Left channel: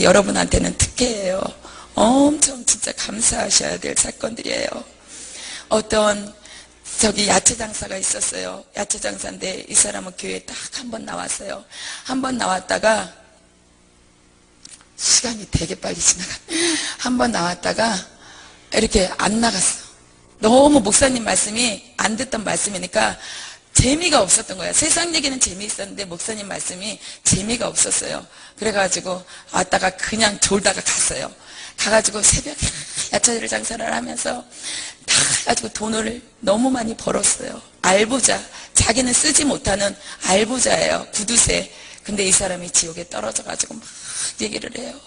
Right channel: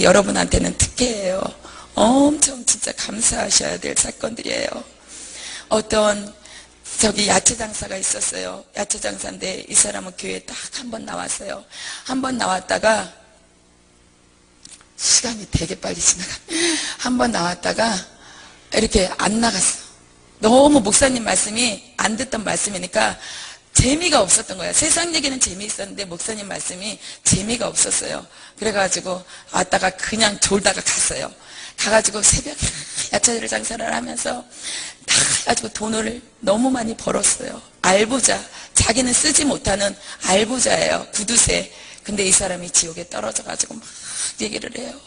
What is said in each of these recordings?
근데 여러분한테는 특혜예요. 엄청 진짜 감사하셔야 될 사건들이에요. 어떤 야채 장사가 있었어요. 야채 장사인데 이 사람은 교회에 딱 한 번 나왔어요. 한 번 나왔다가 시간이 되게 빨리 지나가. 한 번 나왔다가 이렇게 안 나갔어. 너무 목사님 말씀이 안 듣던 말씀이니까 재미가 없었던 거야. 세상 얘기는 재미있었는데 목사님 말씀이 재미가 없었어요. 그래가지고 왔다가 그냥 졸다가 갔어요. 가가지고 새벽에 야채 장사를 하면서 다 해가지고 돈을 너무 많이 벌었어요. 알부자. 자기는 쓰지 못하는 알부자예요. 구두쇠. 근데 이 사람이 지옥에 떨어져가지고 막 얘기를 해요.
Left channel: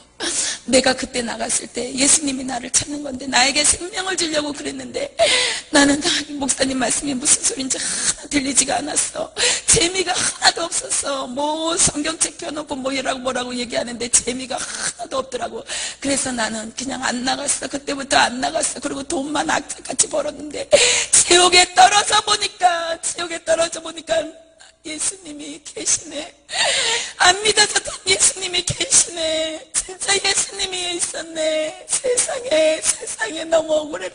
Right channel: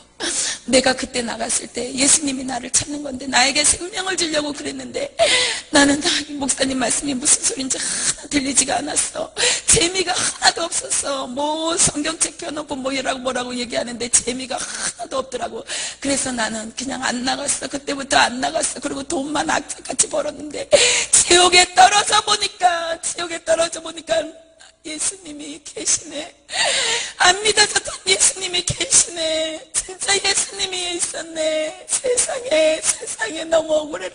내가 그때 나갔을 때 예수님이 나를 찾는 건데 나에게 생명을 주려고 그랬는데 나는 목사님 말씀이 무슨 소린지 하나 들리지가 않았어. 재미가 하나도 없었어. 뭐 성경책 펴놓고 뭐라고 얘기하는데 재미가 하나도 없더라고. 그래서 나는 그냥 안 나갔어. 그때부터 안 나갔어. 그리고 돈만 악착같이 벌었는데 지옥에 떨어져 보니까 예수님이 계시네. 안 믿어졌던 예수님이 계시네. 진짜 예수님이 있었네. 세상에 너무 억울해.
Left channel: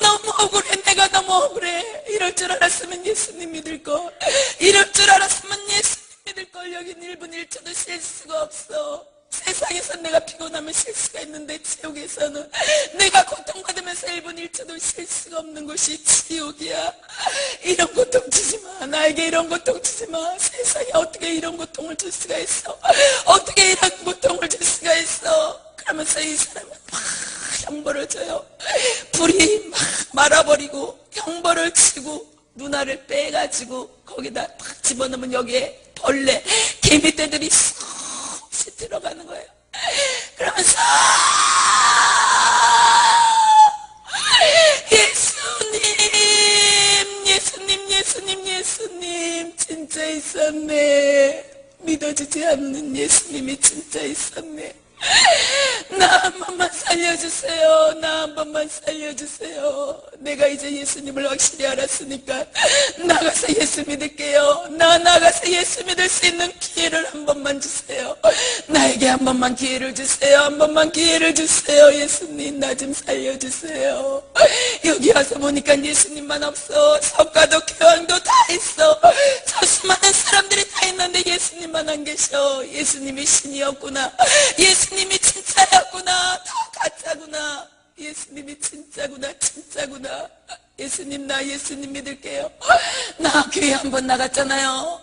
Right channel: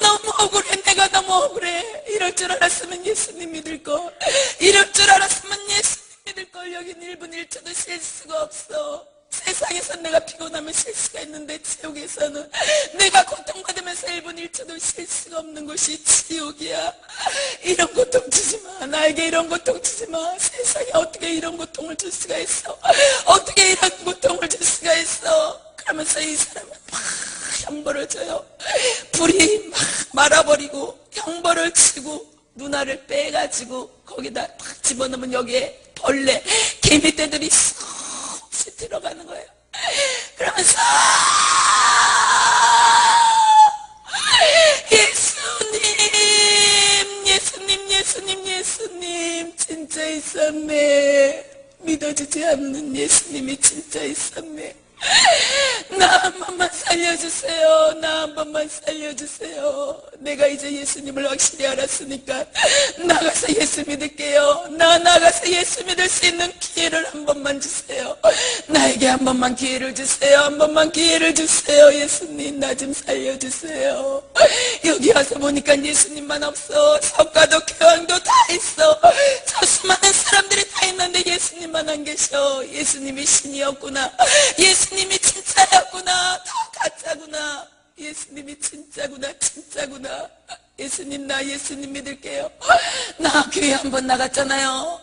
너무 억울해. 내가 너무 억울해. 이럴 줄 알았으면 예수님 믿을 걸. 이럴 줄 알았으면 예수님 믿을 걸. 여긴 1분 1초도 쉴 수가 없어. 세상에서 내가 피곤하면 쉴 수가 있는데 지옥에서는 내가 고통받으면서 1분 1초도 쉴 수가 없는 곳이 지옥이야. 이런 고통 주지 마. 나에게 이런 고통 주지 마. 세상에 어떻게 이런 고통을 줄 수가 있어. 어떻게 이런 고통을 줄 수가 있어. 그러면서 이 사람을 막 형벌을 줘요. 불이 막 말아버리고 형벌을 치고 누나를 빼가지고 거기다 막 집어넣으면 여기에 벌레 개미떼들이 쏙 들어가는 거예요. 그러면서 예수님 진짜 있었네. 믿어지지 않는 예수님이 진짜 있었네. 나 한 번만 살려주세요. 나 한 번만 살려주세요. 내가 이제 예수님을 확실히 알았으니까 나가서 예수 믿을게요. 나가서 예수 믿을 수 있는 기회를 한 번만 주세요. 나에게 한 번만 기회를 주세요. 한 번만 기회를 주세요. 예수님 나 좀 살려주세요. 여기 와서 보니까 예수님만 없어. 석가도 교황도 다 있어. 저 수많은 사람들이 다 있는데 예수님만 안 계셔. 예수님이 신이었구나. 예수님이 진짜였구나. 다 가짜구나. 예수님이 진짜구나. 예수님 나 예수님 믿을게요. 나 교회 한 번 나갔잖아요.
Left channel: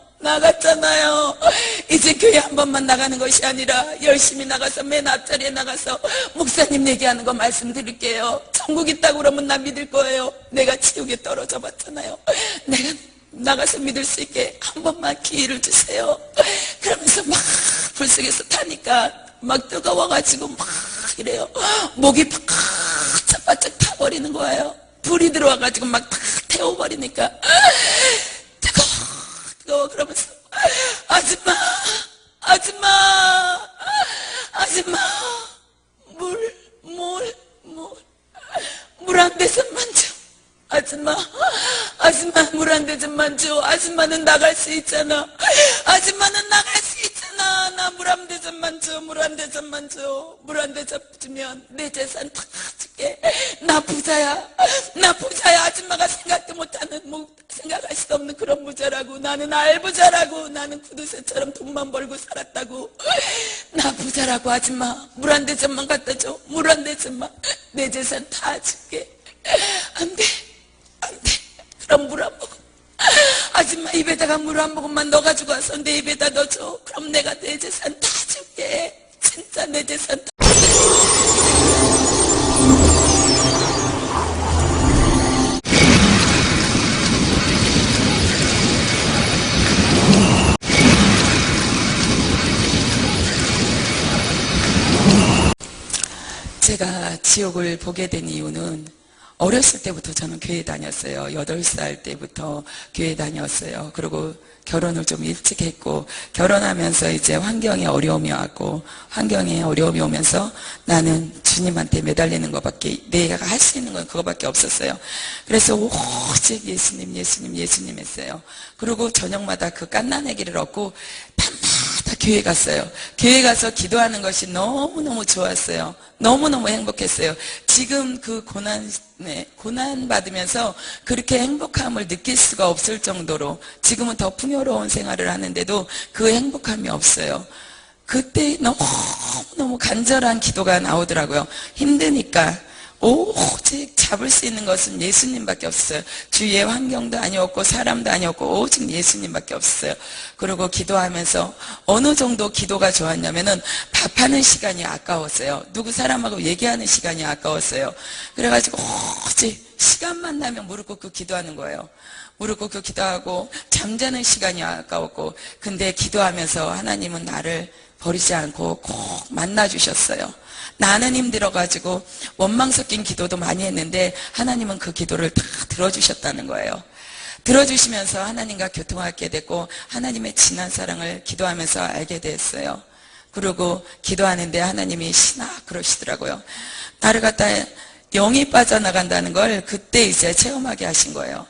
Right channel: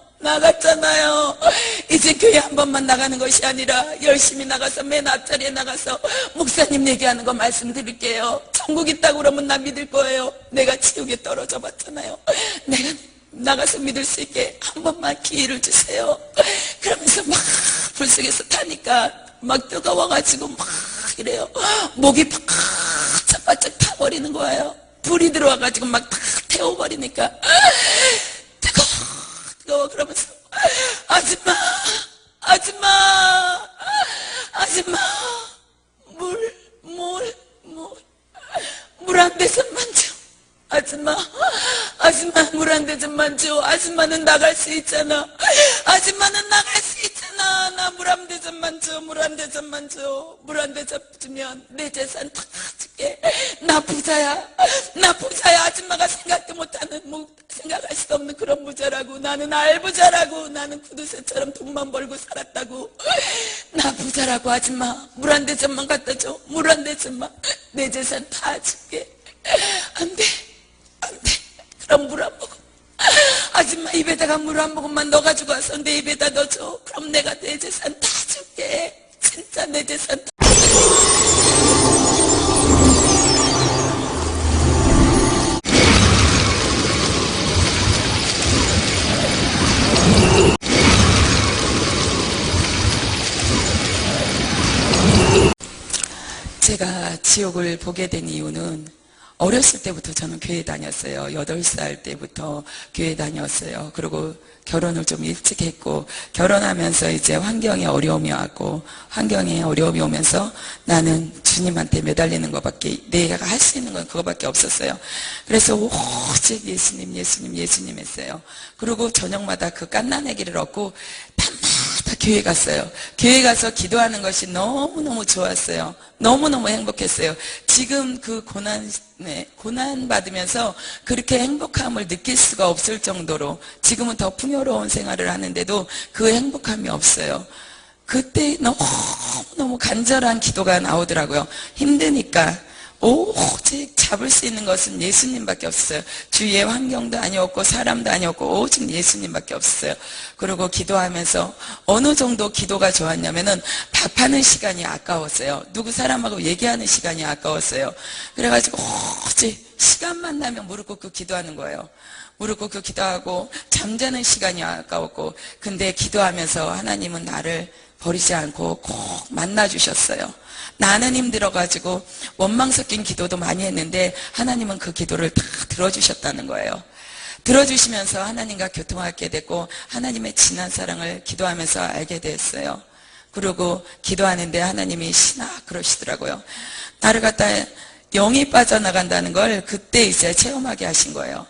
이제 교회 한 번만 나가는 것이 아니라 열심히 나가서 맨 앞자리에 나가서 목사님 얘기하는 거 말씀드릴게요. 천국 있다고 그러면 나 믿을 거예요. 내가 지옥에 떨어져 봤잖아요. 내가 나가서 믿을 수 있게 한 번만 기회를 주세요. 그러면서 막 불속에서 타니까 막 뜨거워가지고 막 이래요. 목이 바짝 타버리는 거예요. 불이 들어와가지고 막 다 태워버리니까 뜨거워. 그러면서 아줌마 물 한 대접만 줘. 아줌마 물 한 대접만 줘. 아줌마는 나갈 수 있잖아. 나 물 한 대접만 줘. 물 한 대접 주면 내 재산 다 줄게. 나 부자야. 아줌마가 생각도 못하는 생각할 수 없는 그런 부자라고. 나는 알부자라고. 나는 구두쇠처럼 돈만 벌고 살았다고. 나 부자라고. 아줌마 물 한 대접만 갖다 줘. 물 한 대접만. 내 재산 다 줄게. 안 돼. 그럼 물 한 모금. 아줌마 입에다가 물 한 모금만 넣어가지고 와서 내 입에다 넣어줘. 그럼 내가 내 재산 다 줄게. 진짜 내 재산 다. 제가 지옥을 보게 된 이유는 어렸을 때부터 저는 교회 다녔어요. 8살 때부터 교회 다녔어요. 그리고 결혼을 좀 일찍 했고, 결혼하면서 이제 환경에 어려움이 왔고, 환경에 어려움이 오면서 나는 주님한테 매달리는 것밖에, 내가 할 수 있는 건 그거밖에 없었어요. 그래서 오직 예수님 했어요. 그리고 저녁마다 그 깐난애기를 얻고 밤마다 교회 갔어요. 교회 가서 기도하는 것이 너무너무 좋았어요. 너무너무 행복했어요. 지금 그 고난 받으면서 그렇게 행복함을 느낄 수가 없을 정도로 지금은 더 풍요로운 생활을 하는데도 그 행복함이 없어요. 그때 너무너무 간절한 기도가 나오더라고요. 힘드니까. 오직 잡을 수 있는 것은 예수님밖에 없었어요. 주위의 환경도 아니었고 사람도 아니었고 오직 예수님밖에 없었어요. 그리고 기도하면서 어느 정도 기도가 좋았냐면은 밥하는 시간이 아까웠어요. 누구 사람하고 얘기하는 시간이 아까웠어요. 그래가지고 오직 시간만 나면 무릎 꿇고 기도하는 거예요. 무릎 꿇고 기도하고 잠자는 시간이 아까웠고, 근데 기도하면서 하나님은 나를 버리지 않고 꼭 만나주셨어요. 나는 힘들어가지고 원망 섞인 기도도 많이 했는데 하나님은 그 기도를 다 들어주셨다는 거예요. 들어주시면서 하나님과 교통하게 됐고 하나님의 진한 사랑을 기도하면서 알게 됐어요. 그리고 기도하는데 하나님이 신아 그러시더라고요. 나를 갖다 영이 빠져나간다는 걸 그때 이제 체험하게 하신 거예요.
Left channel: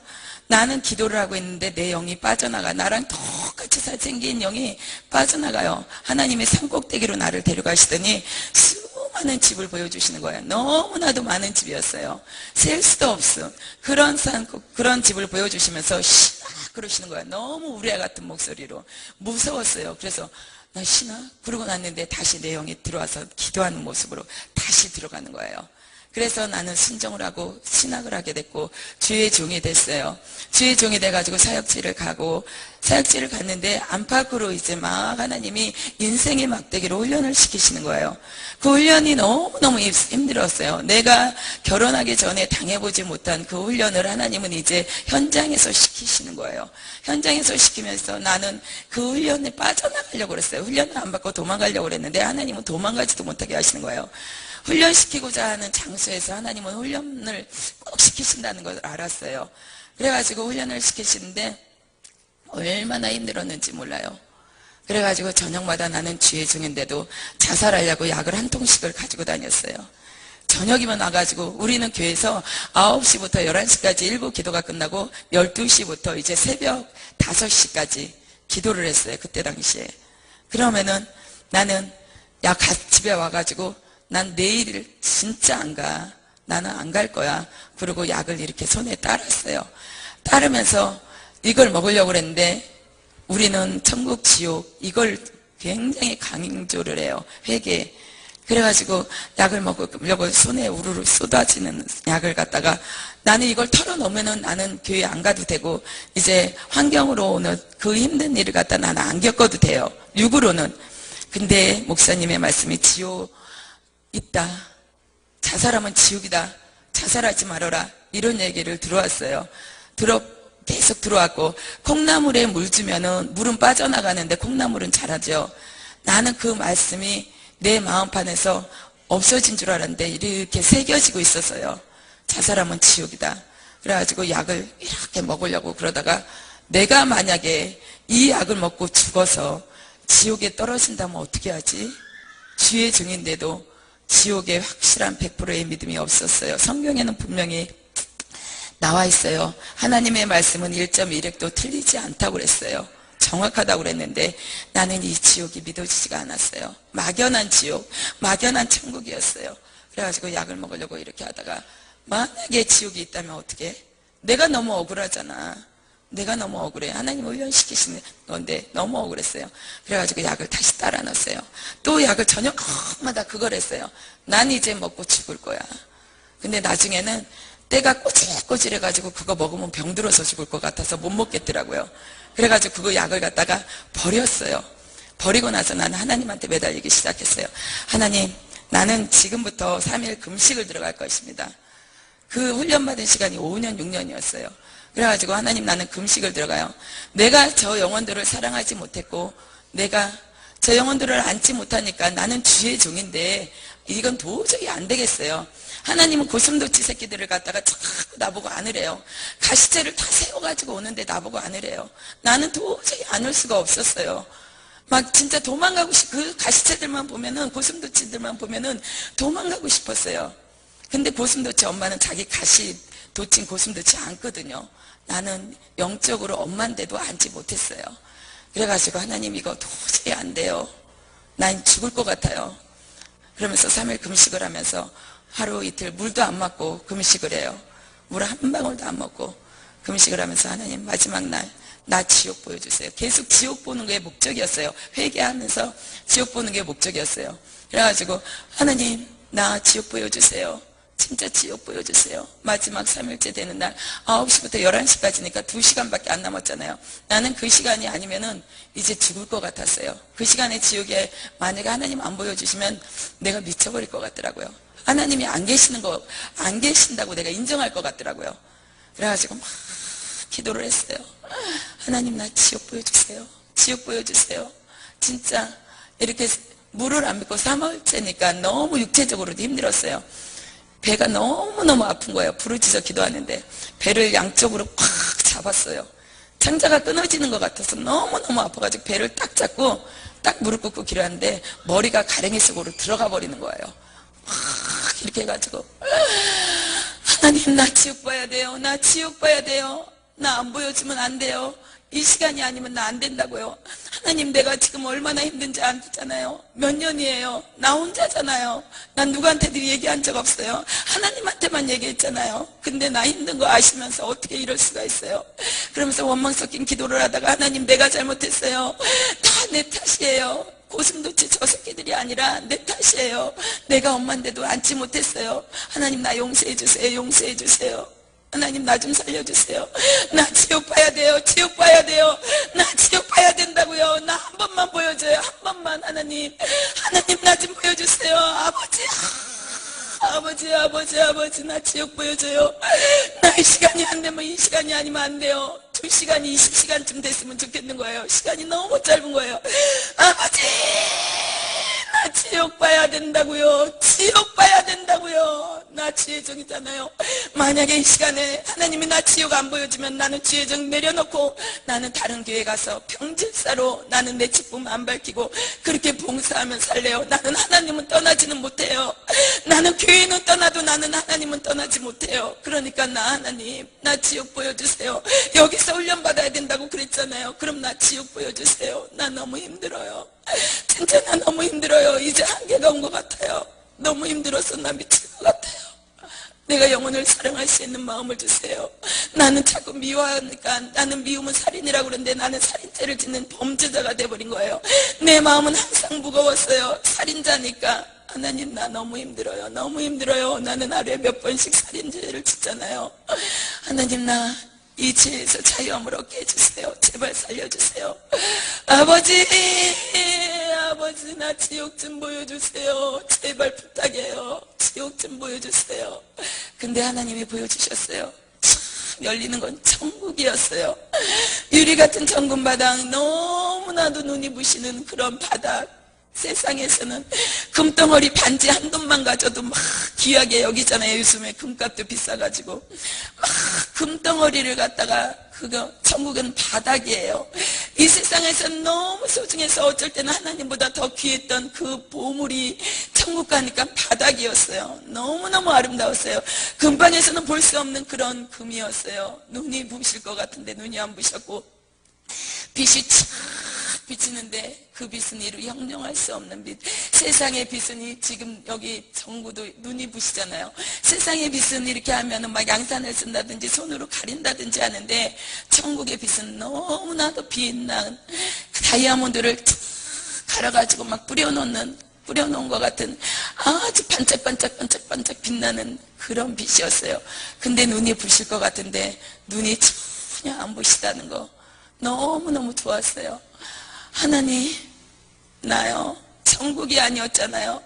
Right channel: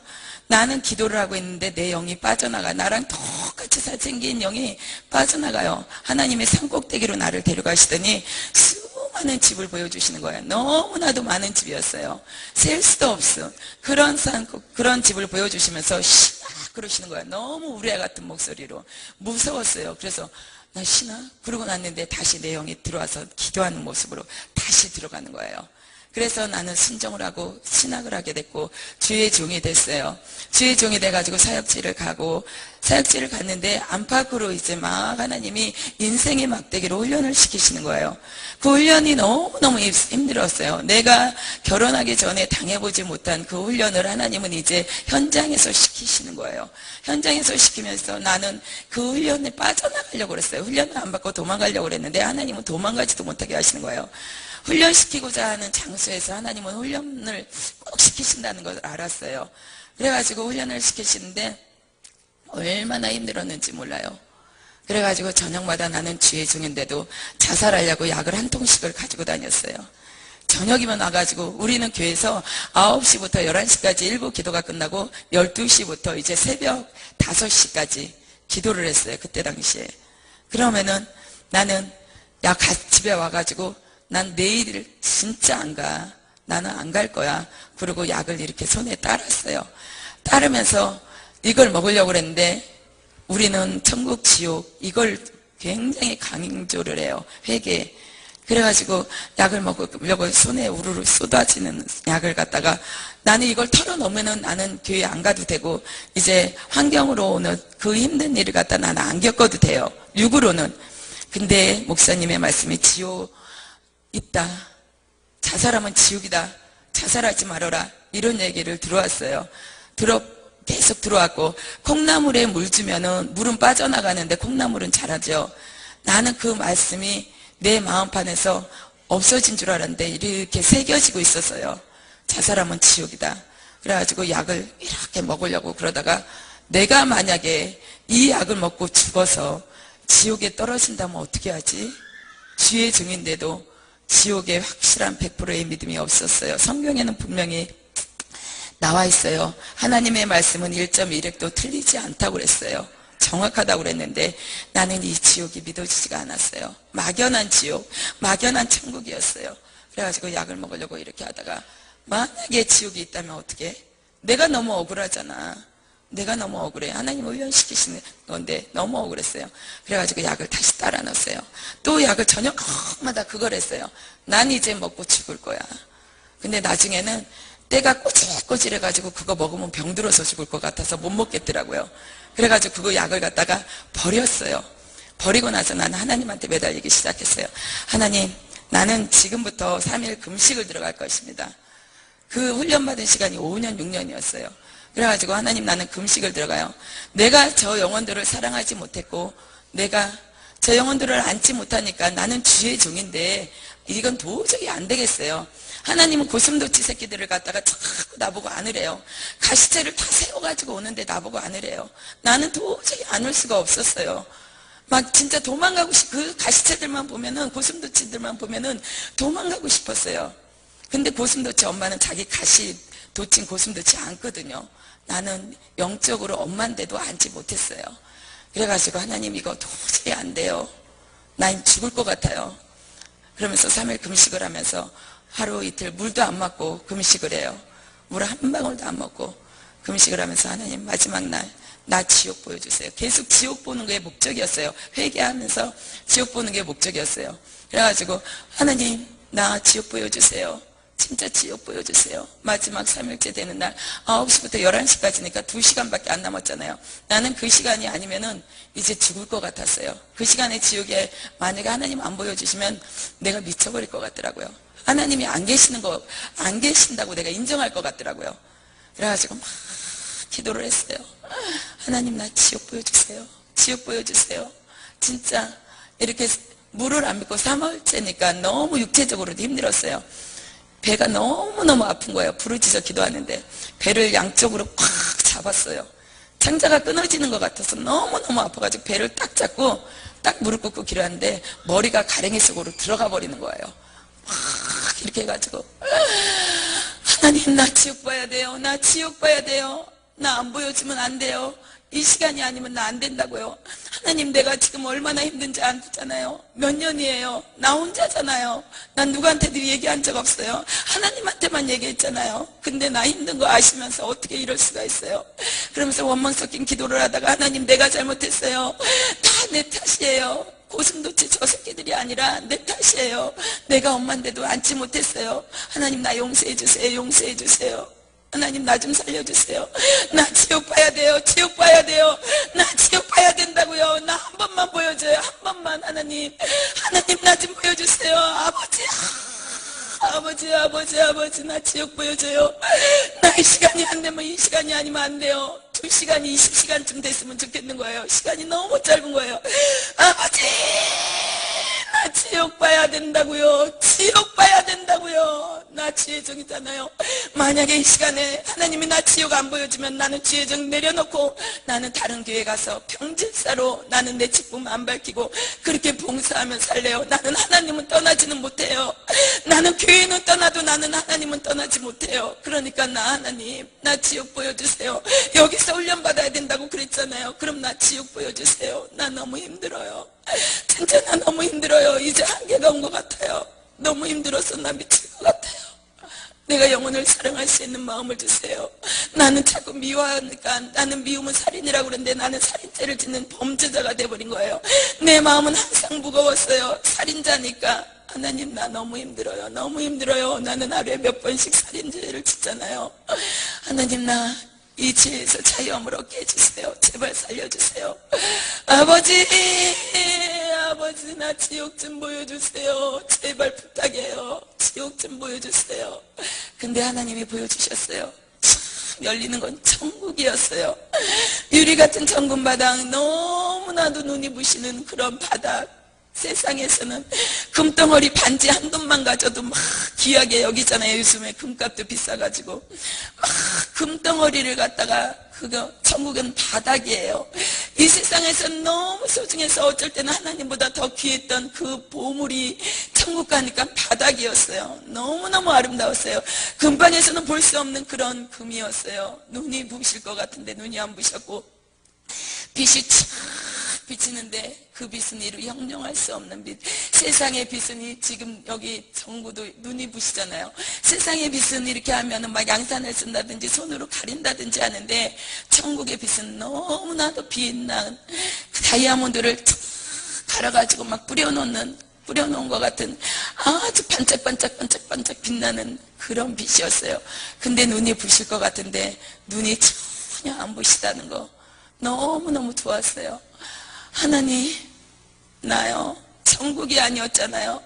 나는 기도를 하고 있는데 내 영이 빠져나가. 나랑 똑같이 생긴 영이 빠져나가요. 하나님의 산꼭대기로 나를 데려가시더니 수많은 집을 보여주시는 거예요. 너무나도 많은 집이었어요. 셀 수도 없음. 그런 집을 보여주시면서 신아 그러시는 거예요. 너무 우레 같은 목소리로. 무서웠어요. 그래서 나 신아? 그러고 났는데 다시 내 영이 들어와서 기도하는 모습으로 다시 들어가는 거예요. 그래서 나는 순종을 하고 신학을 하게 됐고 주의 종이 됐어요. 주의 종이 돼가지고 사역지를 가고, 사역지를 갔는데 안팎으로 이제 막 하나님이 인생의 막대기로 훈련을 시키시는 거예요. 그 훈련이 너무너무 힘들었어요. 내가 결혼하기 전에 당해보지 못한 그 훈련을 하나님은 이제 현장에서 시키시는 거예요. 현장에서 시키면서 나는 그 훈련에 빠져나가려고 그랬어요. 훈련을 안 받고 도망가려고 그랬는데 하나님은 도망가지도 못하게 하시는 거예요. 훈련시키고자 하는 장소에서 하나님은 훈련을 꼭 시키신다는 걸 알았어요. 그래가지고 훈련을 시키시는데 얼마나 힘들었는지 몰라요. 그래가지고 저녁마다 나는 주의 종인데도 자살하려고 약을 한 통씩을 가지고 다녔어요. 저녁이면 와가지고 우리는 교회에서 9시부터 11시까지 일부 기도가 끝나고 12시부터 이제 새벽 5시까지 기도를 했어요. 그때 당시에. 그러면은 나는 집에 와가지고 난 내일 진짜 안 가. 나는 안 갈 거야. 그리고 약을 이렇게 손에 따랐어요. 따르면서 이걸 먹으려고 그랬는데 우리는 천국 지옥 이걸 굉장히 강조를 해요. 회개. 그래가지고 약을 먹으려고 손에 우르르 쏟아지는 약을 갖다가 나는 이걸 털어놓으면은 나는 교회 안 가도 되고 이제 환경으로 오는 그 힘든 일을 갖다 나는 안 겪어도 돼요. 육으로는. 근데 목사님의 말씀이 지옥 있다. 자살하면 지옥이다. 자살하지 말아라. 이런 얘기를 들어왔어요. 계속 들어왔고 콩나물에 물 주면은 물은 빠져나가는데 콩나물은 자라죠. 나는 그 말씀이 내 마음판에서 없어진 줄 알았는데 이렇게 새겨지고 있었어요. 자살하면 지옥이다. 그래가지고 약을 이렇게 먹으려고 그러다가 내가 만약에 이 약을 먹고 죽어서 지옥에 떨어진다면 어떻게 하지? 주의 종인데도 지옥에 확실한 100%의 믿음이 없었어요. 성경에는 분명히 나와 있어요. 하나님의 말씀은 1.1획도 틀리지 않다고 그랬어요. 정확하다고 그랬는데 나는 이 지옥이 믿어지지가 않았어요. 막연한 지옥, 막연한 천국이었어요. 그래가지고 약을 먹으려고 이렇게 하다가 만약에 지옥이 있다면 어떻게? 내가 너무 억울하잖아. 내가 너무 억울해. 하나님 훈련시키시는 건데 너무 억울했어요. 그래가지고 약을 다시 따라 넣었어요. 또 약을 저녁마다 그걸 했어요. 난 이제 먹고 죽을 거야. 근데 나중에는 때가 꼬질꼬질해가지고 그거 먹으면 병들어서 죽을 것 같아서 못 먹겠더라고요. 그래가지고 그거 약을 갖다가 버렸어요. 버리고 나서 나는 하나님한테 매달리기 시작했어요. 하나님, 나는 지금부터 3일 금식을 들어갈 것입니다. 그 훈련받은 시간이 5년, 6년이었어요. 그래가지고 하나님 나는 금식을 들어가요. 내가 저 영혼들을 사랑하지 못했고 내가 저 영혼들을 안지 못하니까 나는 주의 종인데 이건 도저히 안 되겠어요. 하나님은 고슴도치 새끼들을 갖다가 자꾸 나보고 안으래요. 가시채를 다 세워가지고 오는데 나보고 안으래요. 나는 도저히 안을 수가 없었어요. 막 진짜 도망가고 그 가시채들만 보면은 고슴도치들만 보면은 도망가고 싶었어요. 근데 고슴도치 엄마는 자기 가시 돋친 고슴도치 안거든요. 나는 영적으로 엄마인데도 안지 못했어요. 그래가지고 하나님 이거 도저히 안 돼요. 난 죽을 것 같아요. 그러면서 3일 금식을 하면서 하루 이틀 물도 안 먹고 금식을 해요. 물 한 방울도 안 먹고 금식을 하면서 하나님 마지막 날 나 지옥 보여주세요. 계속 지옥 보는 게 목적이었어요. 회개하면서 지옥 보는 게 목적이었어요. 그래가지고 하나님 나 지옥 보여주세요. 진짜 지옥 보여주세요. 마지막 3일째 되는 날 9시부터 11시까지니까 2시간밖에 안 남았잖아요. 나는 그 시간이 아니면은 이제 죽을 것 같았어요. 그 시간에 지옥에 만약에 하나님 안 보여주시면 내가 미쳐버릴 것 같더라고요. 하나님이 안 계신다고 내가 인정할 것 같더라고요. 그래가지고 막 기도를 했어요. 하나님 나 지옥 보여주세요. 지옥 보여주세요. 진짜 이렇게 물을 안 믿고 3월째니까 너무 육체적으로도 힘들었어요. 배가 너무너무 아픈 거예요. 부르짖어 기도하는데 배를 양쪽으로 꽉 잡았어요. 창자가 끊어지는 것 같아서 너무너무 아파가지고 배를 딱 잡고 딱 무릎 꿇고 기도하는데 머리가 가랭이 속으로 들어가 버리는 거예요. 막 이렇게 해가지고 하나님 나 지옥 봐야 돼요. 나 지옥 봐야 돼요. 나 안 보여주면 안 돼요. 이 시간이 아니면 나 안 된다고요. 하나님 내가 지금 얼마나 힘든지 아잖아요. 몇 년이에요. 나 혼자잖아요. 난 누구한테도 얘기한 적 없어요. 하나님한테만 얘기했잖아요. 근데 나 힘든 거 아시면서 어떻게 이럴 수가 있어요. 그러면서 원망 섞인 기도를 하다가 하나님 내가 잘못했어요. 다 내 탓이에요. 고슴도치 저 새끼들이 아니라 내 탓이에요. 내가 엄마인데도 안지 못했어요. 하나님 나 용서해 주세요. 용서해 주세요. 하나님 나 좀 살려주세요. 나 지옥 봐야 돼요. 지옥 봐야 돼요. 나 지옥 봐야 된다고요. 나 한 번만 보여줘요. 한 번만 하나님. 하나님 나 좀 보여주세요. 아버지 나 지옥 보여줘요. 나 이 시간이 안 되면 이 시간이 아니면 안 돼요. 2시간이 20시간쯤 됐으면 좋겠는 거예요. 시간이 너무 짧은 거예요. 아버지 나 지옥 봐야 된다고요. 지옥 봐야 된다고요. 나 지혜정이잖아요. 만약에 이 시간에 하나님이 나 지옥 안 보여주면 나는 지혜정 내려놓고 나는 다른 교회 가서 평질사로 나는 내 직분 안 밝히고 그렇게 봉사하며 살래요. 나는 하나님은 떠나지는 못해요. 나는 교회는 떠나도 나는 하나님은 떠나지 못해요. 그러니까 나 하나님 나 지옥 보여주세요. 여기서 훈련 받아야 된다고 그랬잖아요. 그럼 나 지옥 보여주세요. 나 너무 힘들어요. 진짜 나 너무 힘들어요. 이제 한계가 온 것 같아요. 너무 힘들어서 나 미칠 것 같아요. 내가 영혼을 사랑할 수 있는 마음을 주세요. 나는 자꾸 미워하니까 나는 미우면 살인이라고 그러는데 나는 살인죄를 짓는 범죄자가 돼버린 거예요. 내 마음은 항상 무거웠어요. 살인자니까. 하나님 나 너무 힘들어요. 너무 힘들어요. 나는 하루에 몇 번씩 살인죄를 짓잖아요. 하나님 나 이 죄에서 자유함을 얻게 해주세요. 제발 살려주세요. 아버지 나 지옥 좀 보여주세요. 제발 부탁해요. 지옥 좀 보여주세요. 근데 하나님이 보여주셨어요. 참 열리는 건 천국이었어요. 유리 같은 천국 바닥, 너무나도 눈이 부시는 그런 바닥. 세상에서는 금덩어리 반지 한 돈만 가져도 막 귀하게 여기잖아요. 요즘에 금값도 비싸가지고 막 금덩어리를 갖다가 그거 천국은 바닥이에요. 이 세상에서 너무 소중해서 어쩔 때는 하나님보다 더 귀했던 그 보물이 천국 가니까 바닥이었어요. 너무너무 아름다웠어요. 금방에서는 볼 수 없는 그런 금이었어요. 눈이 부실 것 같은데 눈이 안 부셨고 빛이 쫙 비치는데 그 빛은 이루 형용할 수 없는 빛. 세상의 빛은 지금 여기 정부도 눈이 부시잖아요. 세상의 빛은 이렇게 하면은 막 양산을 쓴다든지 손으로 가린다든지 하는데 천국의 빛은 너무나도 빛난 다이아몬드를 갈아가지고 막 뿌려놓은 것 같은 아주 반짝반짝 빛나는 그런 빛이었어요. 근데 눈이 부실 것 같은데 눈이 전혀 안 부시다는 거 너무너무 좋았어요. 하나님 나요 천국이 아니었잖아요.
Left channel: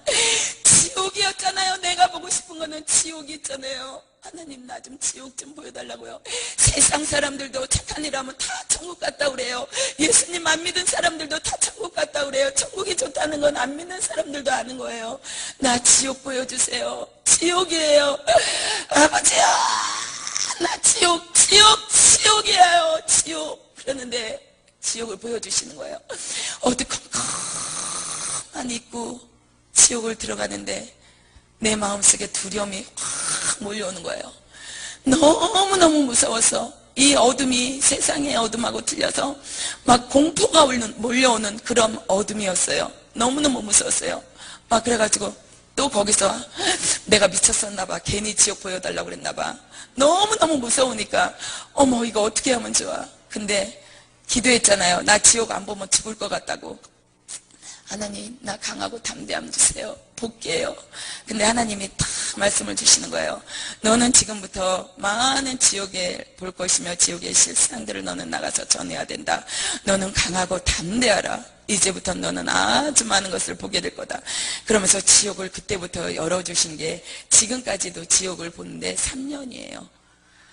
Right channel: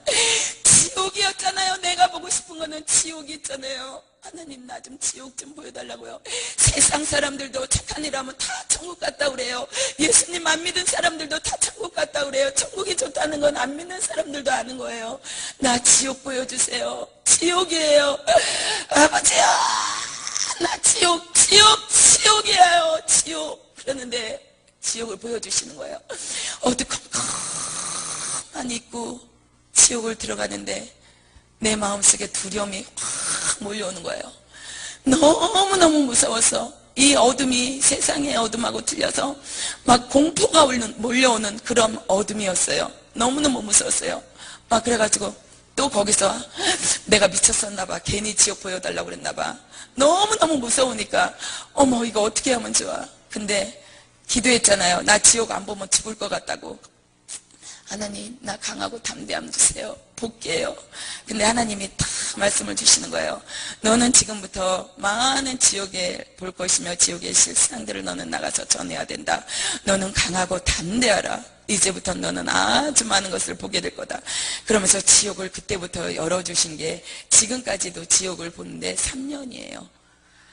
지옥이었잖아요. 내가 보고 싶은 거는 지옥이었잖아요. 하나님 나 좀 지옥 좀 보여달라고요. 세상 사람들도 착한 일 하면 다 천국 갔다 그래요. 예수님 안 믿은 사람들도 다 천국 갔다 그래요. 천국이 좋다는 건 안 믿는 사람들도 아는 거예요. 나 지옥 보여주세요. 지옥이에요. 아버지야 나 지옥이에요. 지옥. 그러는데 지옥을 보여주시는 거예요. 어두컴컴한 입구 지옥을 들어가는데 내 마음속에 두려움이 확 몰려오는 거예요. 너무너무 무서워서 이 어둠이 세상의 어둠하고 틀려서 막 공포가 몰려오는 그런 어둠이었어요. 너무너무 무서웠어요. 막 그래가지고 또 거기서 내가 미쳤었나 봐. 괜히 지옥 보여달라고 그랬나 봐. 너무너무 무서우니까 어머 이거 어떻게 하면 좋아. 근데 기도했잖아요. 나 지옥 안 보면 죽을 것 같다고. 하나님 나 강하고 담대함 주세요. 볼게요. 근데 하나님이 다 말씀을 주시는 거예요. 너는 지금부터 많은 지옥에 볼 것이며 지옥의 실상들을 너는 나가서 전해야 된다. 너는 강하고 담대하라. 이제부터 너는 아주 많은 것을 보게 될 거다. 그러면서 지옥을 그때부터 열어주신 게 지금까지도 지옥을 보는데 3년이에요.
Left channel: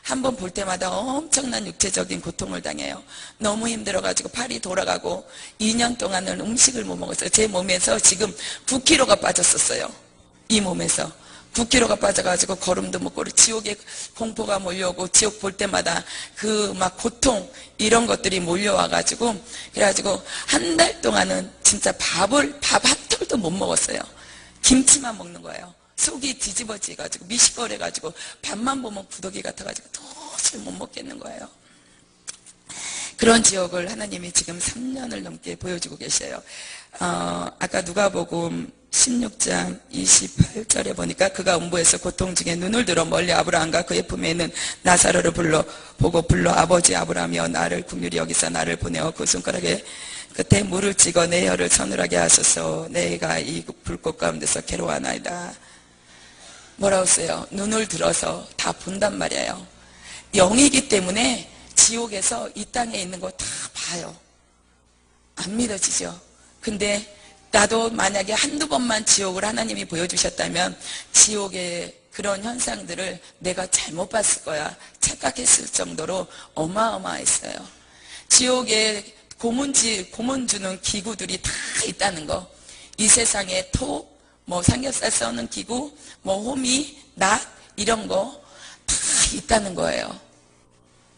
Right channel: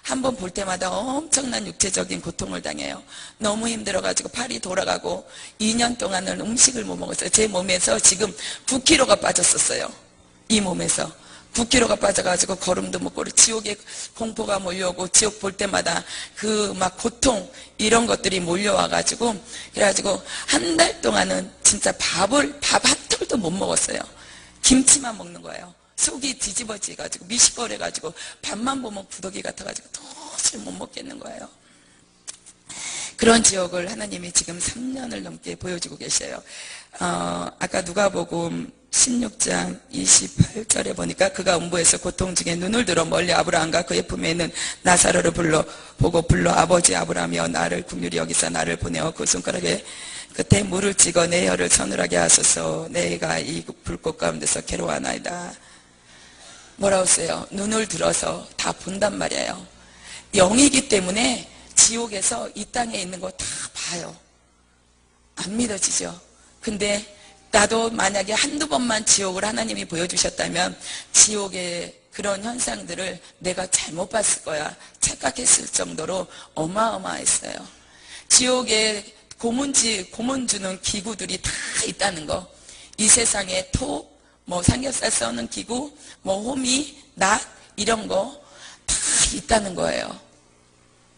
한 번 볼 때마다 엄청난 육체적인 고통을 당해요. 너무 힘들어가지고 팔이 돌아가고 2년 동안은 음식을 못 먹었어요. 제 몸에서 지금 9kg가 빠졌었어요. 이 몸에서 9kg가 빠져가지고 걸음도 못 걸어. 지옥의 공포가 몰려오고 지옥 볼 때마다 그 막 고통 이런 것들이 몰려와가지고 그래가지고 한 달 동안은 진짜 밥 한 톨도 못 먹었어요. 김치만 먹는 거예요. 속이 뒤집어지가지고 미식거려가지고 밥만 보면 구더기 같아가지고 도저히 못 먹겠는 거예요. 그런 지옥을 하나님이 지금 3년을 넘게 보여주고 계셔요. 아까 누가복음 16장 28절에 보니까 그가 음부에서 고통 중에 눈을 들어 멀리 아브라함과 그의 품에 있는 나사로를 불러 아버지 아브라함이여 나를 긍휼히 여기사 나를 보내어 그 손가락에 끝에 물을 찍어 내 혀를 서늘하게 하소서. 내가 이 불꽃 가운데서 괴로워하나이다. 뭐라고 써요? 눈을 들어서 다 본단 말이에요. 영이기 때문에 지옥에서 이 땅에 있는 거 다 봐요. 안 믿어지죠? 근데 나도 만약에 한두 번만 지옥을 하나님이 보여주셨다면 지옥의 그런 현상들을 내가 잘못 봤을 거야 착각했을 정도로 어마어마했어요. 지옥에 고문 주는 기구들이 다 있다는 거. 이 세상에 톱, 뭐 삼겹살 써는 기구, 뭐 호미, 낫 이런 거 다 있다는 거예요.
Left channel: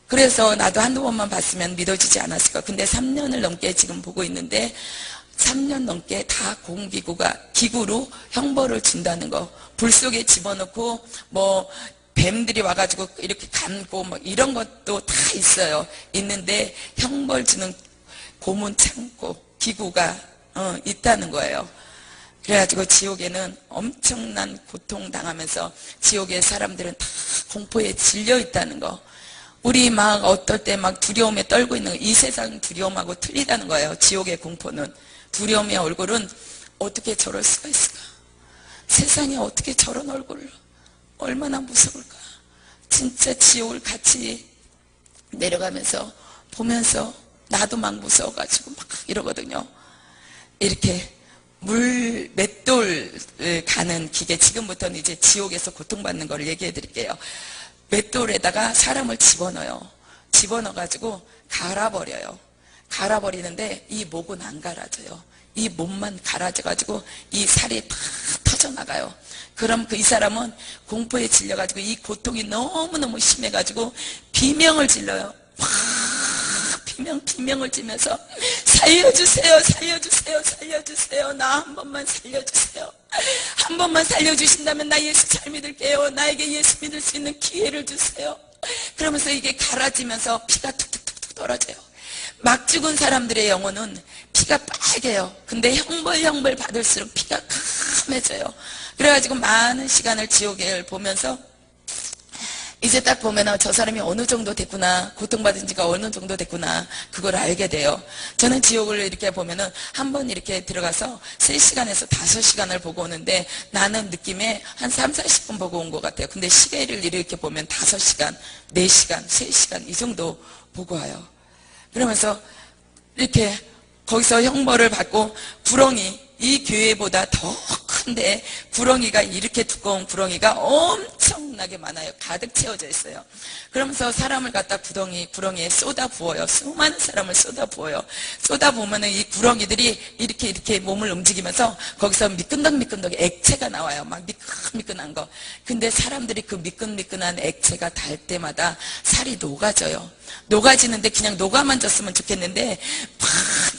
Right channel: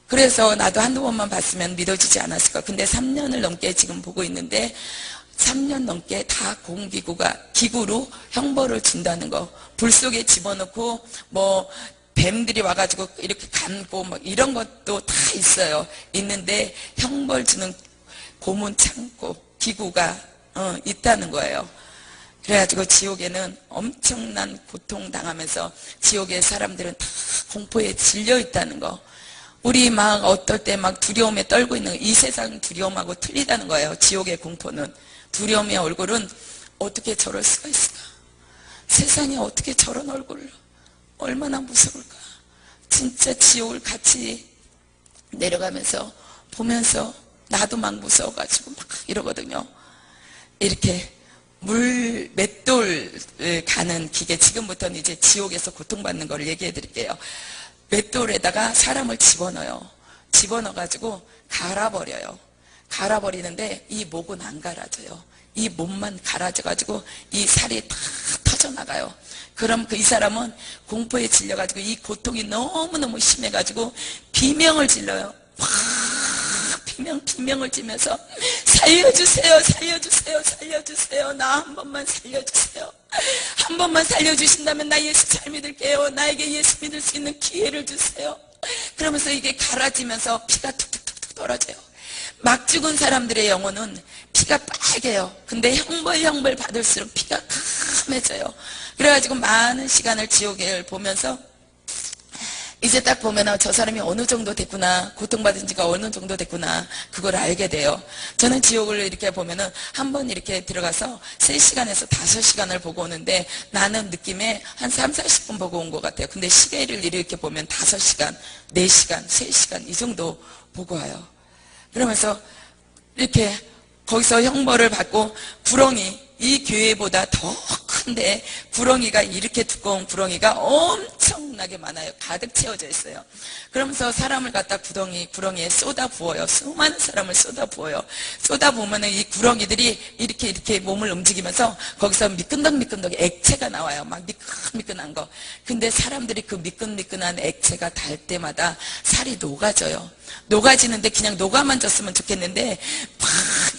그래서 나도 한두 번만 봤으면 믿어지지 않았을까. 근데 3년을 넘게 지금 보고 있는데 3년 넘게 다 기구로 형벌을 준다는 거. 불 속에 집어넣고 뭐 뱀들이 와가지고 이렇게 감고 뭐 이런 것도 다 있어요. 있는데 형벌 주는 고문 창고 기구가 있다는 거예요. 그래가지고 지옥에는 엄청난 고통 당하면서 지옥의 사람들은 다 공포에 질려 있다는 거. 우리 막 어떨 때 막 두려움에 떨고 있는 거. 이 세상 두려움하고 틀리다는 거예요. 지옥의 공포는. 두려움의 얼굴은 어떻게 저럴 수가 있을까? 세상에 어떻게 저런 얼굴을 얼마나 무서울까? 진짜 지옥을 같이 내려가면서 보면서 나도 막 무서워가지고 막 이러거든요. 이렇게 맷돌 가는 기계, 지금부터는 이제 지옥에서 고통받는 걸 얘기해 드릴게요. 맷돌에다가 사람을 집어넣어요. 집어넣어가지고 갈아버려요. 갈아버리는데 이 목은 안 갈아져요. 이 몸만 갈아져가지고 이 살이 다 터져나가요. 그럼 이 사람은 공포에 질려가지고 이 고통이 너무너무 심해가지고 비명을 질러요. 비명을 지면서 살려주세요, 살려주세요, 살려주세요. 나 한 번만 살려주세요. 한 번만 살려주신다면 나 예수 잘 믿을게요. 나에게 예수 믿을 수 있는 기회를 주세요. 그러면서 이게 갈아지면서 피가 툭툭툭툭 떨어져요. 막 죽은 사람들의 영혼은 피가 빨개요. 근데 형벌 받을수록 피가 까매져요. 그래가지고 많은 시간을 지옥을 보면서 이제 딱 보면 저 사람이 어느 정도 됐구나, 고통받은 지가 어느 정도 됐구나, 그걸 알게 돼요. 저는 지옥을 이렇게 보면은 한번 이렇게 들어가서 3시간에서 5시간을 보고 오는데 나는 느낌에 한 3, 40분 보고 온 것 같아요. 근데 시계를 이렇게 보면 5시간, 4시간, 3시간 이 정도 보고 와요. 그러면서 이렇게 거기서 형벌을 받고 구렁이, 이 교회보다 더 큰데 구렁이가 이렇게 두꺼운 구렁이가 엄청나게 많아요. 가득 채워져 있어요. 그러면서 사람을 갖다 구렁이에 쏟아 부어요. 수많은 사람을 쏟아 부어요. 쏟아 부으면 이 구렁이들이 이렇게 몸을 움직이면서 거기서 미끈덕미끈덕 액체가 나와요. 막 미끈미끈한 거. 근데 사람들이 그 미끈미끈한 액체가 닿을 때마다 살이 녹아져요. 녹아지는데 그냥 녹아만 졌으면 좋겠는데 막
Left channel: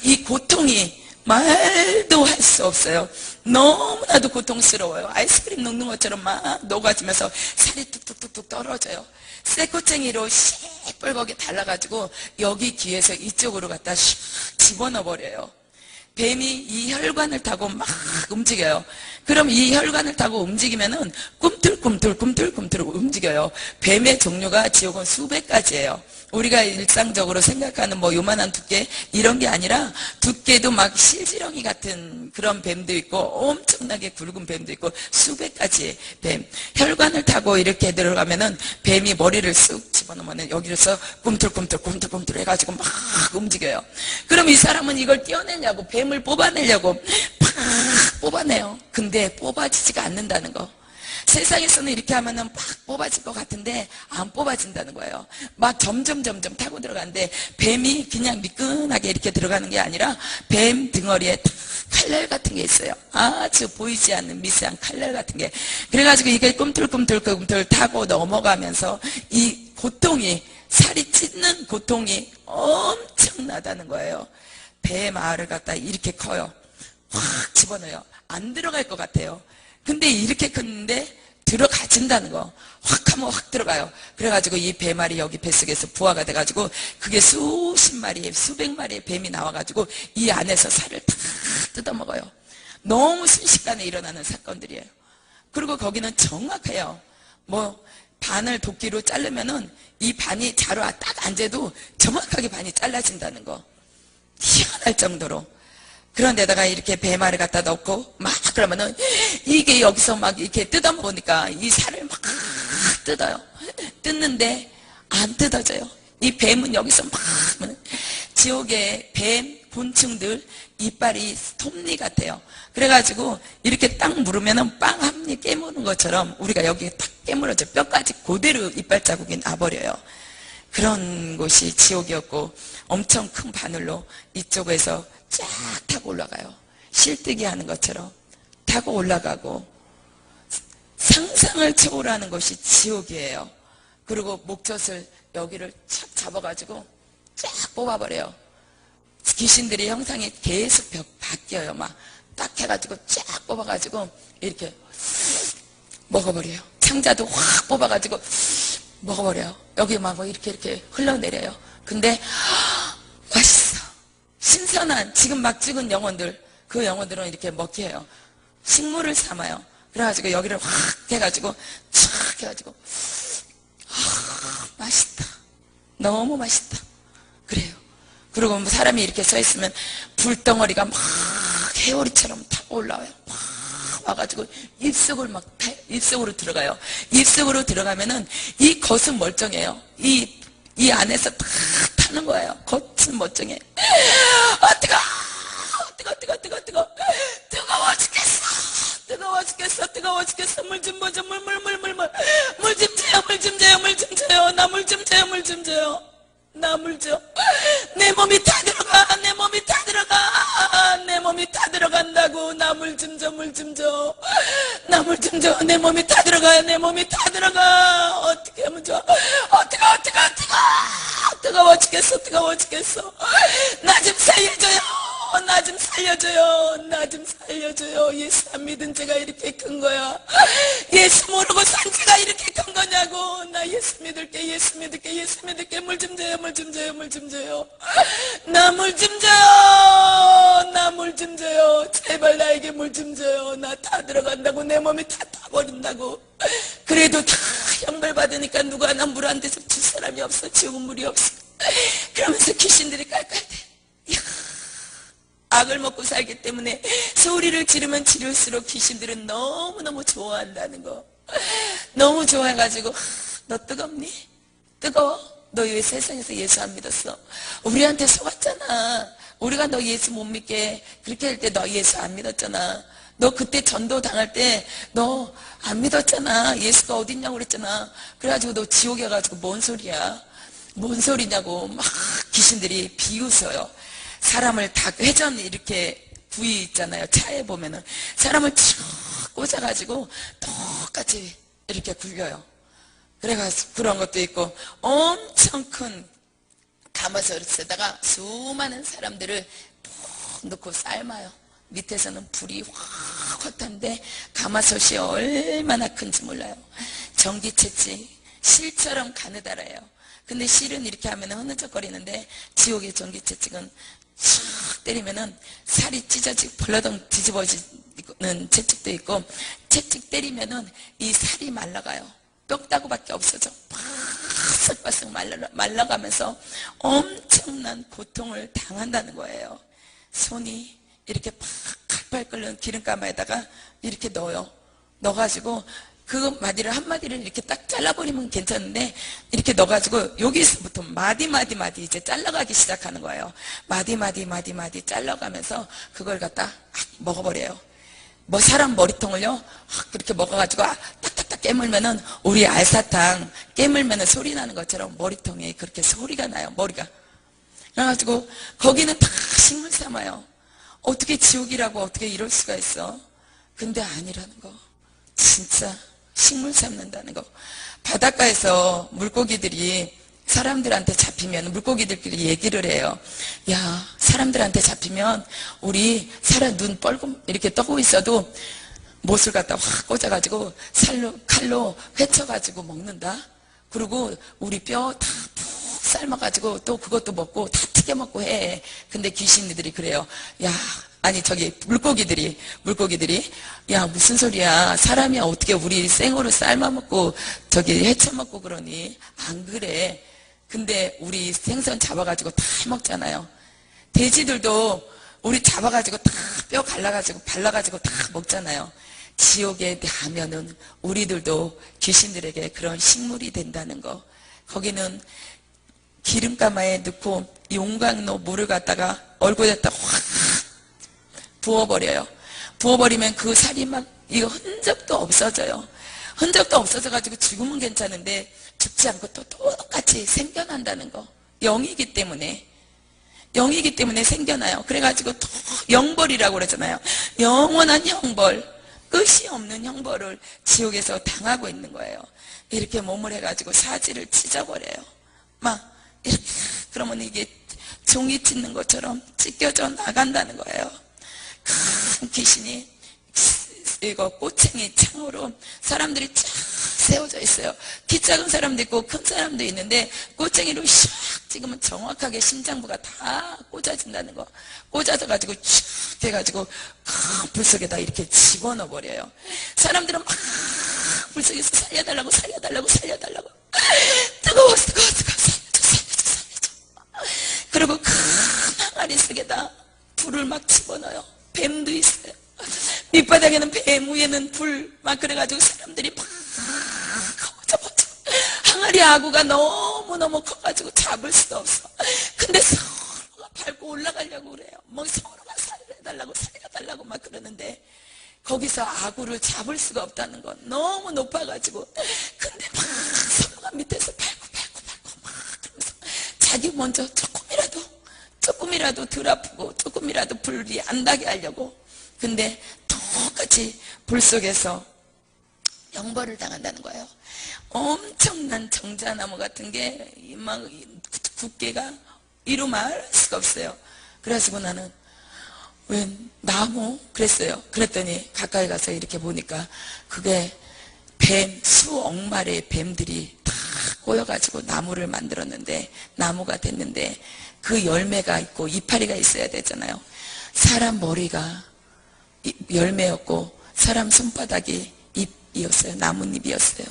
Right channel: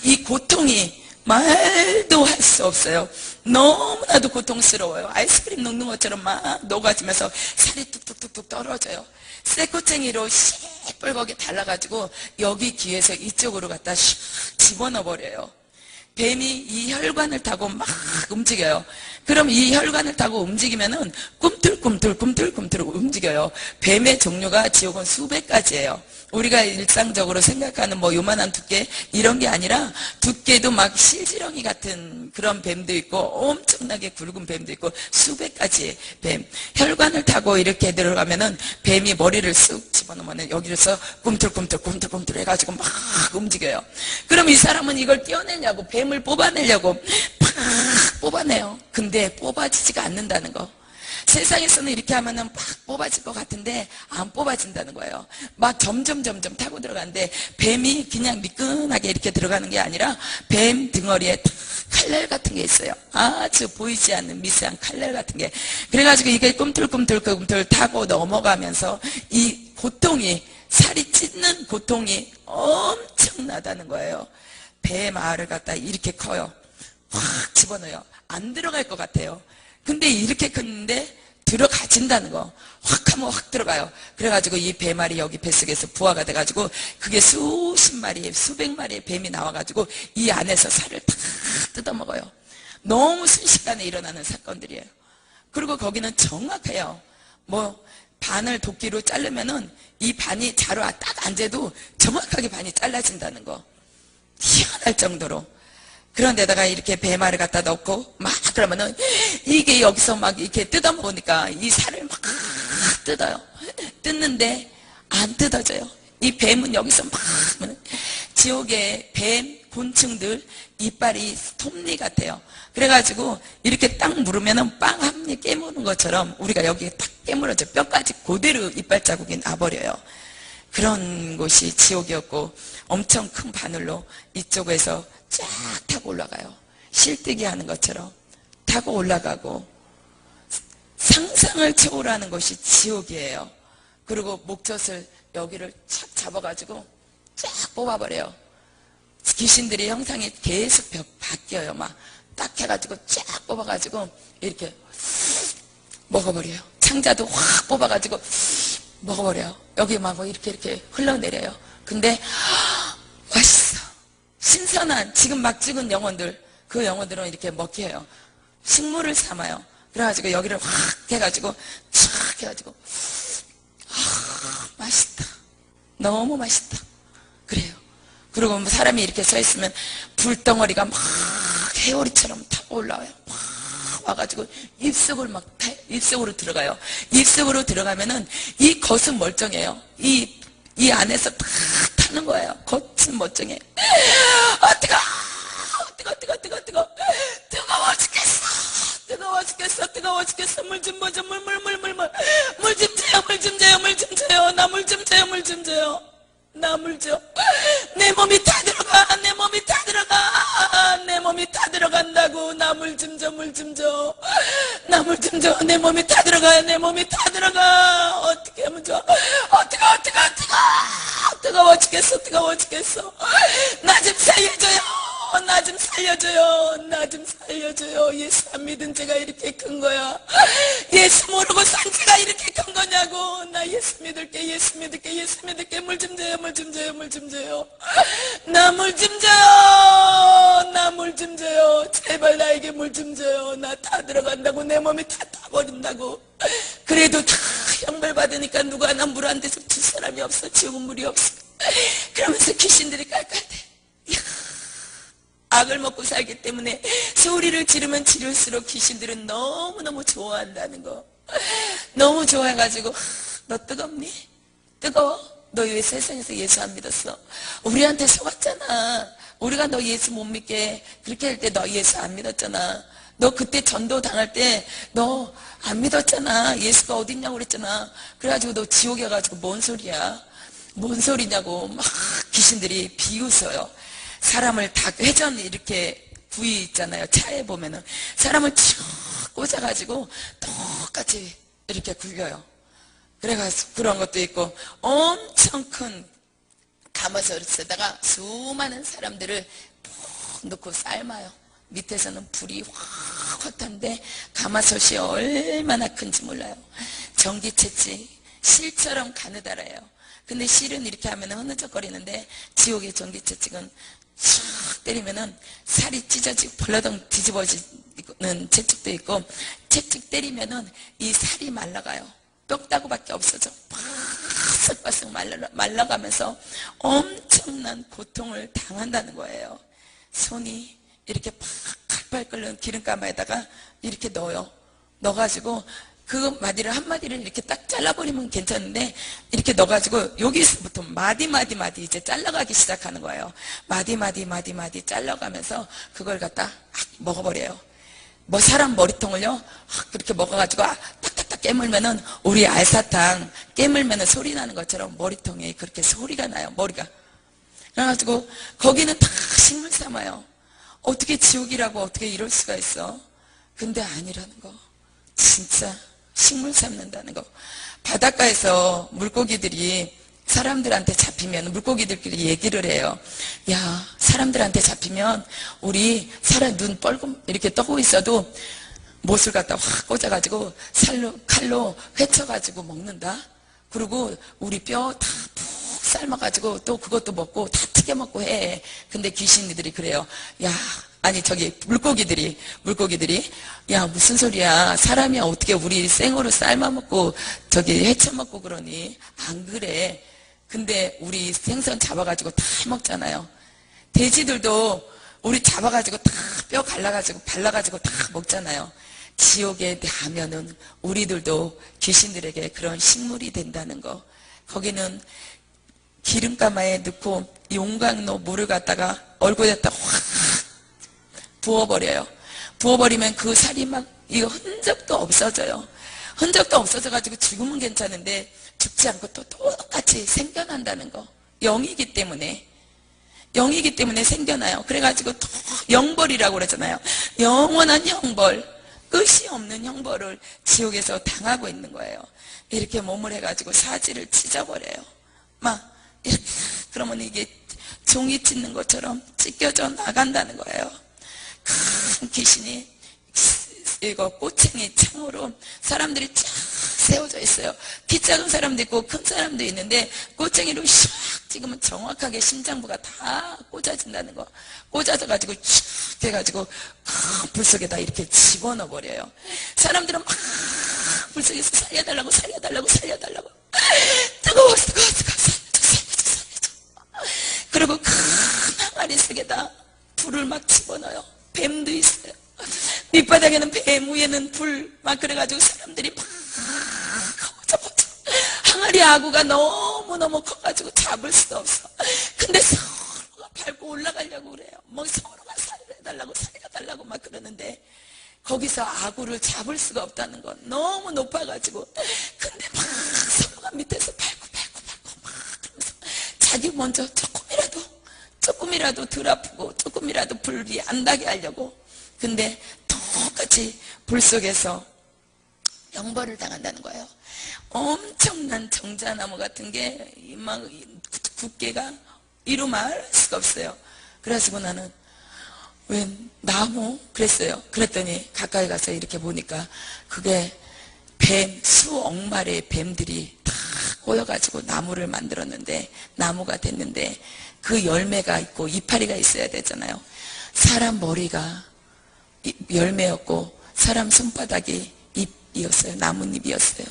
이 고통이 말도 할 수 없어요. 너무나도 고통스러워요. 아이스크림 녹는 것처럼 막 녹아지면서 살이 뚝뚝뚝뚝 떨어져요. 쇠꼬챙이로 시뻘겋게 달라가지고 여기 귀에서 이쪽으로 갖다 슉 집어넣어 버려요. 뱀이 이 혈관을 타고 막 움직여요. 그럼 이 혈관을 타고 움직이면은 꿈틀꿈틀 움직여요. 뱀의 종류가 지옥은 수백 가지예요. 우리가 일상적으로 생각하는 뭐 요만한 두께 이런 게 아니라 두께도 막 실지렁이 같은 그런 뱀도 있고 엄청나게 굵은 뱀도 있고 수백 가지의 뱀. 혈관을 타고 이렇게 들어가면은 뱀이 머리를 쑥 집어넣으면 여기서 꿈틀꿈틀 해가지고 막 움직여요. 그럼 이 사람은 이걸 떼어내냐고, 뱀을 뽑아내려고 팍 뽑아내요. 근데 뽑아지지가 않는다는 거. 세상에서는 이렇게 하면은 팍 뽑아질 것 같은데 안 뽑아진다는 거예요. 막 점점 타고 들어가는데 뱀이 그냥 미끈하게 이렇게 들어가는 게 아니라 뱀 등어리에 딱 칼날 같은 게 있어요. 아주 보이지 않는 미세한 칼날 같은 게. 그래가지고 이게 꿈틀꿈틀 타고 넘어가면서 이 고통이, 살이 찢는 고통이 엄청나다는 거예요. 배 마을을 갖다 이렇게 커요. 확 집어넣어요. 안 들어갈 것 같아요. 근데 이렇게 컸는데 들어가진다는 거. 확 하면 확 들어가요. 그래가지고 이 뱀알이 여기 뱃속에서 부화가 돼가지고 그게 수십 마리, 수백 마리의 뱀이 나와가지고 이 안에서 살을 다 뜯어먹어요. 너무 순식간에 일어나는 사건들이에요. 그리고 거기는 정확해요. 뭐 반을 도끼로 자르면은 이 반이 자루 딱 앉아도 정확하게 반이 잘라진다는 거. 희한할 정도로. 그런데다가 이렇게 배말을 갖다 넣고 막 그러면은 이게 여기서 막 이렇게 뜯어먹으니까 이 살을 막 뜯어요. 뜯는데 안 뜯어져요. 이 뱀은 여기서 막 지옥의 뱀 곤충들 이빨이 톱니 같아요. 그래가지고 이렇게 딱 물으면은 빵 한 입 깨무는 것처럼 우리가 여기에 딱 깨물어져 뼈까지 그대로 이빨 자국이 나버려요. 그런 곳이 지옥이었고 엄청 큰 바늘로 이쪽에서 쫙 타고 올라가요. 실뜨기 하는 것처럼 타고 올라가고 상상을 초월하는 것이 지옥이에요. 그리고 목젖을 여기를 착 잡아가지고 쫙 뽑아버려요. 귀신들이 형상이 계속 바뀌어요. 막 딱 해가지고 쫙 뽑아가지고 이렇게 먹어버려요. 창자도 확 뽑아가지고 먹어버려요. 여기 막 이렇게 흘러내려요. 근데 맛있어. 신선한 지금 막 찍은 영혼들, 그 영혼들은 이렇게 먹게 해요. 식물을 삼아요. 그래가지고 여기를 확 해가지고 촥 해가지고 맛있다. 너무 맛있다. 그래요. 그리고 사람이 이렇게 서 있으면 불덩어리가 막 해오리처럼 타고 올라와요. 막 와가지고 입속으로 들어가요. 입속으로 들어가면은 이 겉은 멀쩡해요. 이 안에서 탁 타는 거예요. 겉은 멀쩡해. 뜨거워 죽겠어. 물 좀 보자. 물 좀 줘요. 나 물 좀 줘요. 나 물 줘. 내 몸이 다 들어가. 내 몸이 다 들어간다고. 나 물 좀 줘. 나 물 좀 줘. 내 몸이 다 들어가. 어떻게 하면 좋아? 뜨거워 죽겠어. 나 좀 살려줘요. 예수 안 믿은 죄가 이렇게 큰 거야. 예수 모르고 산 죄가 이렇게 큰 거냐고. 나 예수 믿을게. 물 좀 줘요. 나 물 좀 줘요. 제발 나에게 물 좀 줘요. 나 다 들어간다고. 내 몸이 다 타버린다고. 그래도 다 형벌 받으니까 누구 하나 물 한 대서 줄 사람이 없어. 지옥은 물이 없어. 그러면서 귀신들이 깔깔대. 악을 먹고 살기 때문에 소리를 지르면 지를수록 귀신들은 너무너무 좋아한다는 거. 너무 좋아해가지고 너 뜨겁니? 뜨거워? 너 왜 세상에서 예수 안 믿었어? 우리한테 속았잖아. 우리가 너 예수 못 믿게 그렇게 할 때 너 예수 안 믿었잖아. 너 그때 전도 당할 때 너 안 믿었잖아. 예수가 어딨냐고 그랬잖아. 그래가지고 너 지옥에 가가지고 뭔 소리냐고 막 귀신들이 비웃어요. 사람을 다 회전 이렇게 부위 있잖아요. 차에 보면은 사람을 쭉 꽂아가지고 똑같이 이렇게 굴려요. 그래가지고 그런 것도 있고 엄청 큰 가마솥에다가 수많은 사람들을 푹 넣고 삶아요. 밑에서는 불이 확 타는데 가마솥이 얼마나 큰지 몰라요. 전기채찍, 실처럼 가느다라요. 근데 실은 이렇게 하면 흐느적거리는데 지옥의 전기채찍은 촥 때리면은 살이 찢어지고 벌러덩 뒤집어지는 채찍도 있고, 채찍 때리면은 이 살이 말라가요. 뼈다구밖에 없어져. 바싹바싹 말라가면서 엄청난 고통을 당한다는 거예요. 손이 이렇게 팔팔 끓는 기름가마에다가 이렇게 넣어요. 넣어가지고 그 마디를 한 마디를 이렇게 딱 잘라버리면 괜찮은데, 이렇게 넣어가지고 여기서부터 마디 이제 잘라가기 시작하는 거예요. 마디 잘라가면서 그걸 갖다 먹어버려요. 뭐 사람 머리통을요 그렇게 먹어가지고 딱딱딱 깨물면은, 우리 알사탕 깨물면은 소리 나는 것처럼 머리통에 그렇게 소리가 나요. 머리가. 그래가지고 거기는 다 식물 삼아요. 어떻게 지옥이라고 어떻게 이럴 수가 있어. 근데 아니라는 거. 진짜 식물 삼는다는 거. 바닷가에서 물고기들이 사람들한테 잡히면 물고기들끼리 얘기를 해요. 야, 사람들한테 잡히면 우리 사람 눈 뻘겋 이렇게 떠고 있어도 못을 갖다 확 꽂아가지고 칼로 회쳐가지고 먹는다. 그리고 우리 뼈 다 푹 삶아가지고 또 그것도 먹고 다 튀겨 먹고 해. 근데 귀신들이 그래요. 야, 아니 저기 물고기들이 야, 무슨 소리야. 사람이 어떻게 우리 생으로 삶아먹고 저기 헤쳐먹고 그러니. 안 그래. 근데 우리 생선 잡아가지고 다 먹잖아요. 돼지들도 우리 잡아가지고 다 뼈 갈라가지고 발라가지고 다 먹잖아요. 지옥에 가면은 우리들도 귀신들에게 그런 식물이 된다는 거. 거기는 기름가마에 넣고 용광로 물을 갖다가 얼굴에다 확 부어버려요. 부어버리면 그 살이 막 이거 흔적도 없어져요. 흔적도 없어져가지고 죽으면 괜찮은데 죽지 않고 또 똑같이 생겨난다는 거. 영이기 때문에 생겨나요. 그래가지고 또 영벌이라고 그러잖아요. 영원한 형벌, 끝이 없는 형벌을 지옥에서 당하고 있는 거예요. 이렇게 몸을 해가지고 사지를 찢어버려요. 막 이렇게. 그러면 이게 종이 찢는 것처럼 찢겨져 나간다는 거예요. 큰 귀신이 이거 꼬챙이 창으로 사람들이 쫙 세워져 있어요. 키 작은 사람도 있고 큰 사람도 있는데 꼬챙이로 샥 찍으면 정확하게 심장부가 다 꽂아진다는 거. 꽂아져가지고 쫙 해가지고 불 속에다 이렇게 집어넣어 버려요. 사람들은 막 불 속에서 살려달라고 뜨거워 살려줘. 그리고 큰 항아리 속에다 불을 막 집어넣어요. 뱀도 있어요. 밑바닥에는 뱀, 위에는 불, 막 그래가지고 사람들이 막 버져. 항아리 아구가 너무너무 커가지고 잡을 수도 없어. 근데 서로가 밟고 올라가려고 그래요. 뭐 서로가 살려달라고 막 그러는데 거기서 아구를 잡을 수가 없다는 건 너무 높아가지고. 근데 막 서로가 밑에서 밟고 막 그러면서 자기 먼저 조금이라도 덜 아프고 조금이라도 불이 안 나게 하려고. 근데 똑같이 불 속에서 영벌을 당한다는 거예요. 엄청난 정자나무 같은 게 막 두께가 이루 말할 수가 없어요. 그래가지고 나는 왜 나무? 그랬어요. 그랬더니 가까이 가서 이렇게 보니까 그게 뱀, 수억 마리의 뱀들이 다 꼬여가지고 나무를 만들었는데, 나무가 됐는데 그 열매가 있고 이파리가 있어야 되잖아요. 사람 머리가 열매였고 사람 손바닥이 잎이었어요. 나뭇잎이었어요.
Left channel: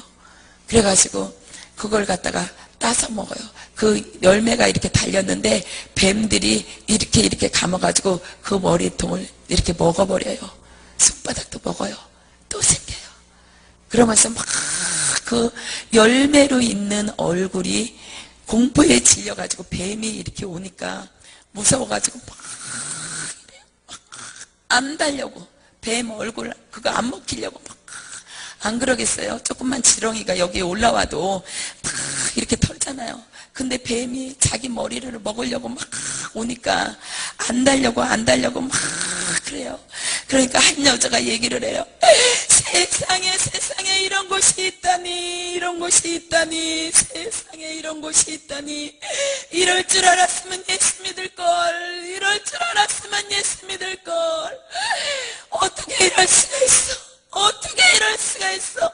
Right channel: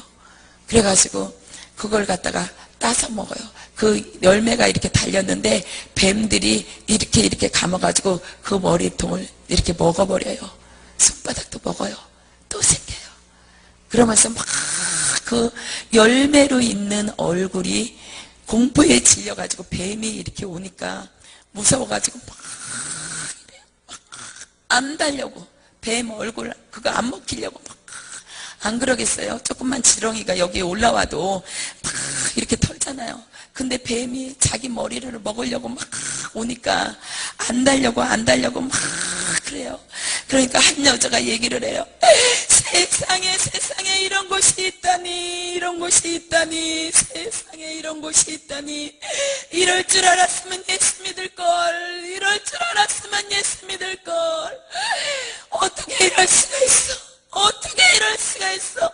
그래가지고 그걸 갖다가 따서 먹어요. 그 열매가 이렇게 달렸는데 뱀들이 이렇게 감아가지고 그 머리통을 이렇게 먹어버려요. 손바닥도 먹어요. 또 생겨요. 그러면서 막 그 열매로 있는 얼굴이 공포에 질려가지고 뱀이 이렇게 오니까 무서워가지고 막 안 달려고, 뱀 얼굴 그거 안 먹히려고 막 안 그러겠어요? 조금만 지렁이가 여기에 올라와도 막 이렇게 털잖아요. 근데 뱀이 자기 머리를 먹으려고 막 오니까 안 달려고 막 그래요. 그러니까 한 여자가 얘기를 해요. 세상에 이런 곳이 있다니, 이런 곳이 있다니, 세상에 이런 곳이 있다니. 이럴 줄 알았으면 예수 믿을걸, 이럴 줄 알았으면 예수 믿을걸. 어떻게 이럴 수가 있어? 어떻게 이럴 수가 있어?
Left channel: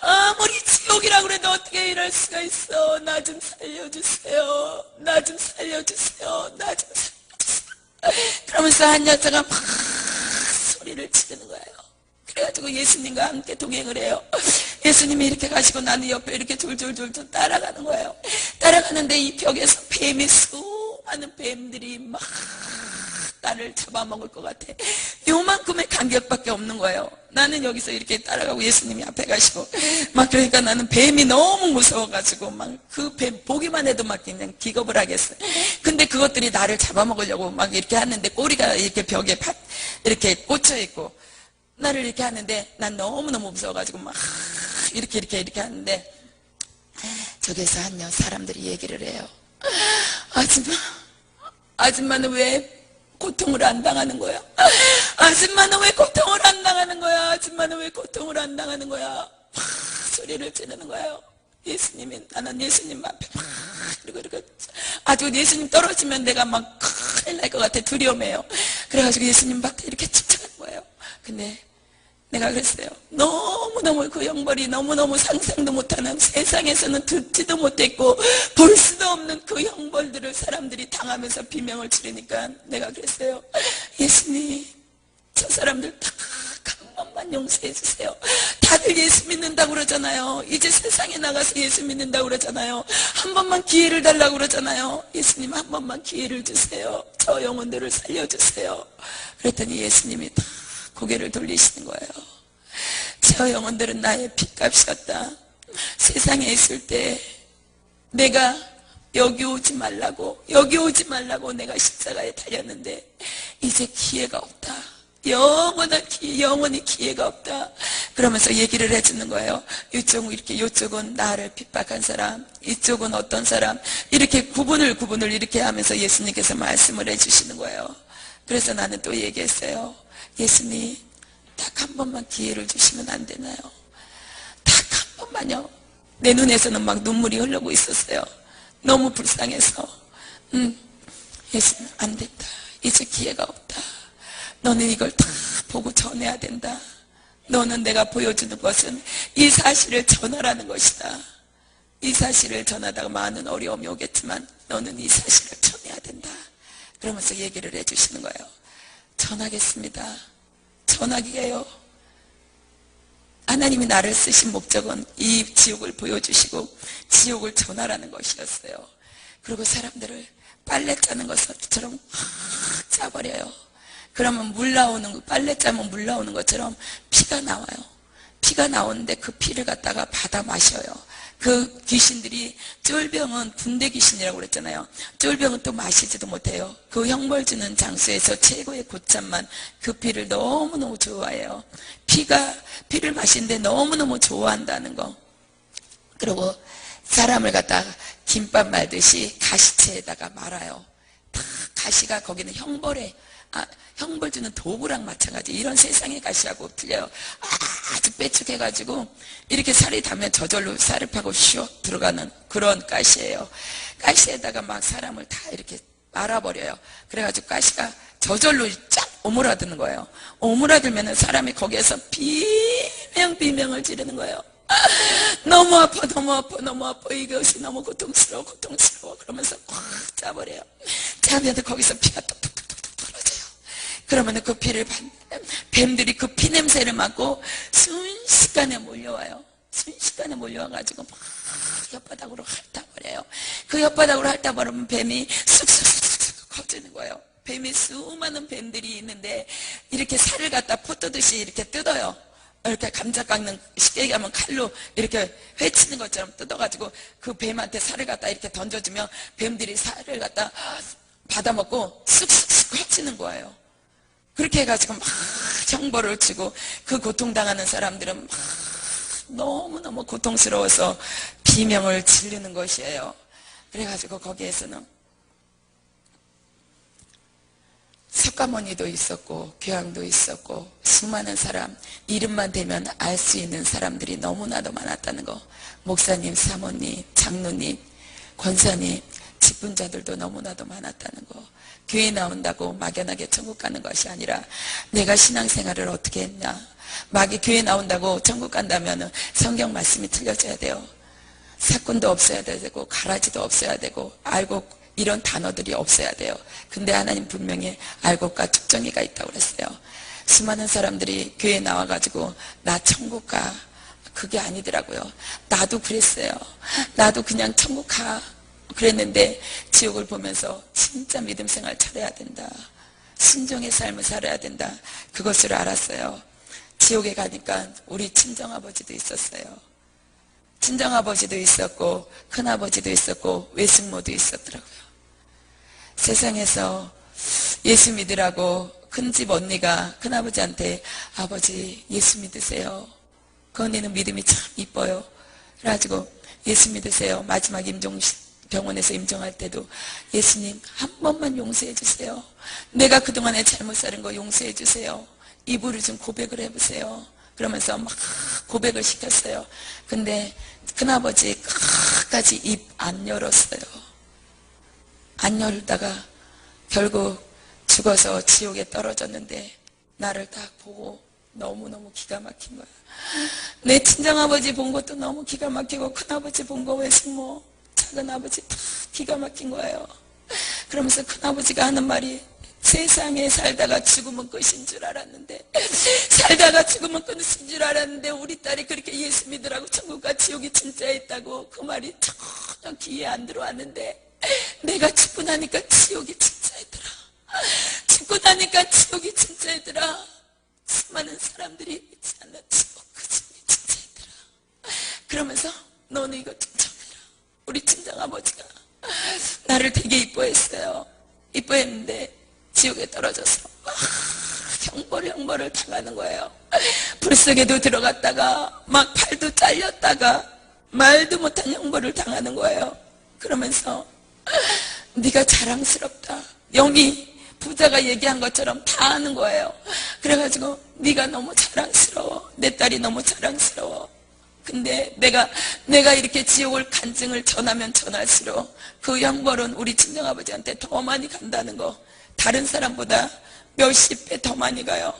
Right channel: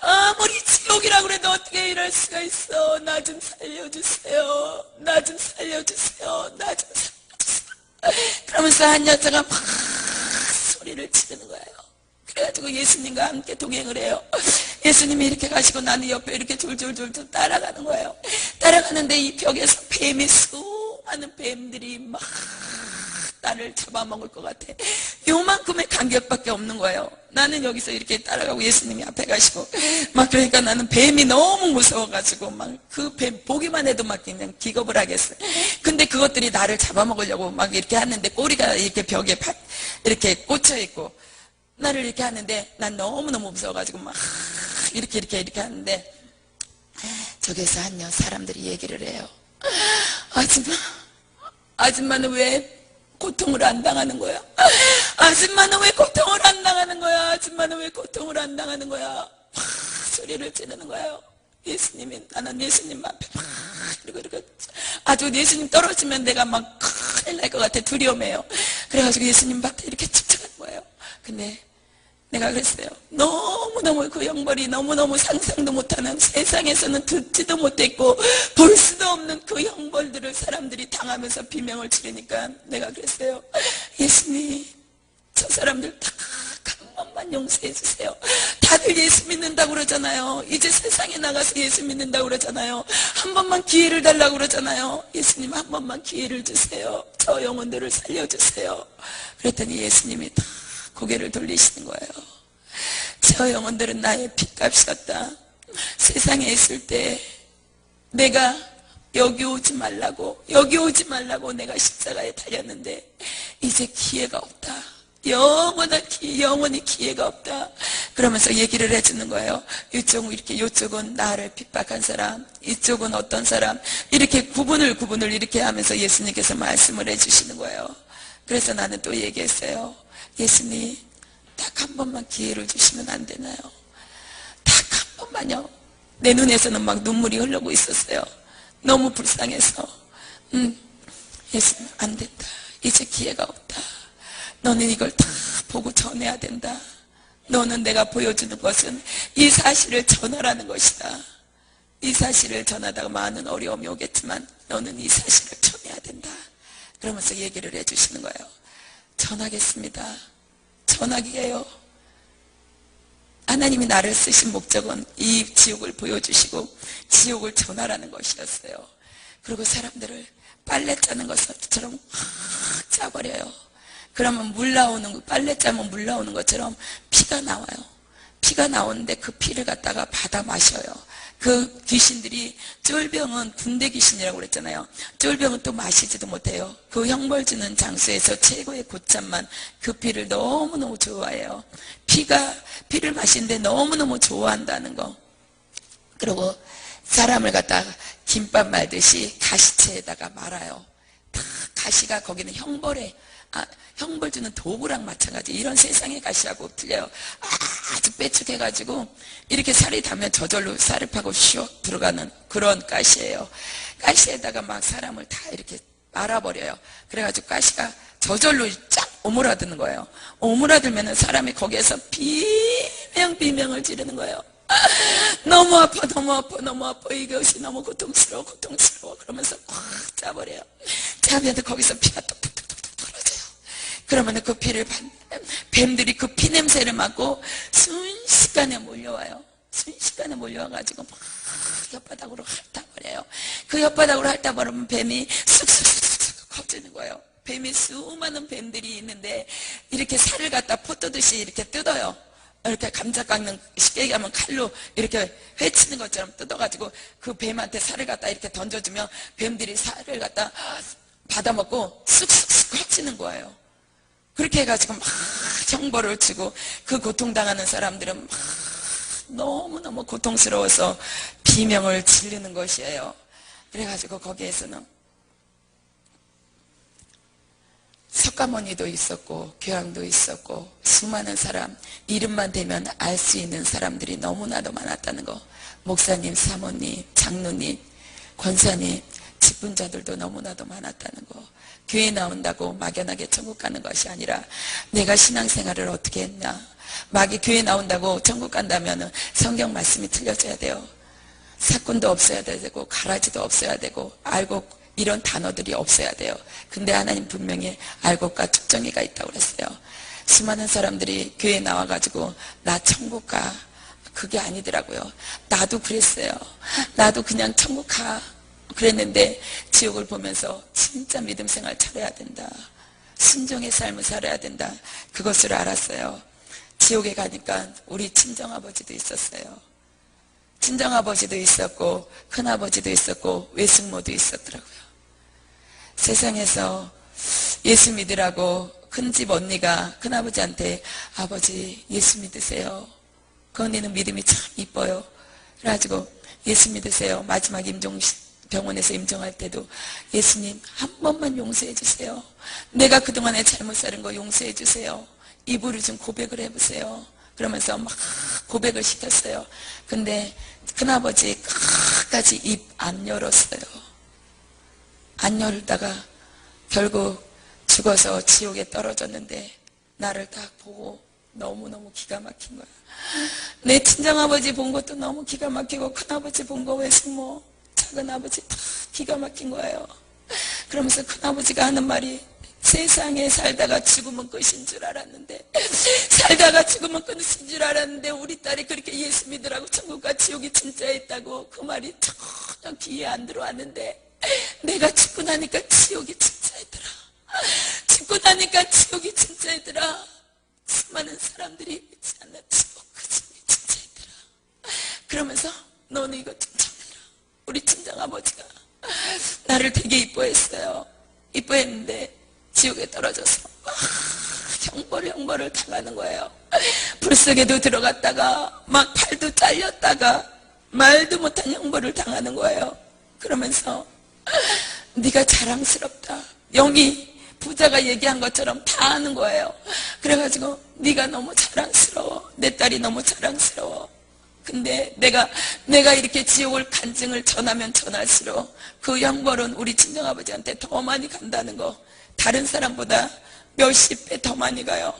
아무리 지옥이라고 그래도 어떻게 이럴 수가 있어? 나 좀 살려주세요. 나 좀 살려주세요. 나 좀 살려주세요. 그러면서 한 여자가 막 소리를 지르는 거예요. 그래가지고 예수님과 함께 동행을 해요. 예수님이 이렇게 가시고 나는 옆에 이렇게 졸졸졸졸 따라가는 거예요. 따라가는데 이 벽에서 뱀이 수많은 뱀들이 막 나를 잡아먹을 것 같아. 요만큼의 간격밖에 없는 거예요. 나는 여기서 이렇게 따라가고 예수님이 앞에 가시고 막 그러니까 나는 뱀이 너무 무서워가지고 막 그 뱀 보기만 해도 막 그냥 기겁을 하겠어요. 근데 그것들이 나를 잡아먹으려고 막 이렇게 하는데 꼬리가 이렇게 벽에 이렇게 꽂혀 있고 나를 이렇게 하는데 난 너무너무 무서워가지고 막 이렇게 하는데 저기에서 한 사람들이 얘기를 해요. 아줌마는 왜 고통을 안 당하는 거야? 아줌마는 왜 고통을 안 당하는 거야? 아줌마는 왜 고통을 안 당하는 거야? 막 소리를 지르는 거예요. 예수님이, 나는 예수님 앞에 막 이렇게 아주 예수님 떨어지면 내가 막 큰일 날 것 같아. 두려움해요. 그래가지고 예수님 앞에 이렇게 집중하는 거예요. 근데 내가 그랬어요. 너무너무 그 형벌이 너무너무 상상도 못하는, 세상에서는 듣지도 못했고 볼 수도 없는 그 형벌들을 사람들이 당하면서 비명을 지르니까 내가 그랬어요. 예수님, 저 사람들 다 한 번만 용서해 주세요. 다들 예수 믿는다고 그러잖아요. 이제 세상에 나가서 예수 믿는다고 그러잖아요. 한 번만 기회를 달라고 그러잖아요. 예수님, 한 번만 기회를 주세요. 저 영혼들을 살려주세요. 그랬더니 예수님이 다 고개를 돌리시는 거예요. 저 영혼들은 나의 핏값이었다. 세상에 있을 때 내가 여기 오지 말라고 내가 십자가에 달렸는데 이제 기회가 없다. 영원히 기회가 없다. 그러면서 얘기를 해주는 거예요. 이쪽은 나를 핍박한 사람, 이쪽은 어떤 사람, 이렇게 구분을 이렇게 하면서 예수님께서 말씀을 해주시는 거예요. 그래서 나는 또 얘기했어요. 예수님, 딱 한 번만 기회를 주시면 안 되나요? 딱 한 번만요. 내 눈에서는 막 눈물이 흐르고 있었어요. 너무 불쌍해서. 예수님, 안 된다. 이제 기회가 없다. 너는 이걸 다 보고 전해야 된다. 너는 내가 보여주는 것은 이 사실을 전하라는 것이다. 이 사실을 전하다가 많은 어려움이 오겠지만 너는 이 사실을 전해야 된다. 그러면서 얘기를 해주시는 거예요. 전하겠습니다. 전하기예요. 하나님이 나를 쓰신 목적은 이 지옥을 보여주시고 지옥을 전하라는 것이었어요. 그리고 사람들을 빨래 짜는 것처럼 확 짜버려요. 그러면 빨래 짜면 물 나오는 것처럼 피가 나와요. 피가 나오는데 그 피를 갖다가 받아 마셔요. 그 귀신들이, 쫄병은 군대 귀신이라고 그랬잖아요. 쫄병은 또 마시지도 못해요. 그 형벌 주는 장소에서 최고의 곳잠만 그 피를 너무너무 좋아해요. 피를 마시는데 너무너무 좋아한다는 거. 그리고 사람을 갖다가 김밥 말듯이 가시채에다가 말아요. 다 가시가 거기는 형벌 주는 도구랑 마찬가지. 이런 세상의 가시하고 틀려요. 아주 빼쭉해가지고 이렇게 살이 닿으면 저절로 살을 파고 슉 들어가는 그런 가시예요. 가시에다가 막 사람을 다 이렇게 말아버려요. 그래가지고 가시가 저절로 쫙 오므라드는 거예요. 오므라들면은 사람이 거기에서 비명을 지르는 거예요. 너무 아파. 이것이 너무 고통스러워. 그러면서 꽉 짜버려요. 짜면 거기서 피가 뚝뚝뚝뚝 떨어져요. 그러면 그 피를 뱀들이 그 피 냄새를 맡고 순식간에 몰려와요. 순식간에 몰려와가지고 막 혓바닥으로 핥아버려요. 그 혓바닥으로 핥아버리면 뱀이 쑥쑥 커지는 거예요. 뱀이 수많은 뱀들이 있는데 이렇게 살을 갖다 포 뜨듯이 이렇게 뜯어요. 이렇게 감자 깎는, 쉽게 얘기하면 칼로 이렇게 회치는 것처럼 뜯어가지고 그 뱀한테 살을 갖다 이렇게 던져주면 뱀들이 살을 갖다 받아먹고 쑥쑥 커지는 거예요. 그렇게 해가지고 막 형벌을 치고 그 고통당하는 사람들은 막 너무너무 고통스러워서 비명을 지르는 것이에요. 그래가지고 거기에서는 석가모니도 있었고 교황도 있었고 수많은 사람, 이름만 대면 알 수 있는 사람들이 너무나도 많았다는 거. 목사님, 사모님, 장로님, 권사님, 직분자들도 너무나도 많았다는 거. 교회 나온다고 막연하게 천국 가는 것이 아니라 내가 신앙생활을 어떻게 했나. 막이 교회 나온다고 천국 간다면 성경 말씀이 틀려져야 돼요. 사건도 없어야 되고 가라지도 없어야 되고 알고 이런 단어들이 없어야 돼요. 근데 하나님 분명히 알곡과 축정이가 있다고 그랬어요. 수많은 사람들이 교회에 나와가지고 나 천국 가. 그게 아니더라고요. 나도 그랬어요. 나도 그냥 천국 가. 그랬는데 지옥을 보면서 진짜 믿음 생활 잘해야 된다. 순종의 삶을 살아야 된다. 그것을 알았어요. 지옥에 가니까 우리 친정아버지도 있었어요. 친정아버지도 있었고 큰아버지도 있었고 외숙모도 있었더라고요. 세상에서 예수 믿으라고 큰집 언니가 큰아버지한테 아버지 예수 믿으세요. 그 언니는 믿음이 참 이뻐요. 그래가지고 예수 믿으세요. 마지막 병원에서 임종할 때도 예수님 한 번만 용서해 주세요. 내가 그동안에 잘못 살은 거 용서해 주세요. 입으로 좀 고백을 해보세요. 그러면서 막 고백을 시켰어요. 근데 큰아버지 끝까지 입 안 열었어요. 안 열다가 결국 죽어서 지옥에 떨어졌는데 나를 딱 보고 너무너무 기가 막힌 거야. 내 친정아버지 본 것도 너무 기가 막히고 큰아버지 본 거 외숙모 작은아버지 다 기가 막힌 거예요. 그러면서 큰아버지가 하는 말이 세상에 살다가 죽으면 끝인 줄 알았는데 살다가 죽으면 끝인 줄 알았는데 우리 딸이 그렇게 예수 믿으라고 천국과 지옥이 진짜 있다고 그 말이 전혀 귀에 안 들어왔는데 내가 죽고 나니까 지옥이 진짜 있더라. 죽고 나니까 지옥이 진짜 있더라. 수많은 사람들이 믿지 않는 지옥 그 짐이 진짜 있더라. 그러면서 너는 이거 좀 전해라. 우리 친정아버지가 나를 되게 이뻐했어요. 이뻐했는데 지옥에 떨어져서 막 형벌을 당하는 거예요. 불속에도 들어갔다가 막 팔도 잘렸다가 말도 못한 형벌을 당하는 거예요. 그러면서 네가 자랑스럽다. 영이 부자가 얘기한 것처럼 다 하는 거예요. 그래가지고 네가 너무 자랑스러워. 내 딸이 너무 자랑스러워. 근데 내가 이렇게 지옥을 간증을 전하면 전할수록 그 형벌은 우리 친정아버지한테 더 많이 간다는 거. 다른 사람보다 몇십 배 더 많이 가요.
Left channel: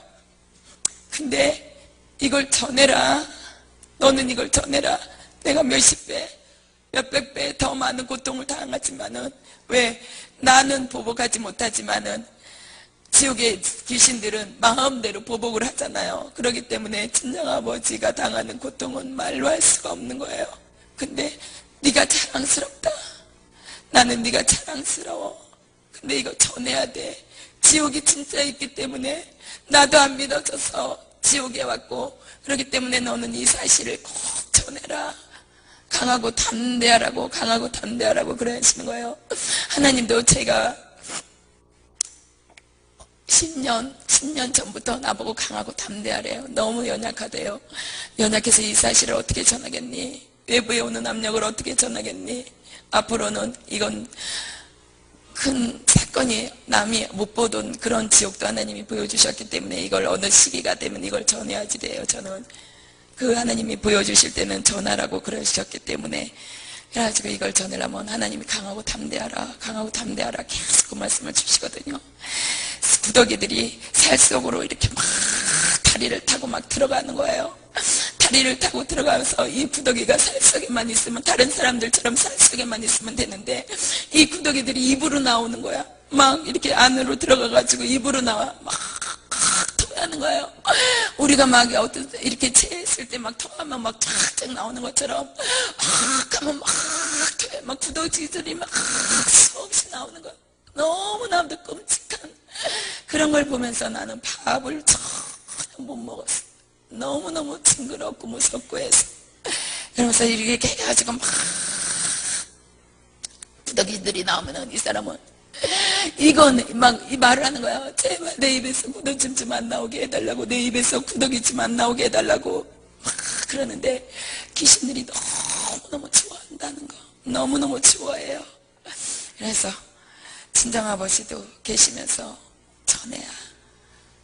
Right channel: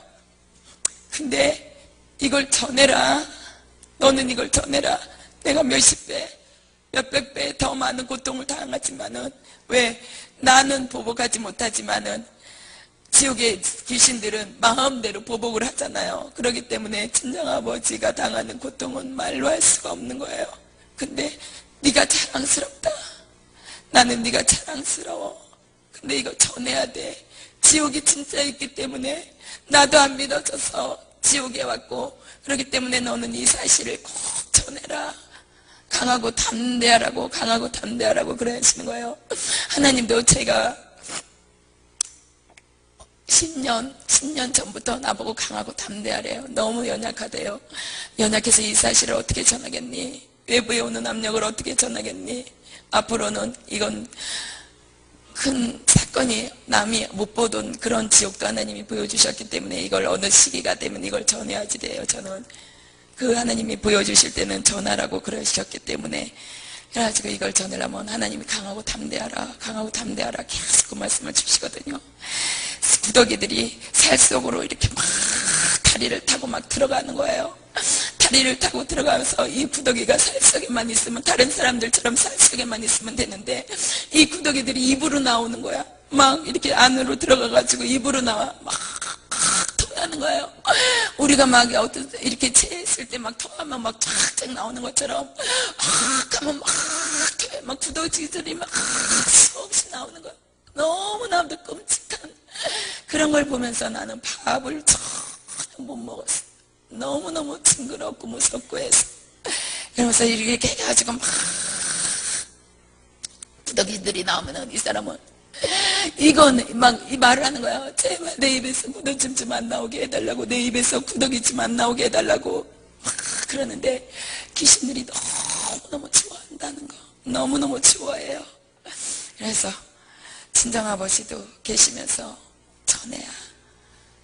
근데 이걸 전해라. 너는 이걸 전해라. 내가 몇십 배, 몇백 배 더 많은 고통을 당하지만은 왜 나는 보복하지 못하지만은 지옥의 귀신들은 마음대로 보복을 하잖아요. 그렇기 때문에 친정아버지가 당하는 고통은 말로 할 수가 없는 거예요. 근데 네가 자랑스럽다. 나는 네가 자랑스러워. 근데 이거 전해야 돼. 지옥이 진짜 있기 때문에 나도 안 믿어져서 지옥에 왔고 그렇기 때문에 너는 이 사실을 꼭 전해라. 강하고 담대하라고 그래 하시는 거예요. 하나님도 제가 10년 전부터 나보고 강하고 담대하래요. 너무 연약하대요. 연약해서 이 사실을 어떻게 전하겠니? 외부에 오는 압력을 어떻게 전하겠니? 앞으로는 이건 큰 사건이 남이 못 보던 그런 지옥도 하나님이 보여주셨기 때문에 이걸 어느 시기가 되면 이걸 전해야지 돼요. 저는 그 하나님이 보여주실 때는 전하라고 그러셨기 때문에 그래가지고 이걸 전하려면 하나님이 강하고 담대하라 계속 그 말씀을 주시거든요. 구더기들이 살 속으로 이렇게 막 다리를 타고 막 들어가는 거예요. 다리를 타고 들어가면서 이 구더기가 살 속에만 있으면 다른 사람들처럼 살 속에만 있으면 되는데 이 구더기들이 입으로 나오는 거야. 막 이렇게 안으로 들어가가지고 입으로 나와 막 토하는 거예요. 우리가 막 이렇게 체했을 때 막 토하면 막 쫙쫙 나오는 것처럼 막 하면 막 토해. 막 구더기들이 막 수없이 나오는 거야. 너무나도 끔찍한 그런 걸 보면서 나는 밥을 전혀 못 먹었어. 너무너무 징그럽고 무섭고 해서 그러면서 이렇게 해가지고 막 구더기들이 나오면은 이 사람은 이건 막 이 말을 하는 거야. 제발 내 입에서 구더기 좀 안 나오게 해달라고, 내 입에서 구더기 좀 안 나오게 해달라고 막 그러는데 귀신들이 너무너무 좋아한다는 거. 너무너무 좋아해요. 그래서 친정아버지도 계시면서 전해야.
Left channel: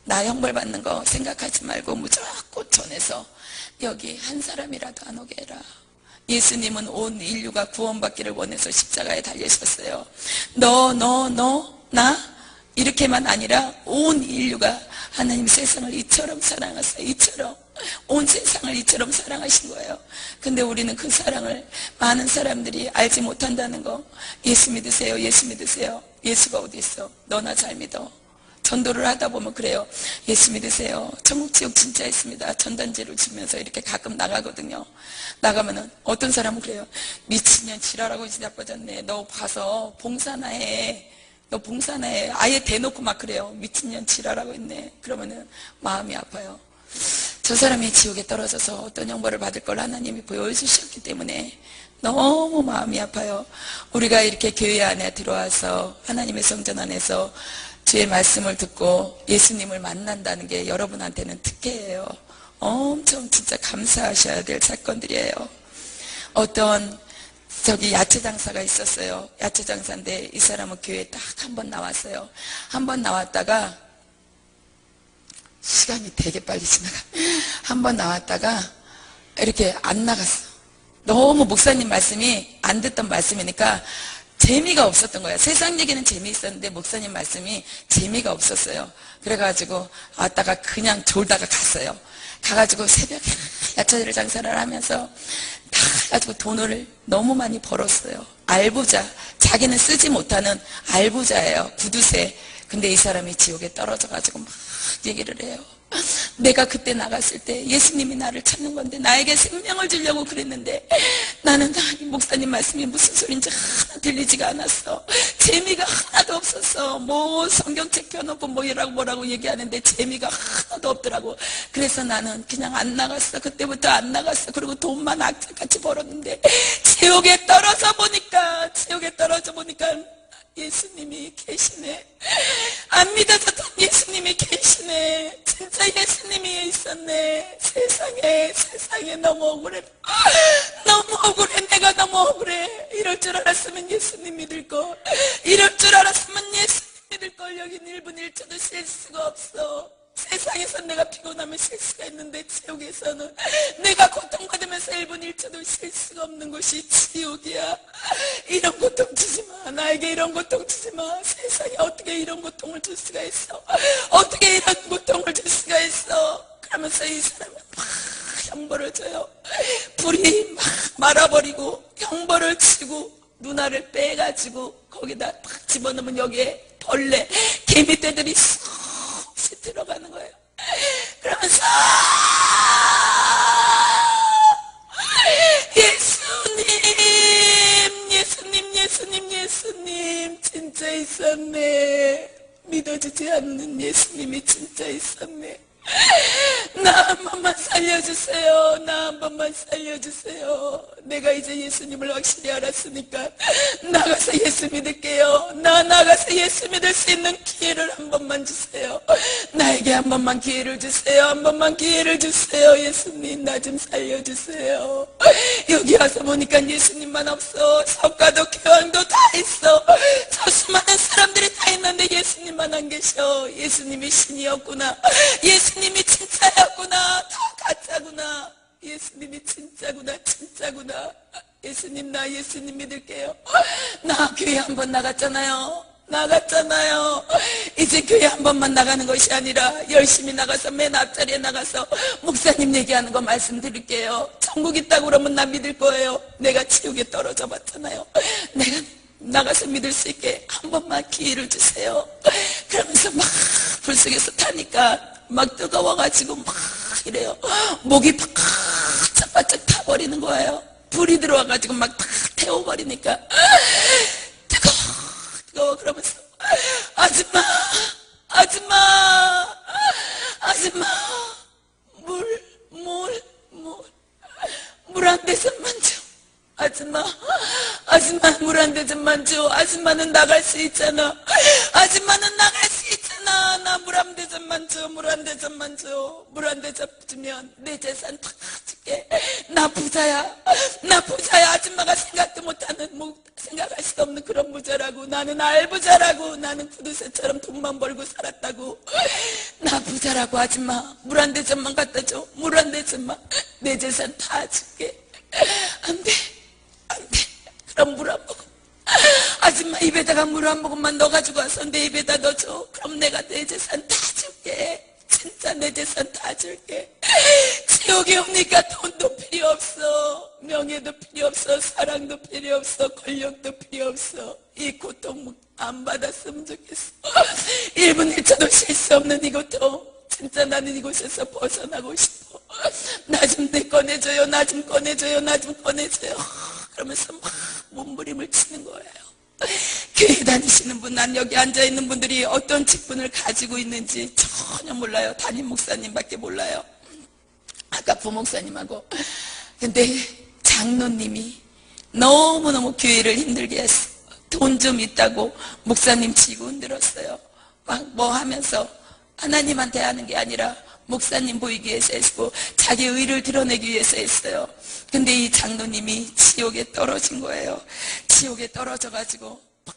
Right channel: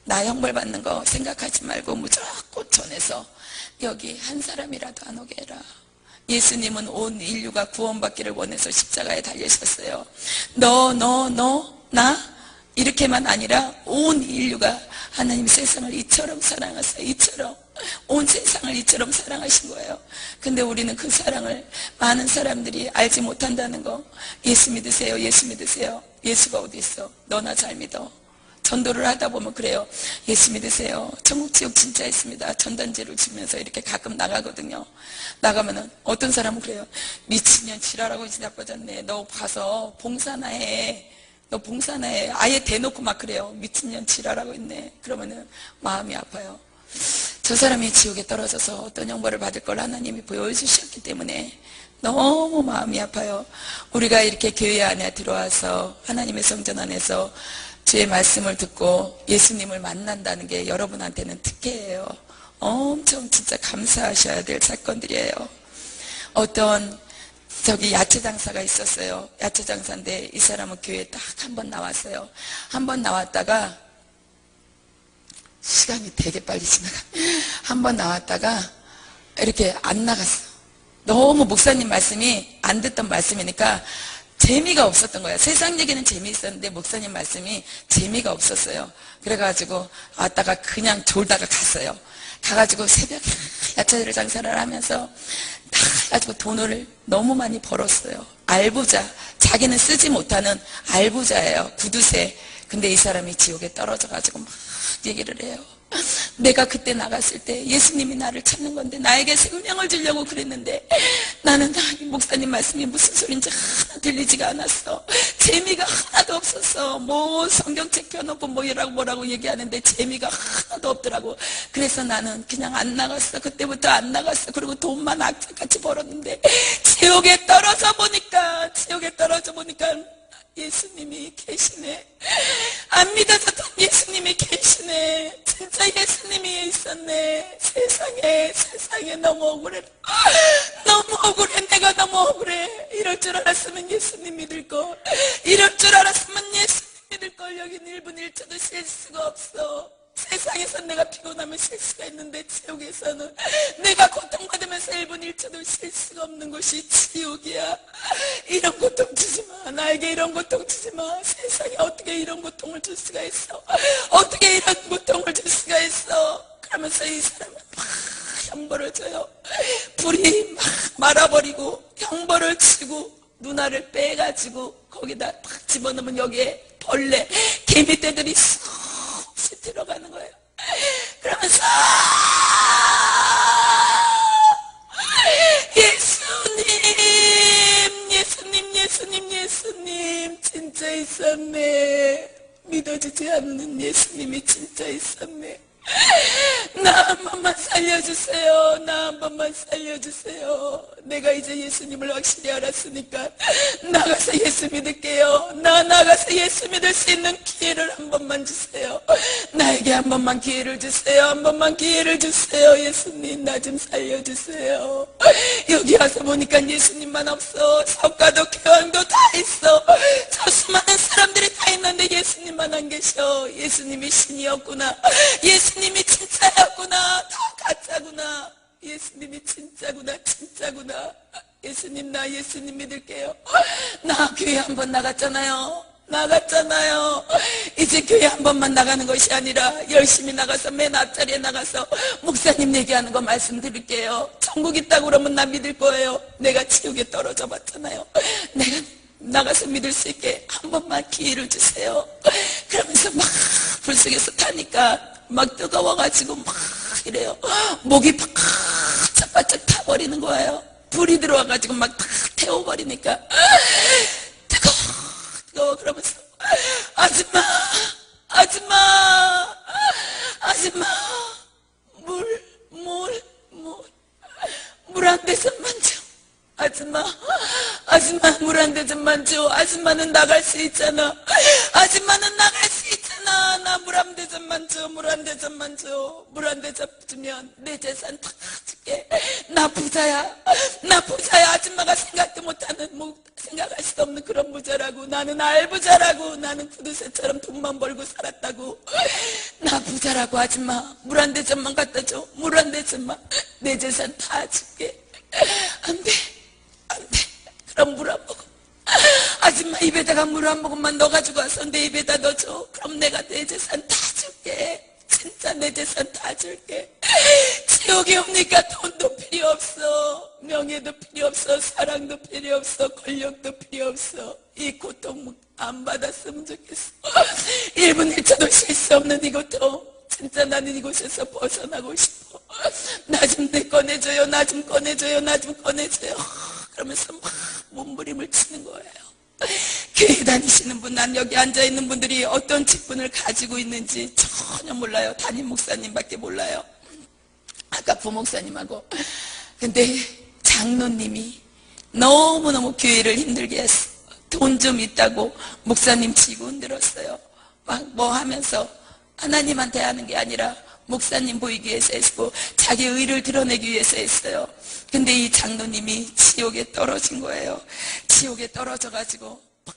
나 형벌 받는 거 생각하지 말고 무조건 전해서 여기 한 사람이라도 안 오게 해라. 예수님은 온 인류가 구원받기를 원해서 십자가에 달리셨어요. 나 이렇게만 아니라 온 인류가 하나님 세상을 이처럼 사랑하세요. 이처럼 온 세상을 이처럼 사랑하신 거예요. 근데 우리는 그 사랑을 많은 사람들이 알지 못한다는 거. 예수 믿으세요. 예수 믿으세요. 예수가 어디 있어? 너나 잘 믿어. 전도를 하다 보면 그래요. 예수 믿으세요. 천국 지옥 진짜 있습니다. 전단지를 주면서 이렇게 가끔 나가거든요. 나가면은 어떤 사람은 그래요. 미친년 지랄하고 진짜 빠졌네. 너 가서 봉사나 해. 너 봉사나 해. 아예 대놓고 막 그래요. 미친년 지랄하고 있네. 그러면은 마음이 아파요. 저 사람이 지옥에 떨어져서 어떤 형벌을 받을 걸 하나님이 보여주셨기 때문에 너무 마음이 아파요. 우리가 이렇게 교회 안에 들어와서 하나님의 성전 안에서 주의 말씀을 듣고 예수님을 만난다는 게 여러분한테는 특혜예요. 엄청 진짜 감사하셔야 될 사건들이에요. 어떤 야채 장사가 있었어요. 야채 장사인데 이 사람은 교회에 딱 한 번 나왔어요. 한 번 나왔다가 시간이 되게 빨리 지나가. 한 번 나왔다가 이렇게 안 나갔어. 너무 목사님 말씀이 안 듣던 말씀이니까 재미가 없었던 거야. 세상 얘기는 재미있었는데 목사님 말씀이 재미가 없었어요. 그래가지고 왔다가 그냥 졸다가 갔어요. 가가지고 새벽에 야채 장사를 하면서 다 가지고 돈을 너무 많이 벌었어요. 알부자. 자기는 쓰지 못하는 알부자예요. 구두쇠. 근데 이 사람이 지옥에 떨어져가지고 막 얘기를 해요. 내가 그때 나갔을 때 예수님이 나를 찾는 건데 나에게 생명을 주려고 그랬는데 나는 목사님 말씀이 무슨 소린지 하나 들리지가 않았어. 재미가 하나도 없었어. 뭐 성경책 펴놓고 뭐라고 얘기하는데 재미가 하나도 없더라고. 그래서 나는 그냥 안 나갔어. 그때부터 안 나갔어. 그리고 돈만 악착같이 벌었는데 지옥에 떨어져 보니까 예수님이 계시네. 안 믿어졌던 예수님이 계시네. 진짜 예수님이 있었네. 세상에 너무 억울해. 너무 억울해. 내가 너무 억울해. 이럴 줄 알았으면 예수님 믿을 걸. 이럴 줄 알았으면 예수님 믿을 걸. 여긴 1분 1초도 쉴 수가 없어. 세상에서 내가 피곤하면 쉴 수가 있는데 지옥에서는 내가 고통받으면서 1분 1초도 쉴 수가 없는 곳이 지옥이야. 이런 고통 주지 마. 나에게 이런 고통 주지 마. 세상에 어떻게 이런 고통을 줄 수가 있어. 어떻게 이런 고통을 줄 수가 있어. 그러면서 이 사람은 막 형벌을 줘요. 불이 막 말아버리고 형벌을 치고 누나를 빼가지고 거기다 팍 집어넣으면 여기에 벌레 개미떼들이 쏙 들어가는 거예요. 그러면서 예수님 진짜 있었네. 믿어지지 않는 예수님이 진짜 있었네. 나 한 번만 살려주세요. 나 한 번만 살려주세요. 내가 이제 예수님을 확실히 알았으니까 나가서 예수 믿을게요. 나가서 예수 믿을 수 있는 기회를 한 번만 주세요. 나에게 한 번만 기회를 주세요. 한 번만 기회를 주세요. 예수님 나 좀 살려주세요. 여기 와서 보니까 예수님만 없어. 석가도 교황도 다 있어. 저 수많은 사람들이 다 있는데 예수님만 안 계셔. 예수님이 신이었구나. 예수님이 진짜였구나. 다 가짜구나. 예수님이 진짜구나. 예수님 나 예수님 믿을게요. 나 교회 한 번 나갔잖아요. 이제 교회 한 번만 나가는 것이 아니라 열심히 나가서 맨 앞자리에 나가서 목사님 얘기하는 거 말씀드릴게요. 천국 있다고 그러면 나 믿을 거예요. 내가 지옥에 떨어져 봤잖아요. 내가 나가서 믿을 수 있게 한 번만 기회를 주세요. 그러면서 막 불속에서 타니까 막 뜨거워가지고 막 이래요. 목이 바짝 타버리는 거예요. 불이 들어와가지고 막 다 태워버리니까 뜨거워. 그러면서 아줌마 물 한 대접만 줘. 아줌마 물 한 대접만 줘. 아줌마는 나갈 수 있잖아. 나 물 한 대접만 줘. 물 한 대접 주면 내 재산 다 줄게. 나 부자야. 나 부자야. 아줌마가 생각도 못하는, 생각할 수 없는 그런 부자라고. 나는 알부자라고. 나는 구두쇠처럼 돈만 벌고 살았다고. 나 부자라고. 아줌마 물 한 대접만 갖다 줘. 물 한 대접만. 내 재산 다 줄게. 안 돼. 안 돼. 그럼 물 한 모금. 아줌마 입에다가 물 한 모금만 넣어가지고 와서 내 입에다 넣어줘. 그럼 내가 내 재산 다 줄게. 진짜 내 재산 다 줄게. 지옥에 옵니까? 돈도 필요 없어. 명예도 필요 없어. 사랑도 필요 없어. 권력도 필요 없어. 이 고통 안 받았으면 좋겠어. 1분 1초도 쉴 수 없는 이 고통. 진짜 나는 이곳에서 벗어나고 싶어. 나 좀 꺼내줘요. 나 좀 꺼내줘요. 나 좀 꺼내줘요. 그러면서 막 몸부림을 치는 거예요. 교회 다니시는 분, 난 여기 앉아있는 분들이 어떤 직분을 가지고 있는지 전혀 몰라요. 담임 목사님밖에 몰라요. 아까 부목사님하고. 근데 장로님이 너무너무 교회를 힘들게 했어. 돈 좀 있다고 목사님 치고 흔들었어요. 막 뭐 하면서 하나님한테 하는 게 아니라 목사님 보이기 위해서 했고 자기 의를 드러내기 위해서 했어요. 근데 이 장로님이 지옥에 떨어진 거예요. 지옥에 떨어져가지고 막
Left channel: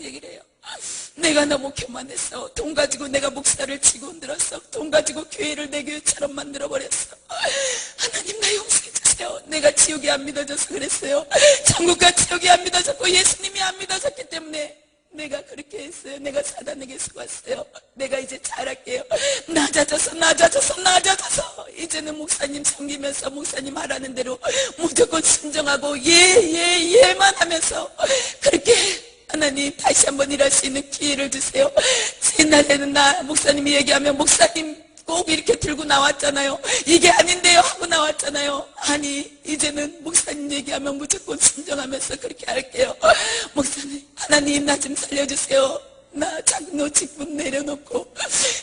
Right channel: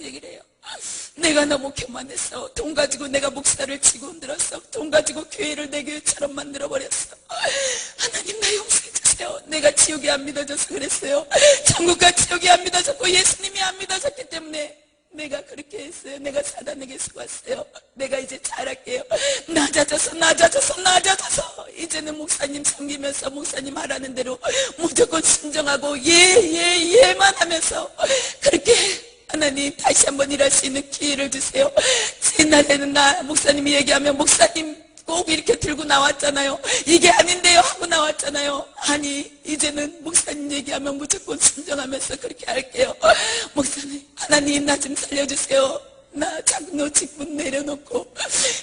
얘기를 해요. 내가 너무 교만했어. 돈 가지고 내가 목사를 치고 흔들었어. 돈 가지고 교회를 내 교회처럼 만들어버렸어. 하나님 나 용서해 주세요. 내가 지옥이 안 믿어져서 그랬어요. 천국과 지옥이 안 믿어졌고 예수님이 안 믿어졌기 때문에 내가 그렇게 했어요. 내가 사단에게 속았어요. 내가 이제 잘할게요. 낮아져서 이제는 목사님 섬기면서 목사님 하라는 대로 무조건 순종하고 예만 하면서 그렇게 하나님 다시 한번 일할 수 있는 기회를 주세요. 옛날에는 나 목사님이 얘기하면 목사님 꼭 이렇게 들고 나왔잖아요. 이게 아닌데요 하고 나왔잖아요. 아니 이제는 목사님 얘기하면 무조건 순종하면서 그렇게 할게요. 목사님 하나님 나 좀 살려주세요. 나 장로 직분 내려놓고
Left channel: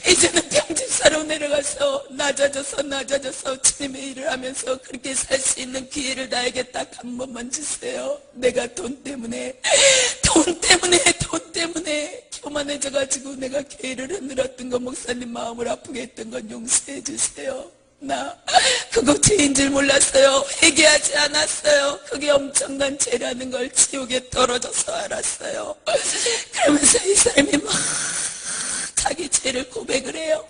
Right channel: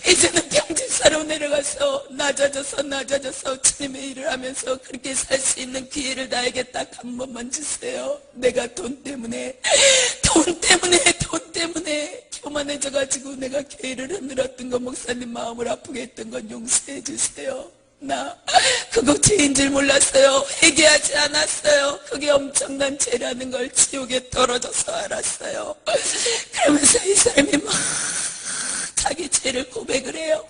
이제는 평집사로 내려가서 낮아져서 주님의 일을 하면서 그렇게 살 수 있는 기회를 나에게 딱 한 번만 주세요. 내가 돈 때문에 교만해져가지고 내가 교회를 흔들었던 거 목사님 마음을 아프게 했던 건 용서해 주세요. 나 그거 죄인 줄 몰랐어요. 회개하지 않았어요. 그게 엄청난 죄라는 걸 지옥에 떨어져서 알았어요. 그러면서 이 사람이 막 자기 죄를 고백을 해요.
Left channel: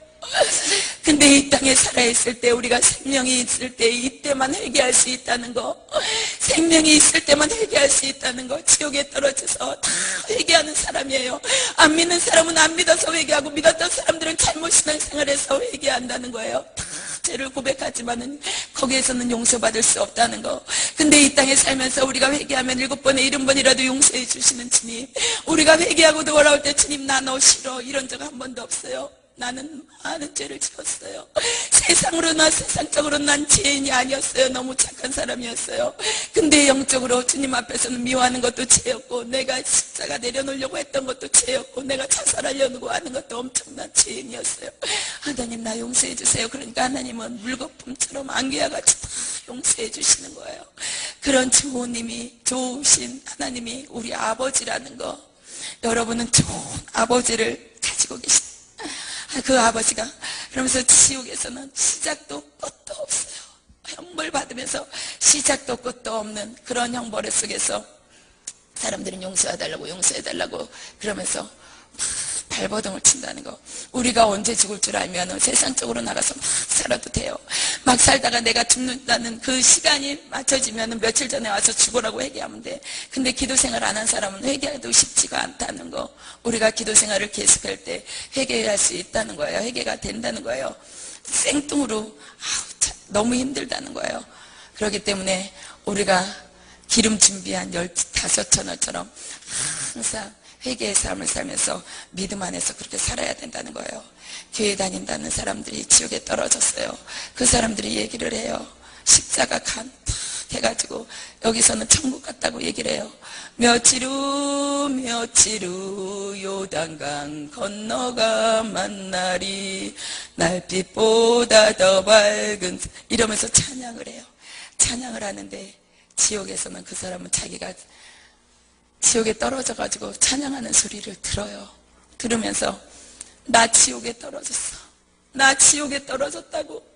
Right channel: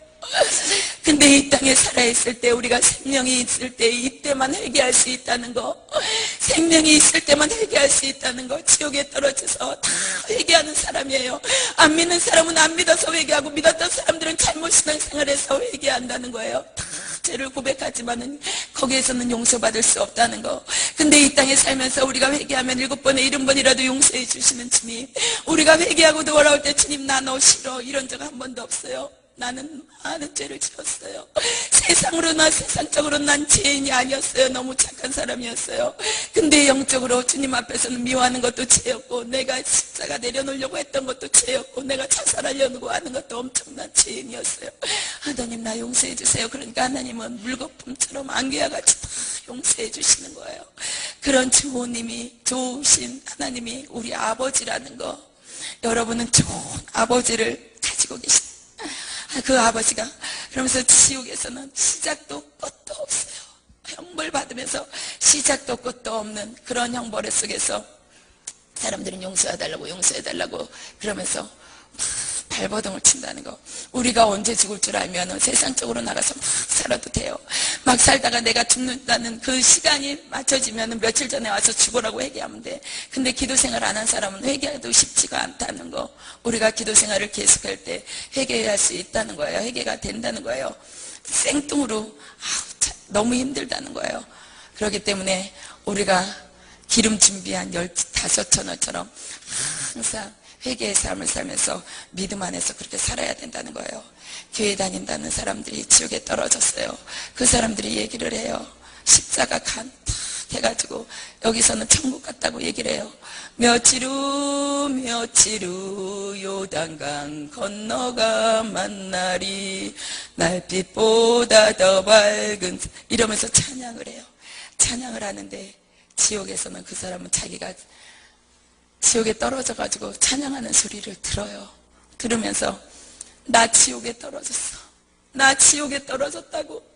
근데 이 땅에 살아있을 때 우리가 생명이 있을 때 이때만 회개할 수 있다는 거, 생명이 있을 때만 회개할 수 있다는 거, 지옥에 떨어져서 다 회개하는 사람이에요. 안 믿는 사람은 안 믿어서 회개하고 믿었던 사람들은 잘못 신앙생활해서 회개한다는 거예요. 다 죄를 고백하지만은 거기에서는 용서받을 수 없다는 거. 근데 이 땅에 살면서 우리가 회개하면 7번에 70번이라도 용서해 주시는 주님, 우리가 회개하고 돌아올 때 주님 나 너 싫어 이런 적 한 번도 없어요. 나는 많은 죄를 지었어요. 세상적으로 난 죄인이 아니었어요. 너무 착한 사람이었어요. 근데 영적으로 주님 앞에서는 미워하는 것도 죄였고 내가 십자가 내려놓으려고 했던 것도 죄였고 내가 자살하려고 하는 것도 엄청난 죄인이었어요. 하나님 나 용서해 주세요. 그러니까 하나님은 물거품처럼 안개와 같이 다 용서해 주시는 거예요. 그런 좋으신 하나님이 우리 아버지라는 거, 여러분은 좋은 아버지를 가지고 계십니다. 그 아버지가 그러면서 지옥에서는 시작도 끝도 없어요. 형벌 받으면서 시작도 끝도 없는 그런 형벌 속에서 사람들은 용서해달라고 그러면서 막 발버둥을 친다는 거. 우리가 언제 죽을 줄 알면 세상적으로 나가서 막 살아도 돼요. 막 살다가 내가 죽는다는 그 시간이 맞춰지면 며칠 전에 와서 죽으라고 회개하면 돼. 근데 기도 생활 안 한 사람은 회개해도 쉽지가 않다는 거. 우리가 기도 생활을 계속할 때 회개할 수 있다는 거예요. 회개가 된다는 거예요. 생뚱으로 너무 힘들다는 거예요. 그렇기 때문에 우리가 기름 준비한 15,000원처럼 항상 회개의 삶을 살면서 믿음 안에서 그렇게 살아야 된다는 거예요. 교회 다닌다는 사람들이 지옥에 떨어졌어요. 그 사람들이 얘기를 해요. 십자가 간 탁 해가지고 여기서는 천국 같다고 얘기를 해요. 며칠 후 요단강 건너가 만나리 날빛보다 더 밝은 이러면서 찬양을 해요. 찬양을 하는데 지옥에서는 그 사람은 자기가 지옥에 떨어져가지고 찬양하는 소리를 들어요. 들으면서 나 지옥에 떨어졌어. 나 지옥에 떨어졌다고.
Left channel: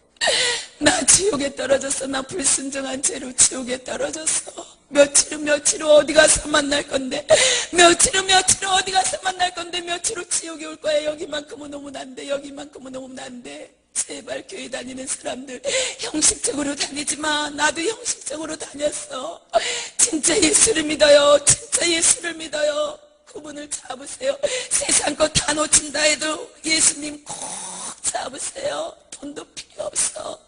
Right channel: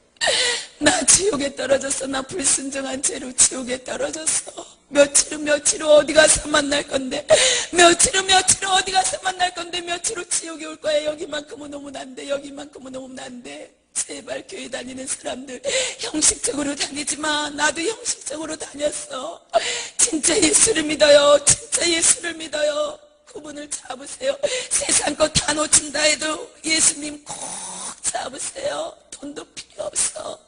나 지옥에 떨어졌어. 나 불순종한 죄로 지옥에 떨어졌어. 며칠 후 어디 가서 만날 건데, 며칠 후 어디 가서 만날 건데, 며칠 후 지옥에 올 거야. 여기만큼은 오면 안 돼. 여기만큼은 오면 안 돼. 제발 교회 다니는 사람들 형식적으로 다니지 마. 나도 형식적으로 다녔어. 진짜 예수를 믿어요. 진짜 예수를 믿어요. 그분을 잡으세요. 세상 것 다 놓친다 해도 예수님 꼭 잡으세요. 돈도 필요 없어.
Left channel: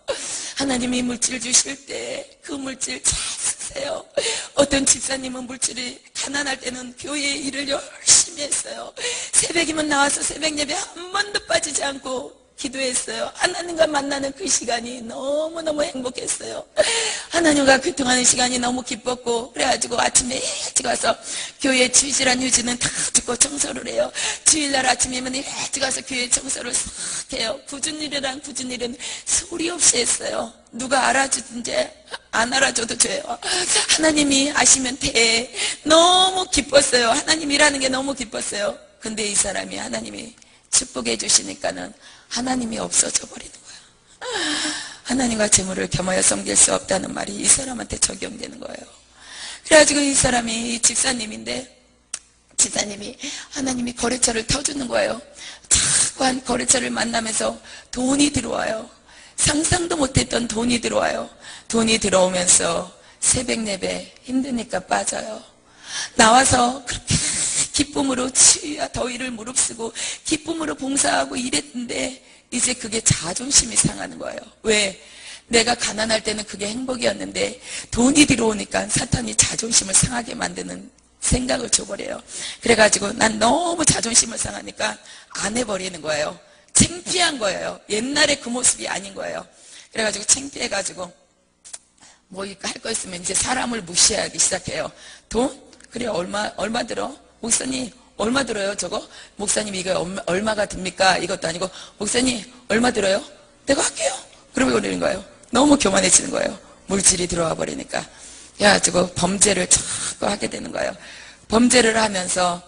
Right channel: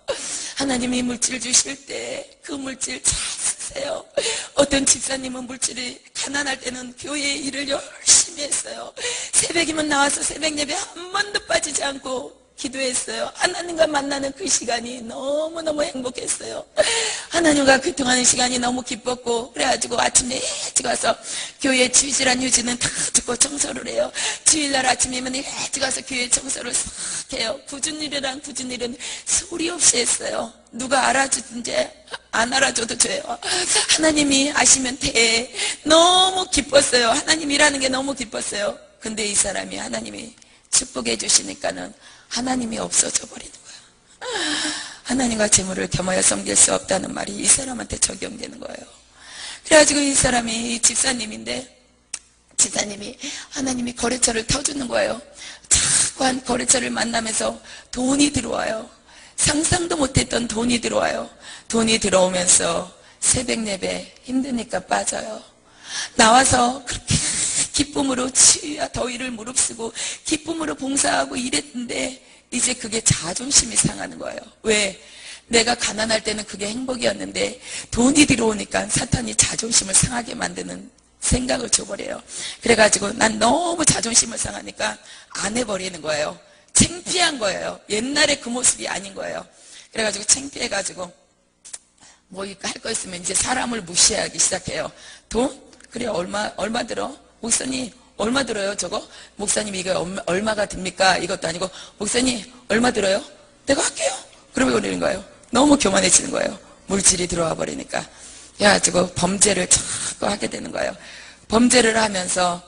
하나님이 물질 주실 때 그 물질 잘 쓰세요. 어떤 집사님은 물질이 가난할 때는 교회 일을 열심히 했어요. 새벽이면 나와서 새벽 예배 한 번도 빠지지 않고 기도했어요. 하나님과 만나는 그 시간이 너무너무 행복했어요. 하나님과 교통하는 시간이 너무 기뻤고, 그래가지고 아침에 일찍 와서 교회 주일이란 유지는 다 듣고 청소를 해요. 주일날 아침이면 일찍 와서 교회 청소를 싹 해요. 굳은 일은 소리 없이 했어요. 누가 알아주든지 안 알아줘도 돼요. 하나님이 아시면 돼. 너무 기뻤어요. 하나님이라는 게 너무 기뻤어요. 근데 이 사람이 하나님이 축복해 주시니까는 하나님이 없어져 버리는 거야. 하나님과 재물을 겸하여 섬길 수 없다는 말이 이 사람한테 적용되는 거예요. 그래가지고 이 사람이 집사님인데, 집사님이 하나님이 거래처를 터주는 거예요. 자꾸 한 거래처를 만나면서 돈이 들어와요. 상상도 못했던 돈이 들어와요. 돈이 들어오면서 새벽 예배 힘드니까 빠져요. 나와서 그렇게 기쁨으로 치유야 더위를 무릅쓰고 기쁨으로 봉사하고 이랬는데, 이제 그게 자존심이 상하는 거예요. 왜? 내가 가난할 때는 그게 행복이었는데 돈이 들어오니까 사탄이 자존심을 상하게 만드는 생각을 줘버려요. 그래가지고 난 너무 자존심을 상하니까 안 해버리는 거예요. 창피한 거예요. 옛날에 그 모습이 아닌 거예요. 그래가지고 창피해가지고 뭐 할 거 있으면 이제 사람을 무시하기 시작해요. 돈? 그래, 얼마 들어? 목사님 얼마 들어요 저거? 목사님 이거 얼마가 듭니까? 이것도 아니고 목사님 얼마 들어요? 내가 할게요. 그러면 그러는 거예요. 너무 교만해지는 거예요. 물질이 들어와 버리니까. 그래가지고 범죄를 자꾸 하게 되는 거예요. 범죄를 하면서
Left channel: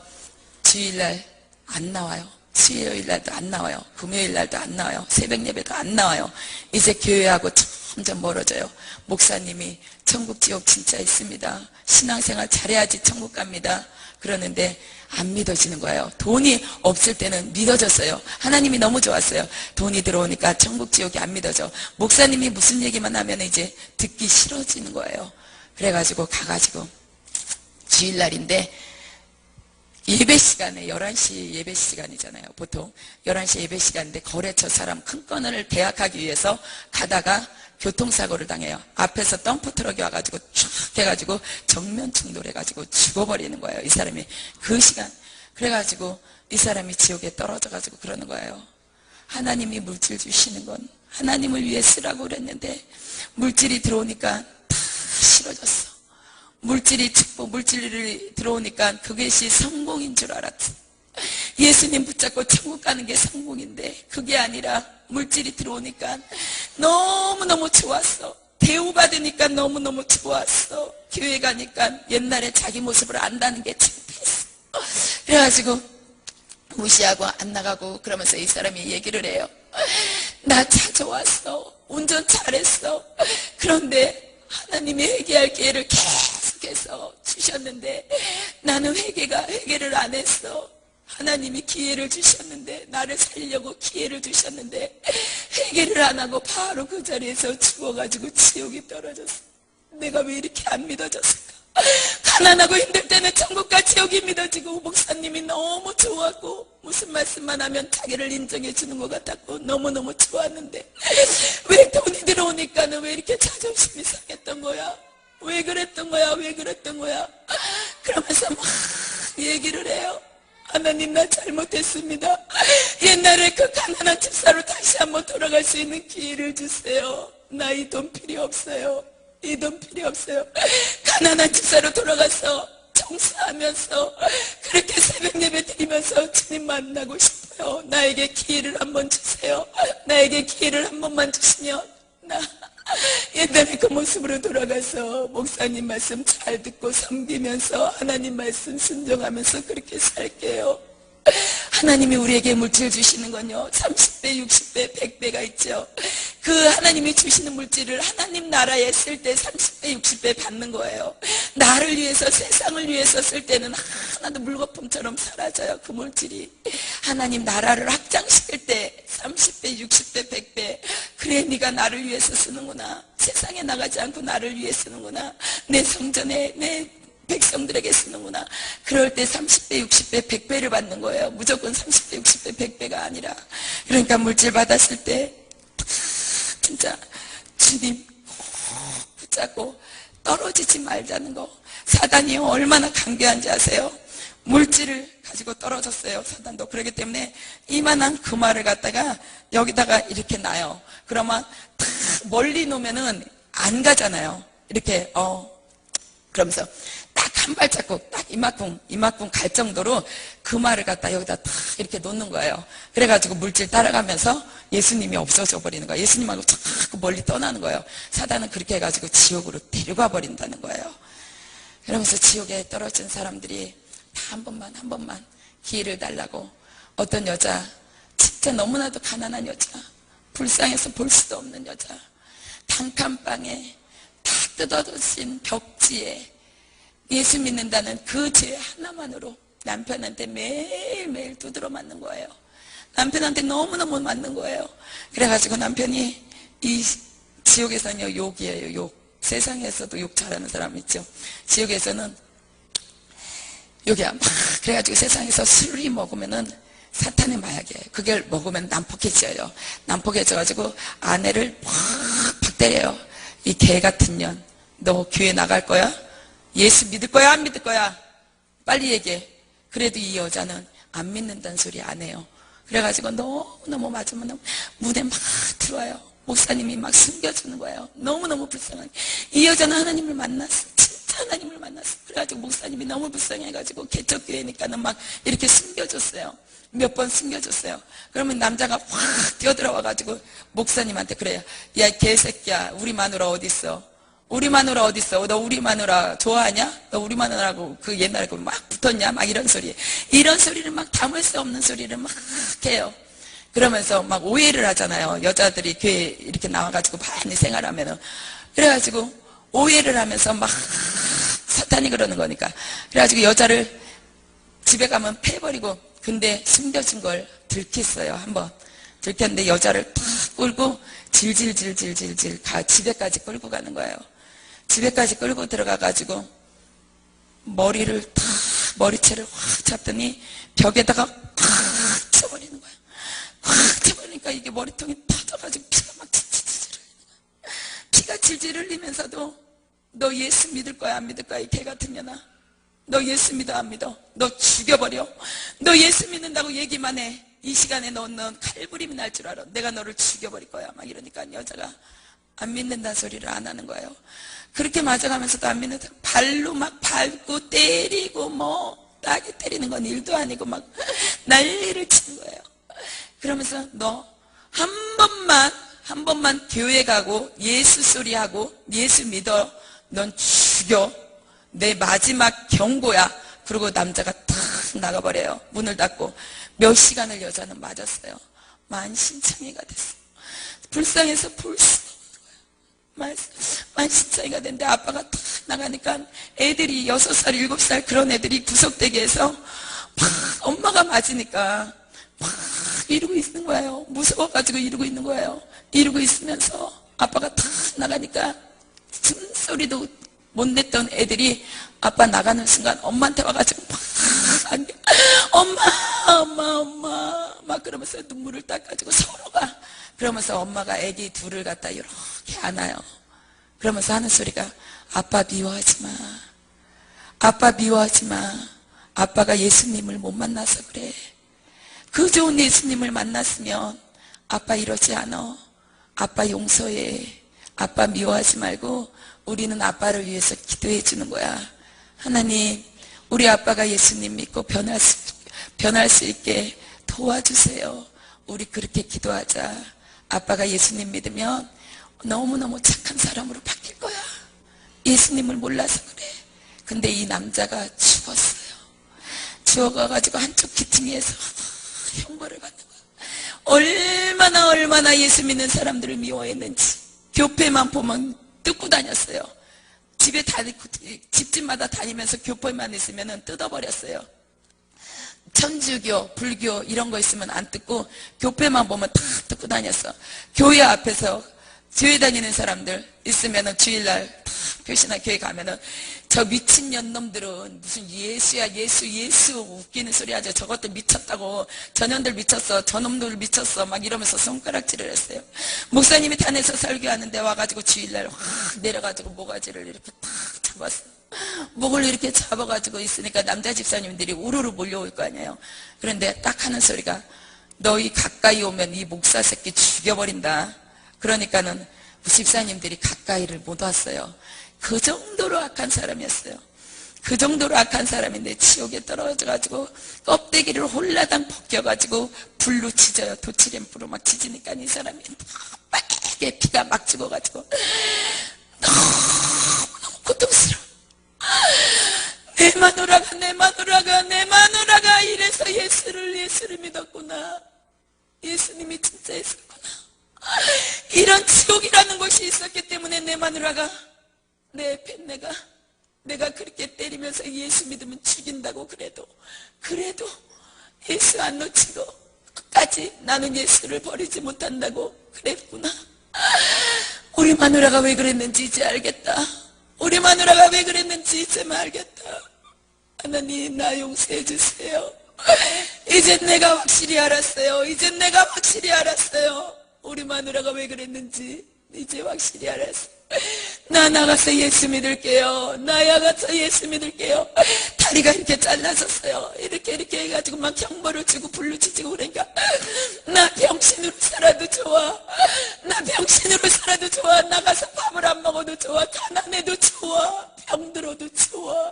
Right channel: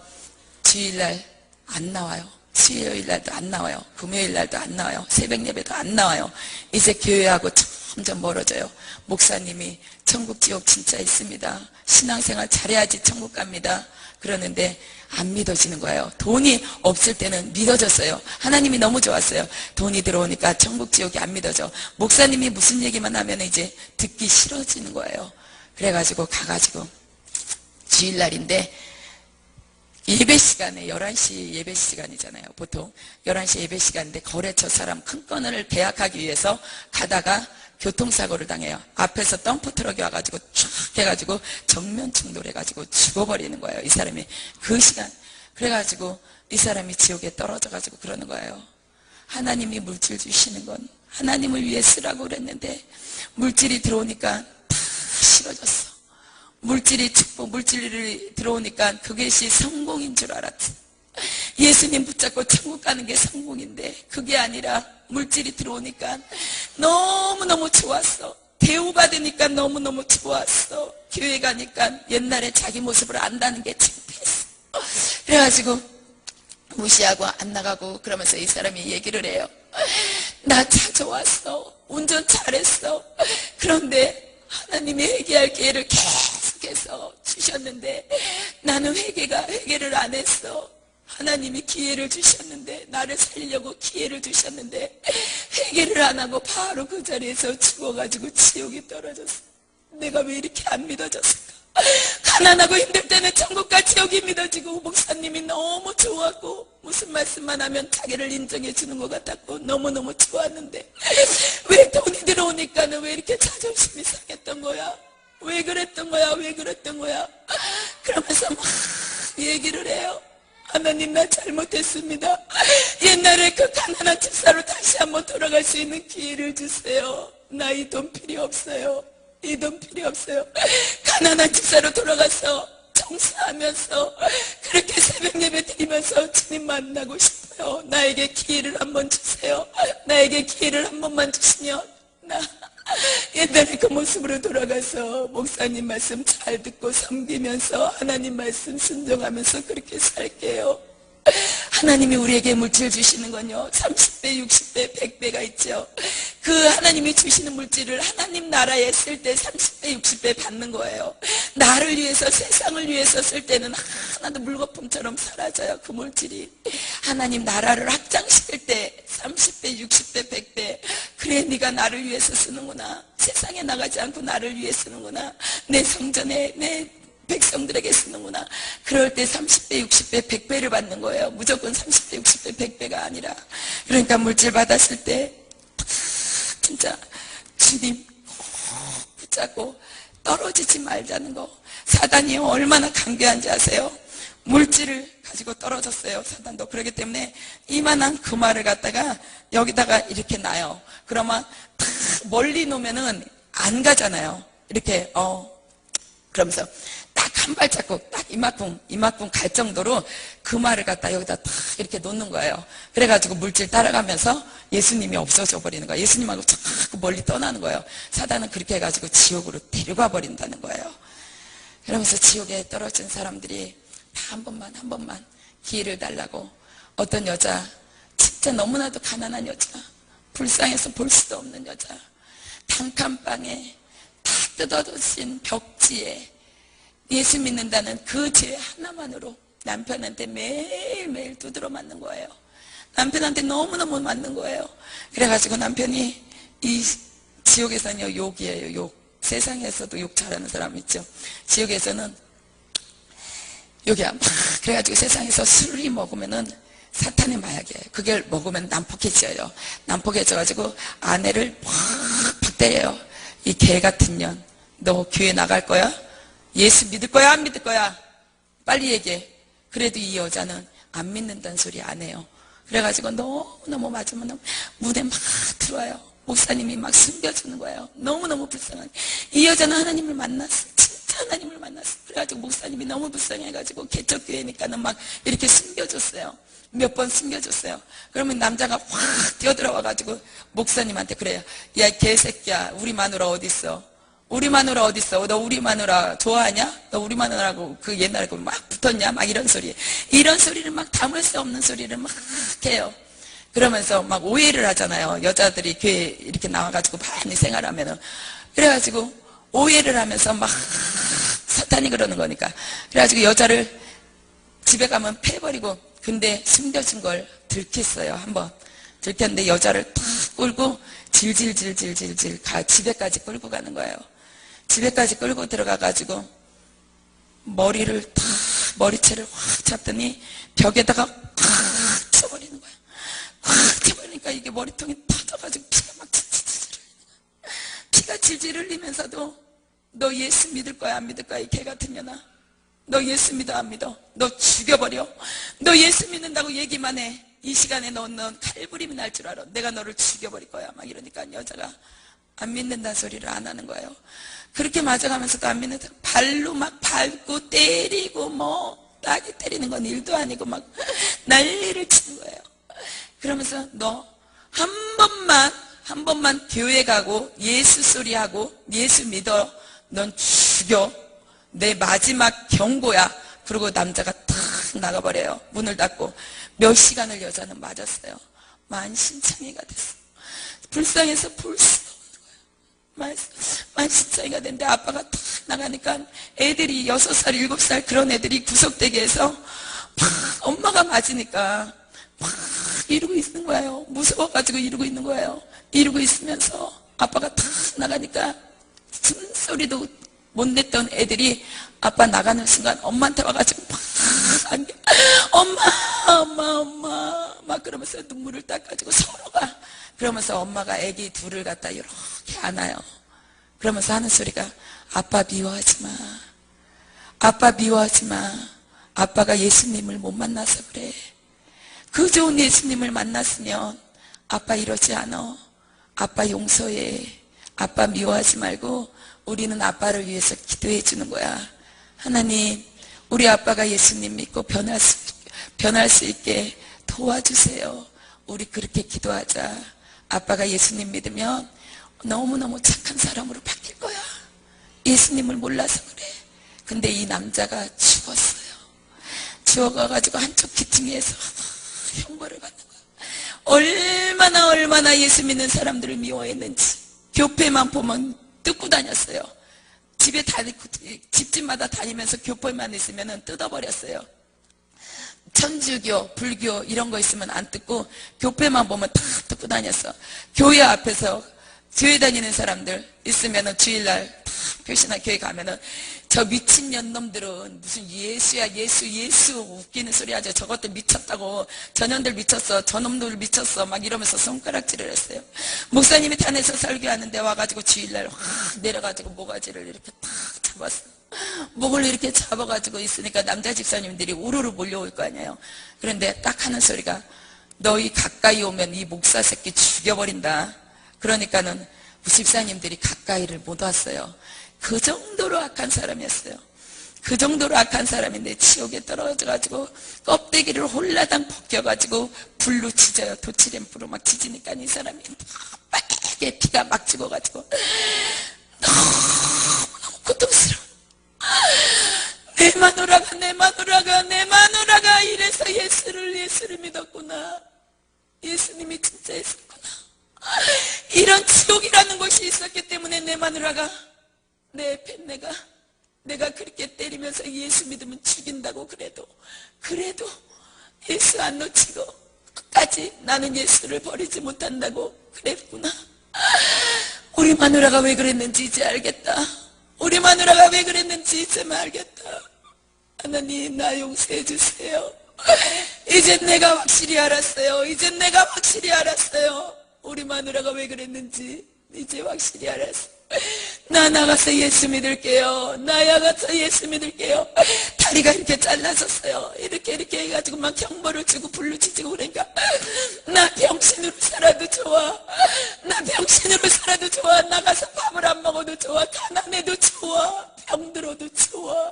주일날 안 나와요. 수요일날도 안 나와요. 금요일날도 안 나와요. 새벽 예배도 안 나와요. 이제 교회하고 점점 멀어져요. 목사님이 천국 지옥 진짜 있습니다. 신앙생활 잘해야지 천국 갑니다. 그러는데 안 믿어지는 거예요. 돈이 없을 때는 믿어졌어요. 하나님이 너무 좋았어요. 돈이 들어오니까 천국 지옥이 안 믿어져. 목사님이 무슨 얘기만 하면 이제 듣기 싫어지는 거예요. 그래가지고 가가지고 주일날인데 예배 시간에 11시 예배 시간이잖아요. 보통 11시 예배 시간인데 거래처 사람 큰 건을 대학하기 위해서 가다가 교통사고를 당해요. 앞에서 덤프트럭이 와가지고 쫙 해가지고 정면 충돌해가지고 죽어버리는 거예요. 이 사람이 그 시간. 그래가지고 이 사람이 지옥에 떨어져가지고 그러는 거예요. 하나님이 물질 주시는 건 하나님을 위해 쓰라고 그랬는데 물질이 들어오니까 다 싫어졌어. 물질이 축복, 물질이 들어오니까 그것이 성공인 줄 알았지. 예수님 붙잡고 천국 가는 게 성공인데 그게 아니라 물질이 들어오니까 너무너무 좋았어. 대우받으니까 너무너무 좋았어. 교회 가니까 옛날에 자기 모습을 안다는 게 창피했어. 그래가지고 무시하고 안 나가고 그러면서 이 사람이 얘기를 해요. 나 차 좋았어. 운전 잘했어. 그런데 하나님이 회개할 기회를 계속해서 주셨는데 나는 회개를 안 했어. 하나님이 기회를 주셨는데 나를 살리려고 기회를 주셨는데 회개를 안 하고 바로 그 자리에서 죽어가지고 지옥에 떨어졌어. 내가 왜 이렇게 안 믿어졌을까? 가난하고 힘들 때는 천국과 지옥이 믿어지고 목사님이 너무 좋았고 무슨 말씀만 하면 자기를 인정해 주는 것 같았고 너무너무 좋았는데 왜 돈이 들어오니까는 왜 이렇게 자존심이 상했던 거야? 왜 그랬던 거야? 그러면서 막 얘기를 해요. 하나님 나 잘못했습니다. 옛날에 그 가난한 집사로 다시 한번 돌아갈 수 있는 기회를 주세요. 나 이 돈 필요 없어요. 이 돈 필요 없어요. 가난한 집사로 돌아가서 청소하면서 그렇게 새벽 예배 드리면서 주님 만나고 싶어요. 나에게 기회를 한번 주세요. 나에게 기회를 한 번만 주시면 나 옛날에 그 모습으로 돌아가서 목사님 말씀 잘 듣고 섬기면서 하나님 말씀 순종하면서 그렇게 살게요. 하나님이 우리에게 물질 주시는 건요 30배, 60배, 100배가 있죠. 그 하나님이 주시는 물질을 하나님 나라에 쓸 때 30배, 60배 받는 거예요. 나를 위해서, 세상을 위해서 쓸 때는 하나도 물거품처럼 사라져요. 그 물질이 하나님 나라를 확장시킬 때 30배, 60배, 100배. 그래, 네가 나를 위해서 쓰는구나. 세상에 나가지 않고 나를 위해 쓰는구나. 내 성전에, 내 백성들에게 쓰는구나. 그럴 때 30배, 60배, 100배를 받는 거예요. 무조건 30배, 60배, 100배가 아니라. 그러니까 물질 받았을 때 진짜 주님 꼭 붙잡고 떨어지지 말자는 거. 사단이 얼마나 강교한지 아세요? 물질을 가지고 떨어졌어요. 사단도. 그렇기 때문에 이만한 금화를 갖다가 여기다가 이렇게 놔요. 그러면 다 멀리 놓으면은 안 가잖아요. 이렇게 그러면서 딱 한 발자국, 딱 이만큼 갈 정도로 금화를 갖다 여기다 딱 이렇게 놓는 거예요. 그래가지고 물질 따라가면서 예수님이 없어져 버리는 거예요. 예수님하고 자꾸 멀리 떠나는 거예요. 사단은 그렇게 해가지고 지옥으로 데려가 버린다는 거예요. 그러면서 지옥에 떨어진 사람들이 다 한 번만 기회를 달라고. 어떤 여자, 진짜 너무나도 가난한 여자, 불쌍해서 볼 수도 없는 여자, 단칸방에 다 뜯어진 벽지에 예수 믿는다는 그 죄 하나만으로 남편한테 매일매일 두드러 맞는 거예요. 남편한테 너무너무 맞는 거예요. 그래가지고 남편이 이 지옥에서는요, 욕이에요, 욕. 세상에서도 욕 잘하는 사람 있죠. 지옥에서는 욕이야. 막 그래가지고 세상에서 술이 먹으면은 사탄의 마약이에요. 그걸 먹으면 난폭해져요. 난폭해져가지고 아내를 팍 때려요. 이 개 같은 년, 너 교회 나갈 거야? 예수 믿을 거야? 안 믿을 거야? 빨리 얘기해. 그래도 이 여자는 안 믿는다는 소리 안 해요. 그래가지고 너무너무 맞으면 무대 막 들어와요. 목사님이 막 숨겨주는 거예요. 너무너무 불쌍하게. 이 여자는 하나님을 만났어. 진짜 하나님을 만났어. 그래가지고 목사님이 너무 불쌍해가지고 개척교회니까는 막 이렇게 숨겨줬어요. 몇 번 숨겨줬어요. 그러면 남자가 확 뛰어들어와가지고 목사님한테 그래요. 야, 개새끼야, 우리 마누라 어딨어? 우리 마누라 어딨어? 너 우리 마누라 좋아하냐? 너 우리 마누라고 그 옛날에 막 붙었냐? 막 이런 소리. 이런 소리를 막 담을 수 없는 소리를 막 해요. 그러면서 막 오해를 하잖아요. 여자들이 교회 이렇게 나와가지고 많이 생활하면은. 그래가지고 오해를 하면서 막 사탄이 그러는 거니까. 그래가지고 여자를 집에 가면 패버리고, 근데 숨겨진 걸 들켰어요. 한번 들켰는데 여자를 탁 끌고 질질질질질질 집에까지 끌고 가는 거예요. 집에까지 끌고 들어가가지고 머리를 탁, 머리채를 확 잡더니 벽에다가 탁 쳐버리는 거예요. 확 쳐버리니까 이게 머리통이 터져가지고 피가 막 질질 흘리는 거예요. 피가 질질 흘리면서도 너 예수 믿을 거야 안 믿을 거야 이 개 같은 년아. 너 예수 믿어 안 믿어? 너 죽여버려. 너 예수 믿는다고 얘기만 해. 이 시간에 넌 칼부림이 날 줄 알아. 내가 너를 죽여버릴 거야. 막 이러니까 여자가 안 믿는다는 소리를 안 하는 거예요. 그렇게 맞아가면서도 안 믿는다. 발로 막 밟고 때리고 뭐 따기 때리는 건 일도 아니고 막 난리를 치는 거예요. 그러면서 너 한 번만 교회 가고 예수 소리하고 예수 믿어. 넌 죽여. 내 마지막 경고야. 그리고 남자가 탁 나가버려요. 문을 닫고. 몇 시간을 여자는 맞았어요. 만신창이가 됐어. 불쌍해서 볼 수가 없는 거예요. 만신창이가 됐는데 아빠가 탁 나가니까 애들이 6살, 7살 그런 애들이 구석대기 해서 막 엄마가 맞으니까 막 이러고 있는 거예요. 무서워가지고 이러고 있는 거예요. 이러고 있으면서 아빠가 탁 나가니까 숨소리도 못 냈던 애들이 아빠 나가는 순간 엄마한테 와가지고 막 안겨. 엄마 막 그러면서 눈물을 닦아가지고 서로가 그러면서 엄마가 애기 둘을 갖다 이렇게 안아요. 그러면서 하는 소리가 아빠 미워하지 마. 아빠 미워하지 마. 아빠가 예수님을 못 만나서 그래. 그 좋은 예수님을 만났으면 아빠 이러지 않아. 아빠 용서해. 아빠 미워하지 말고 우리는 아빠를 위해서 기도해 주는 거야. 하나님, 우리 아빠가 예수님 믿고 변할 수 있게 도와주세요. 우리 그렇게 기도하자. 아빠가 예수님 믿으면 너무너무 착한 사람으로 바뀔 거야. 예수님을 몰라서 그래. 근데 이 남자가 죽었어요. 주워가가지고 한쪽 기퉁이에서 형벌을 받는 거야. 얼마나 예수 믿는 사람들을 미워했는지. 교회만 보면 뜯고 다녔어요. 집집마다 다니면서 교회만 있으면 뜯어버렸어요. 천주교, 불교 이런 거 있으면 안 뜯고 교회만 보면 다 뜯고 다녔어. 교회 앞에서 교회 다니는 사람들 있으면은 주일날 다 표시나 교회 가면은 저 미친년 놈들은 무슨 예수야 예수 웃기는 소리 하죠. 저것들 미쳤다고. 저년들 미쳤어. 저놈들 미쳤어. 막 이러면서 손가락질을 했어요. 목사님이 단에서 설교하는데 와가지고 주일날 확 내려가지고 모가지를 이렇게 탁 잡았어. 목을 이렇게 잡아가지고 있으니까 남자 집사님들이 우르르 몰려올 거 아니에요. 그런데 딱 하는 소리가 너희 가까이 오면 이 목사 새끼 죽여버린다. 그러니까는 집사님들이 가까이를 못 왔어요. 그 정도로 악한 사람이었어요. 그 정도로 악한 사람인데 지옥에 떨어져가지고 껍데기를 홀라당 벗겨가지고 불로 지져요. 도치램프로 막 지지니까 이 사람이 빨개 피가 막 죽어가지고 너무너무 고통스러워. 내 마누라가 이래서 예수를 믿었구나. 예수님이 진짜 있었구나. 이런 지옥이라는 것이 있었기 때문에 내 마누라가 내 팬내가 내가 그렇게 때리면서 예수 믿으면 죽인다고 그래도 예수 안 놓치고 끝까지 나는 예수를 버리지 못한다고 그랬구나. 우리 마누라가 왜 그랬는지 이제 알겠다. 우리 마누라가 왜 그랬는지 이제 알겠다. 하나님 나 용서해 주세요. 이제 내가 확실히 알았어요. 우리 마누라가 왜 그랬는지 이제 확실히 알았어. 나 나가서 예수 믿을게요. 다리가 이렇게 잘라졌어요. 이렇게 해가지고 막 형벌을 주고 불로 지지고 그러니까 나 병신으로 살아도 좋아. 나가서 밥을 안 먹어도 좋아. 가난해도 좋아. 병들어도 좋아.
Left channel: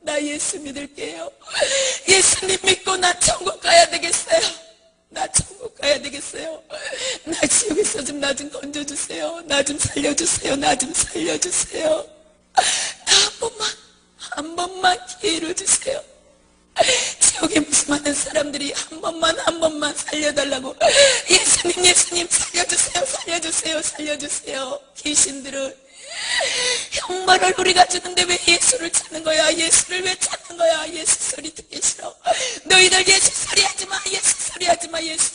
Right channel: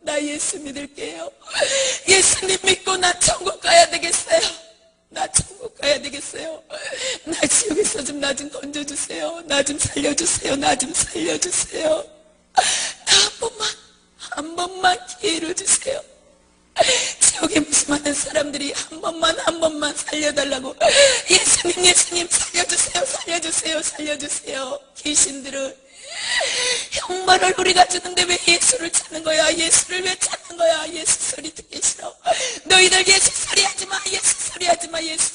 나 예수 믿을게요. 예수님 믿고 나 천국 가야 되겠어요. 나 지옥에서 좀 나 좀 건져주세요. 나 좀 살려주세요. 나 한 번만 기회를 주세요. 지옥에 무슨 많은 사람들이 한 번만 살려달라고. 예수님 살려주세요. 귀신들을 형벌을 우리가 주는데 왜 예수를 찾는 거야? 예수를 왜 찾는 거야? 예수 소리 듣기 싫어. 너희들 예수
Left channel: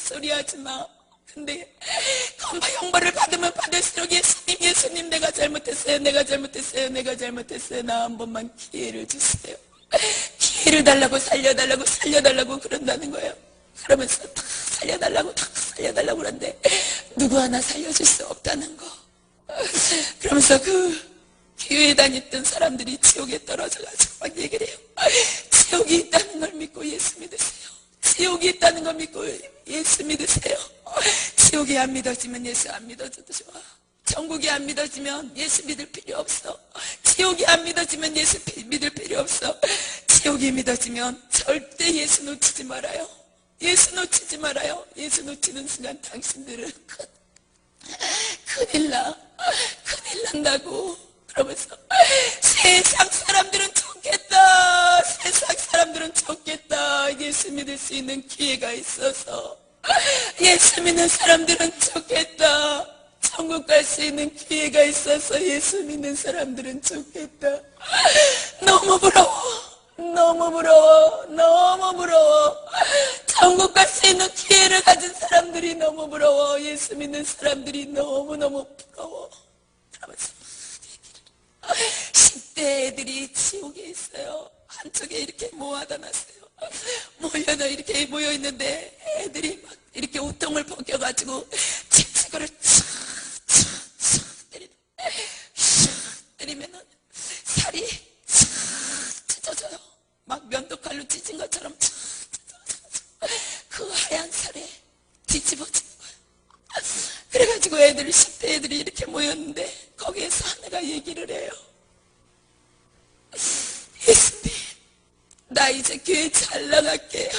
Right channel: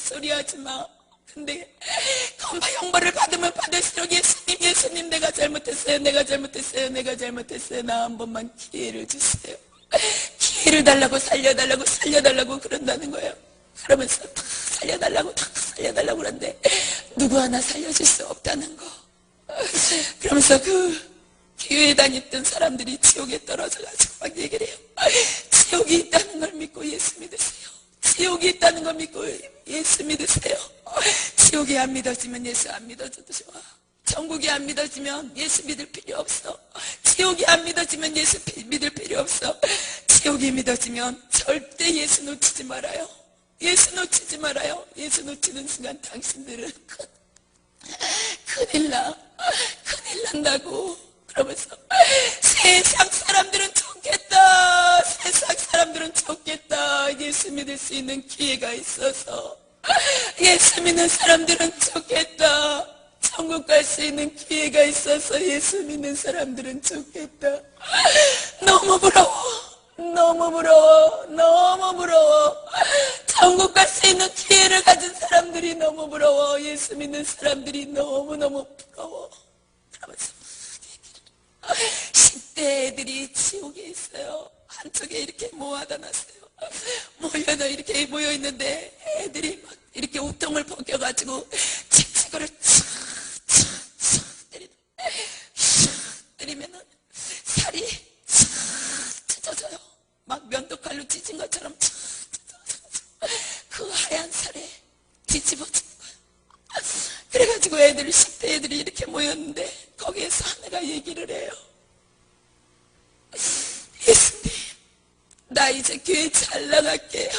소리 하지 마. 근데 건바 형벌을 받으면 받을수록 예수님 내가 잘못했어요. 나 한 번만 기회를 주세요. 기회를 달라고 살려달라고 그런다는 거예요. 그러면서 다 살려달라고 그러는데 누구 하나 살려줄 수 없다는 거. 그러면서 그 교회에 다녔던 사람들이 지옥에 떨어져가지고 막 얘기를 해요. 지옥이 있다는 걸 믿고 예수 믿으세요. 지옥이 안 믿어지면 예수 안 믿어줘도 좋아. 천국이 안 믿어지면 예수 믿을 필요 없어. 지옥이 안 믿어지면 예수 믿을 필요 없어. 지옥이 믿어지면 절대 예수 놓치지 말아요. 예수 놓치는 순간 당신들은 큰일 난다고. 그러면서 세상 사람들은 좋겠다. 예수 믿을 수 있는 기회가 있어서. 예수 믿는 사람들은 좋겠다. 천국 갈 수 있는 기회가 있어서 예수 믿는 사람들은 좋겠다. 너무 부러워. 천국 갈 수 있는 기회를 가진 사람들이 너무 부러워. 예수 믿는 사람들이 너무너무 부러워. 그러면서 10대 애들이 지옥에 있어요. 한쪽에 이렇게 모아다 놨어요. 이렇게 모여있는데 애들이 막 이렇게 우통을 벗겨가지고 칙칙거를 때리면은 살이 찢어져요. 막 면도칼로 찢은 것처럼 찢어져가지고 그 하얀 살에 뒤집어지는 거예요. 그래가지고 10대 애들이 이렇게 모였는데 거기에서 하나가 얘기를 해요. 예수님, 나 이제 교회 잘 나갈게요.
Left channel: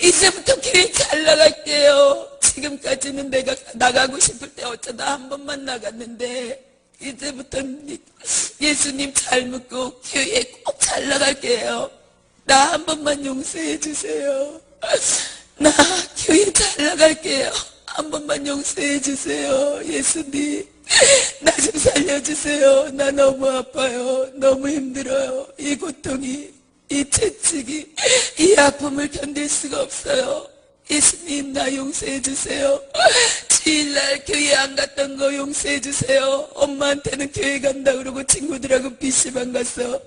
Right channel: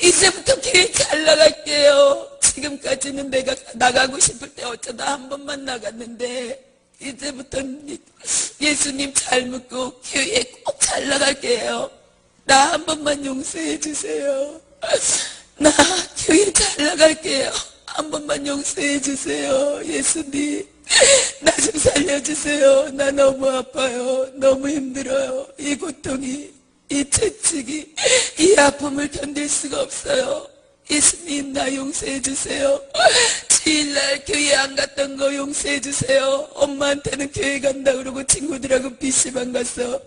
이제부터 교회 잘 나갈게요. 지금까지는 내가 나가고 싶을 때 어쩌다 한 번만 나갔는데 이제부터 예수님 잘 믿고 교회에 꼭 잘 나갈게요. 나 한 번만 용서해 주세요. 나 교회 잘 나갈게요. 한 번만 용서해 주세요. 예수님, 나 좀 살려주세요. 나 너무 아파요. 너무 힘들어요. 이 고통이, 이 채찍이, 이 아픔을 견딜 수가 없어요. 예수님, 나 용서해 주세요. 주일날 교회 안 갔던 거 용서해 주세요. 엄마한테는 교회 간다 그러고 친구들하고 PC방 가서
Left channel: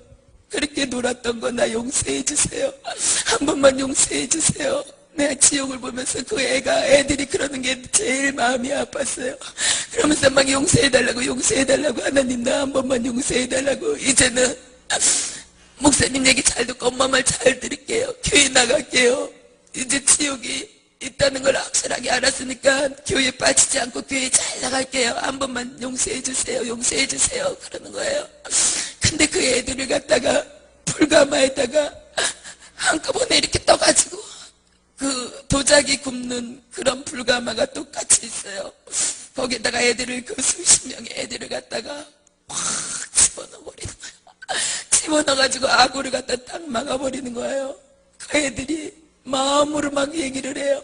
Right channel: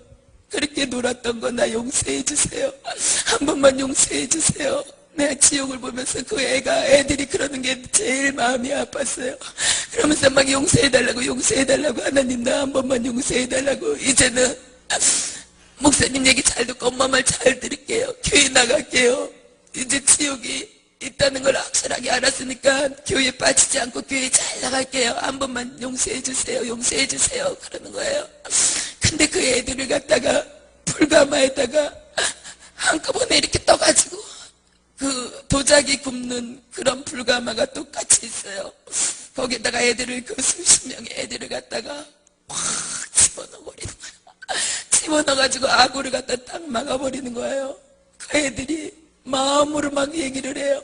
그렇게 놀았던 거 나 용서해 주세요. 한 번만 용서해 주세요. 내가 지옥을 보면서 그 애들이 그러는 게 제일 마음이 아팠어요. 그러면서 막 용서해달라고 하나님 나 한 번만 용서해달라고. 이제는 목사님 얘기 잘 듣고 엄마 말 잘 들을게요. 교회 나갈게요. 이제 지옥이 있다는 걸 확실하게 알았으니까 교회 빠지지 않고 교회 잘 나갈게요. 한 번만 용서해 주세요. 용서해 주세요. 그러는 거예요. 근데 그 애들을 갖다가 불가마에다가 한꺼번에 이렇게 떠가지고 그 도자기 굽는 그런 불가마가 똑같이 있어요. 거기에다가 애들을 그 수십 명의 애들을 갖다가 확 집어넣어버리는 거예요. 집어넣어가지고 아구를 갖다 딱 막아버리는 거예요. 그 애들이 마음으로 막 얘기를 해요.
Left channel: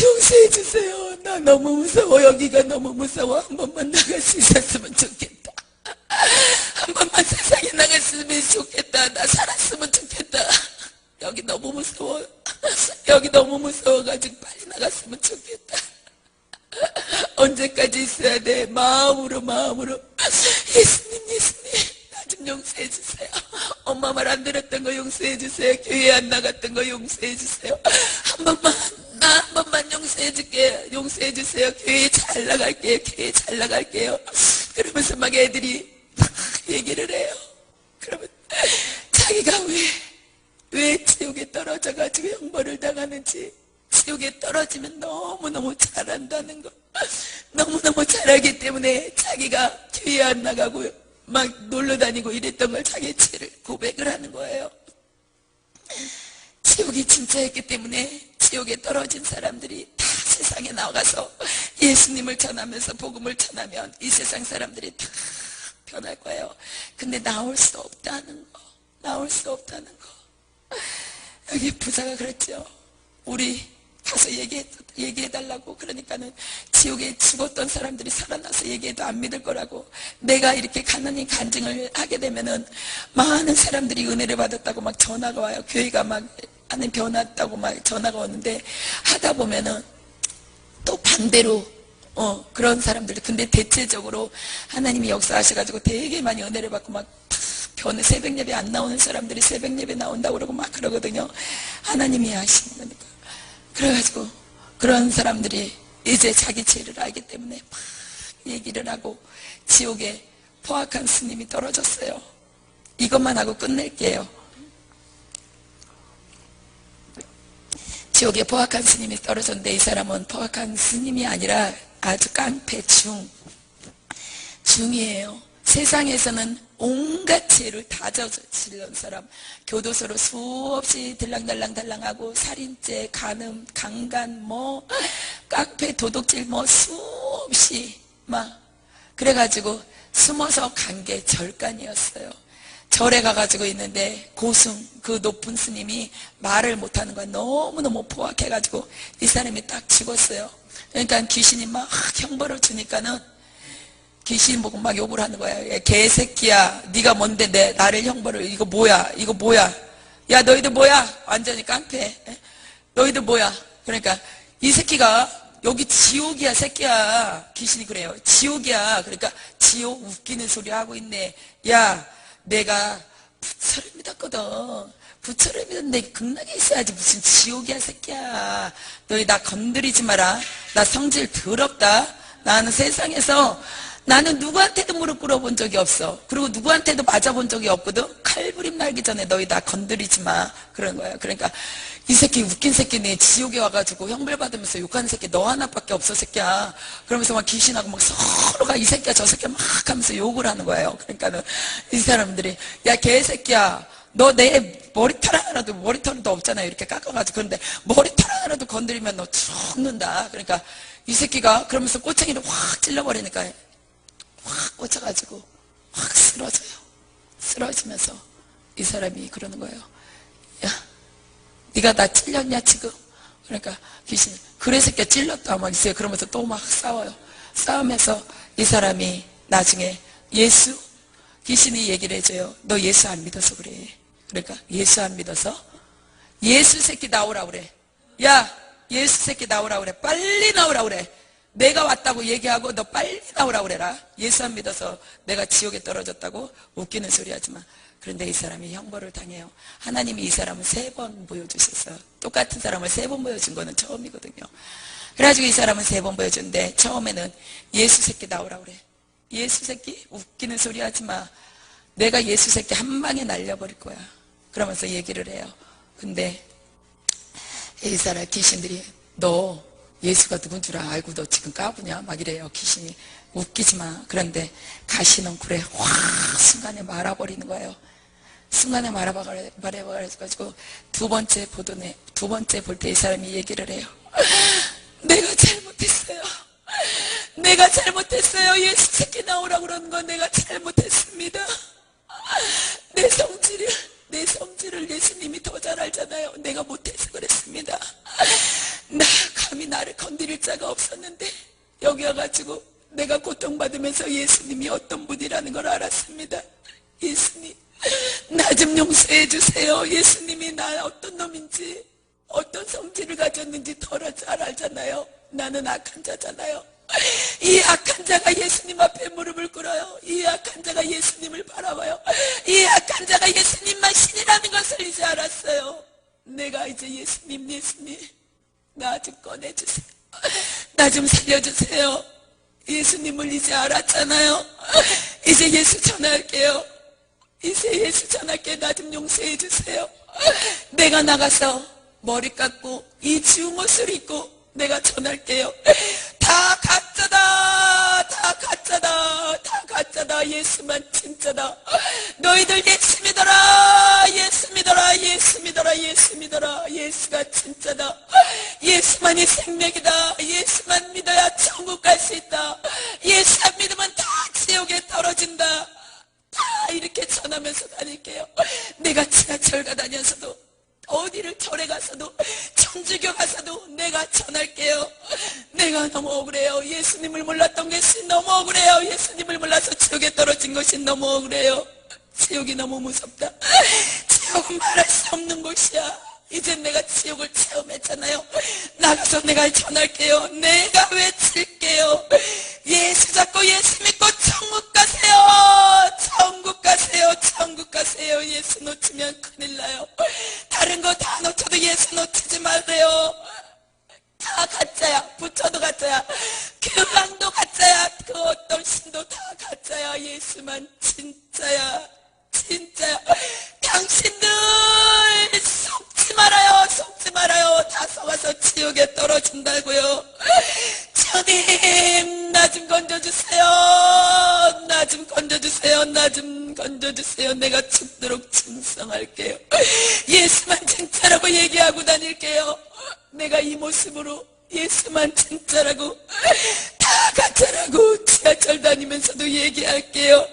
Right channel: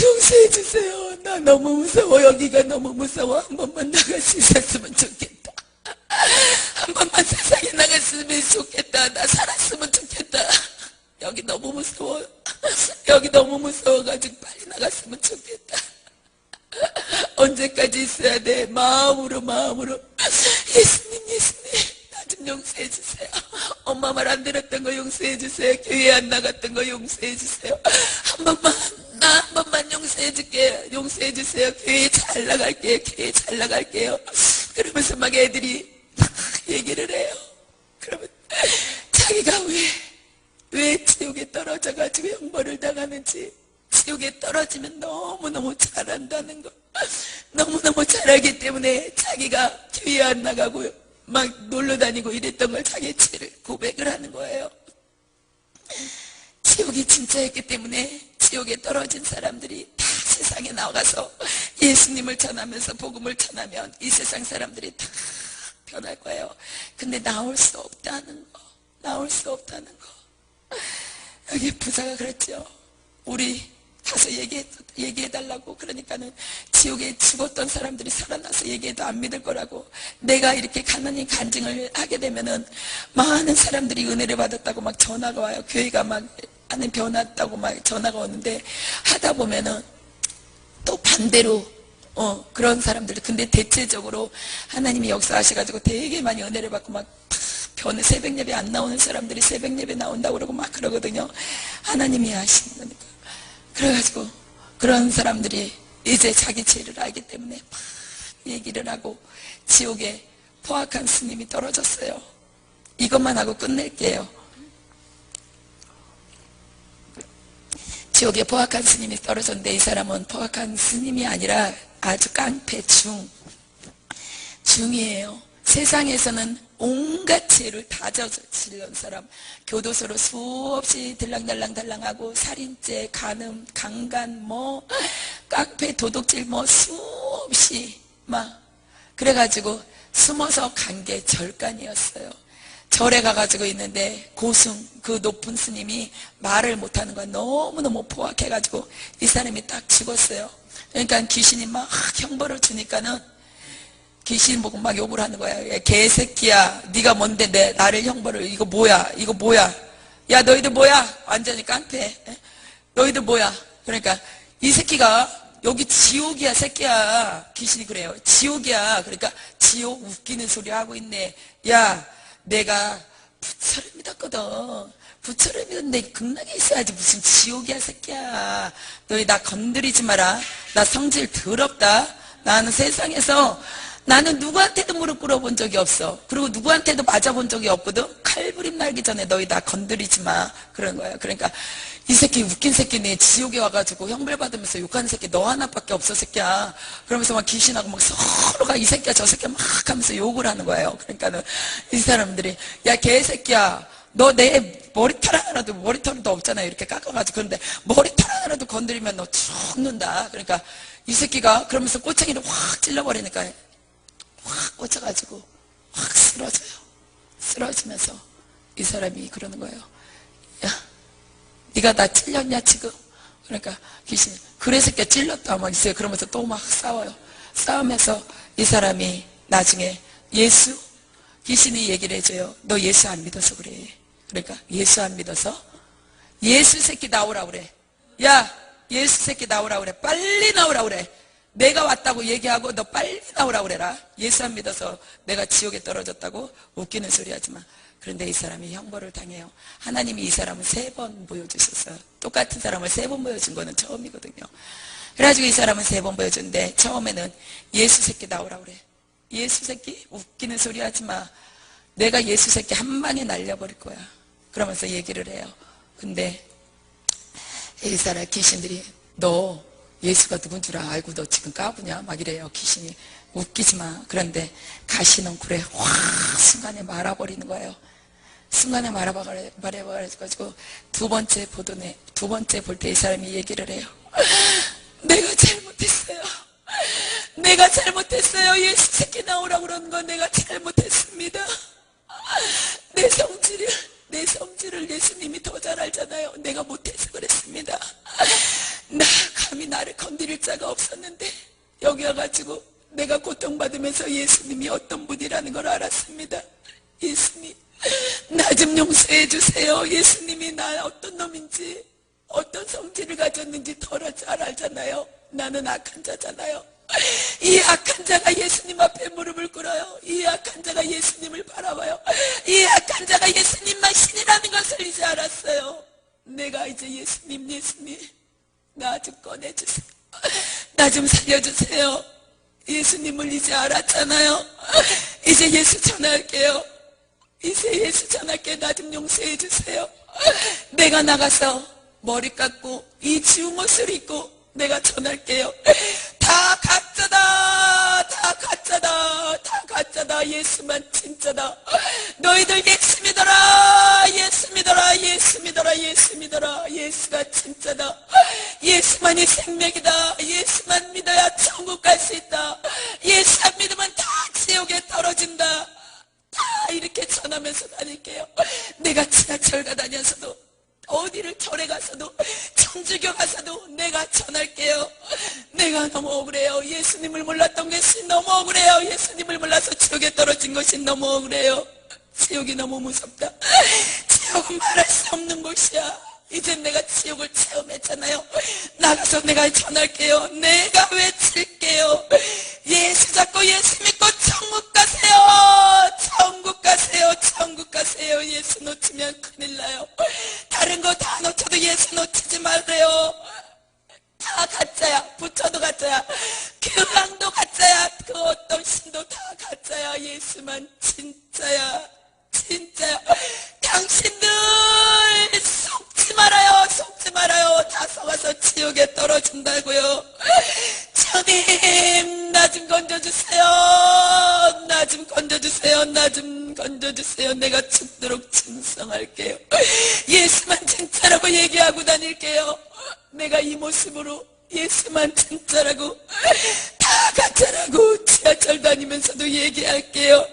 용서해 주세요. 나 너무 무서워. 여기가 너무 무서워. 한 번만 나갈 수 있었으면 좋겠다. 한 번만 세상에 나갔으면 좋겠다. 나 살았으면 좋겠다. 여기 너무 무서워. 여기 너무 무서워가지고 빨리 나갔으면 좋겠다. 언제까지 있어야 돼? 마음으로 예수님 나 좀 용서해 주세요. 엄마 말 안 들었던 거 용서해 주세요. 교회 안 나갔던 거 용서해 주세요. 나 한 번만 용서해 줄게요. 용서해 주세요. 교회 잘 나갈게요. 그러면서 막 애들이 막 얘기를 해요. 그러면 자기가 왜 지옥에 떨어져가지고 형벌을 당하는지, 지옥에 떨어지면 너무너무 잘한다는 거, 너무너무 잘하기 때문에 자기가 교회 안 나가고 막 놀러 다니고 이랬던 걸 자기 죄를 고백을 하는 거예요. 지옥이 진짜였기 때문에 지옥에 떨어진 사람들이 다 세상에 나가서 예수님을 전하면서 복음을 전하면 이 세상 사람들이 다 변할 거예요. 근데 나올 수 없다는 거. 여기 부자가 그랬죠. 우리 가서 얘기해달라고. 그러니까는 지옥에 죽었던 사람들이 살아나서 얘기해도 안 믿을 거라고. 내가 이렇게 가난히 간증을 하게 되면은 많은 사람들이 은혜를 받았다고 막 전화가 와요. 교회가 막 안에 변했다고 막 전화가 오는데, 하다 보면은 또 반대로 그런 사람들. 근데 대체적으로 하나님이 역사하셔가지고 되게 많이 은혜를 받고 막 변해 새벽 예배 안 나오는 사람들이 새벽 예배 나온다고 그러고 막 그러거든요. 하나님이 하시는 거니까. 그래가지고 그런 사람들이 이제 자기 죄를 알기 때문에 막 얘기를 하고 지옥에 포악한 스님이 떨어졌어요. 이것만 하고 끝낼게요. 지옥에 포악한 스님이 떨어졌는데, 이 사람은 포악한 스님이 아니라 아주 깡패 중이에요. 세상에서는 온갖 죄를 다 저지른 사람, 교도소로 수없이 들랑달랑하고 살인죄, 간음, 강간, 깡패, 도둑질 수없이 막 그래가지고 숨어서 간 게 절간이었어요. 절에 가가지고 있는데 고승, 그 높은 스님이 말을 못하는 거야. 너무너무 포악해가지고 이 사람이 딱 죽었어요. 그러니까 귀신이 막 형벌을 주니까는 귀신 보고 막 욕을 하는 거야. 야, 개새끼야, 네가 뭔데 나를 형벌을, 이거 뭐야, 야 너희들 뭐야, 완전히 깡패, 너희들 뭐야. 그러니까 이 새끼가 여기 지옥이야 새끼야. 귀신이 그래요. 지옥이야. 그러니까 지옥 웃기는 소리 하고 있네. 야, 내가 부처를 믿었거든. 부처를 믿었는데 극락에 있어야지 무슨 지옥이야 새끼야. 너희 나 건드리지 마라. 나 성질 더럽다. 나는 세상에서 나는 누구한테도 무릎 꿇어본 적이 없어. 그리고 누구한테도 맞아본 적이 없거든. 칼부림 날기 전에 너희 나 건드리지 마. 그런 거야. 그러니까 이 새끼 웃긴 새끼네. 지옥에 와가지고 형벌 받으면서 욕하는 새끼 너 하나밖에 없어 새끼야. 그러면서 막 귀신하고 막 서로가 이 새끼야 저 새끼야 막 하면서 욕을 하는 거예요. 그러니까는 이 사람들이 야 개새끼야, 너 내 머리털 하나라도, 머리털은 더 없잖아요. 이렇게 깎아가지고. 그런데 머리털 하나라도 건드리면 너 죽는다. 그러니까 이 새끼가 그러면서 꼬챙이를 확 찔러버리니까 확 꽂혀가지고 확 쓰러져요. 쓰러지면서 이 사람이 그러는 거예요. 네가 나 찔렸냐 지금? 그러니까 귀신이 그래 새끼야 찔렸다 막 이제 그러면서 또 막 싸워요. 싸우면서 이 사람이 나중에 예수 귀신이 얘기를 해줘요. 너 예수 안 믿어서 그래. 그러니까 예수 안 믿어서 예수 새끼 나오라 그래. 야 예수 새끼 나오라 그래. 빨리 나오라 그래. 내가 왔다고 얘기하고 너 빨리 나오라 그래라. 예수 안 믿어서 내가 지옥에 떨어졌다고? 웃기는 소리 하지 마. 그런데 이 사람이 형벌을 당해요. 하나님이 이 사람을 3번 보여주셨어요. 똑같은 사람을 3번 보여준 거는 처음이거든요. 그래가지고 이 사람은 3번 보여줬는데 처음에는 예수 새끼 나오라 그래. 예수 새끼? 웃기는 소리 하지 마. 내가 예수 새끼 한 방에 날려버릴 거야. 그러면서 얘기를 해요. 근데 이 사람 귀신들이 너 예수가 누군 줄 알고 너 지금 까부냐? 막 이래요. 귀신이. 웃기지 마. 그런데 가시넝쿨에 확 순간에 말아버리는 거예요. 순간에 말아버려가지고 두 번째 볼 때 이 사람이 얘기를 해요. 내가 잘못했어요. 내가 잘못했어요. 예수 새끼 나오라고 그러는 건 내가 잘못했습니다. 내 성질을 예수님이 더 잘 알잖아요. 내가 못해서 그랬습니다. 감히 나를 건드릴 자가 없었는데 여기 와가지고 내가 고통받으면서 예수님이 어떤 분이라는 걸 알았습니다. 예수님 나 좀 용서해 주세요. 예수님이 나 어떤 놈인지 어떤 성질을 가졌는지 더 잘 알잖아요. 나는 악한 자잖아요. 이 악한 자가 예수님 앞에 무릎을 꿇어요. 이 악한 자가 예수님을 바라봐요. 이 악한 자가 예수님만 신이라는 것을 이제 알았어요. 내가 이제 예수님 나 좀 꺼내주세요. 나 좀 살려주세요. 예수님을 이제 알았잖아요. 이제 예수 전할게요. 이제 예수 전할게. 나 좀 용서해 주세요. 내가 나가서 머리 깎고 이 주운 옷을 입고 내가 전할게요. 다 가짜다. 다 가짜다. 다 가짜다. 예수만 진짜다. 너희들 예수 믿어라. 예수 믿어라. 예수 믿어라. 예수 믿어라. 예수가 진짜다. 예수만이 생명이다. 예수만 믿어야 천국 갈 수 있다. 예수 안 믿으면 다 지옥에 떨어진다. 다 이렇게 전하면서 다닐게요. 내가 지하철 가다녀서도 어디를 절에 가서도 청주교 가서도 내가 전할게요. 내가 너무 억울해요. 예수님을 몰랐던 것이 너무 억울해요. 예수님을 몰라서 지옥에 떨어진 것이 너무 억울해요. 지옥이 너무 무섭다. 지옥은 말할 수 없는 곳이야. 이젠 내가 지옥을 체험했잖아요. 나가서 내가 전할게요. 내가 외칠게요. 예수 잡고 예수 믿고 천국 가세요. 천국 가세요. 천국 가세요. 예수 놓치면 큰일 나요. 다른 거 다 놓쳐도 예수 놓치지 말래요. 다 가짜야. 부처도 가짜야. 교황도 가짜야. 그 어떤 신도 다 가짜야. 예수만 진짜야. 진짜야. 당신들 속지 말아요. 속지 말아요. 다 속아서 지옥에 떨어진다고요. 주님 나 좀 건져주세요. 나 좀 건져주세요. 나 좀 건져주세요. 내가 죽도록 충성할게요. 예수만 진짜라고 얘기하고 다닐게요. 내가 이 모습으로 예수만 진짜라고 다 가짜라고 지하철 다니면서도 얘기할게요.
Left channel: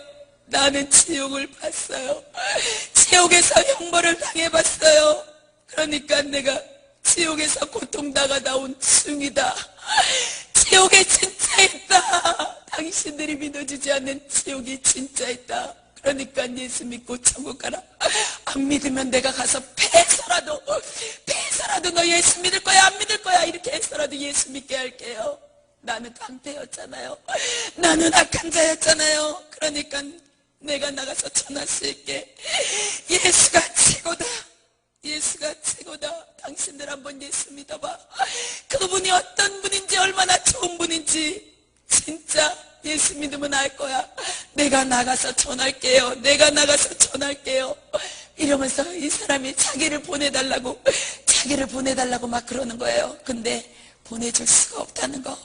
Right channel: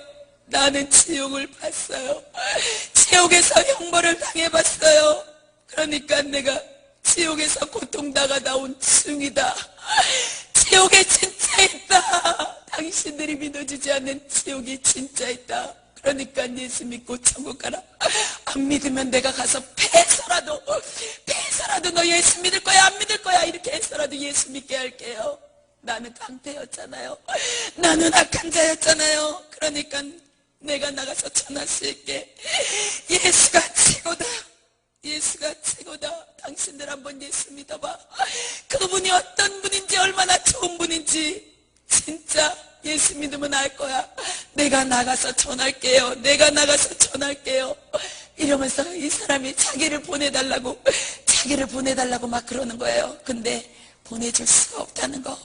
나는 지옥을 봤어요. 지옥에서 형벌을 당해봤어요. 그러니까 내가 지옥에서 고통당하다 온 중이다. 지옥에 진짜 있다. 당신들이 믿어주지 않는 지옥이 진짜 있다. 그러니까 예수 믿고 천국 가라. 안 믿으면 내가 가서 패서라도 너 예수 믿을 거야 안 믿을 거야 이렇게 해서라도 예수 믿게 할게요. 나는 깡패였잖아요. 나는 악한 자였잖아요. 그러니까 내가 나가서 전할 수 있게 예수가 최고다. 예수가 최고다. 당신들 한번 예수 믿어봐. 그분이 어떤 분인지 얼마나 좋은 분인지 진짜 예수 믿으면 알 거야. 내가 나가서 전할게요. 내가 나가서 전할게요. 이러면서 이 사람이 자기를 보내달라고 막 그러는 거예요. 근데 보내줄 수가 없다는 거.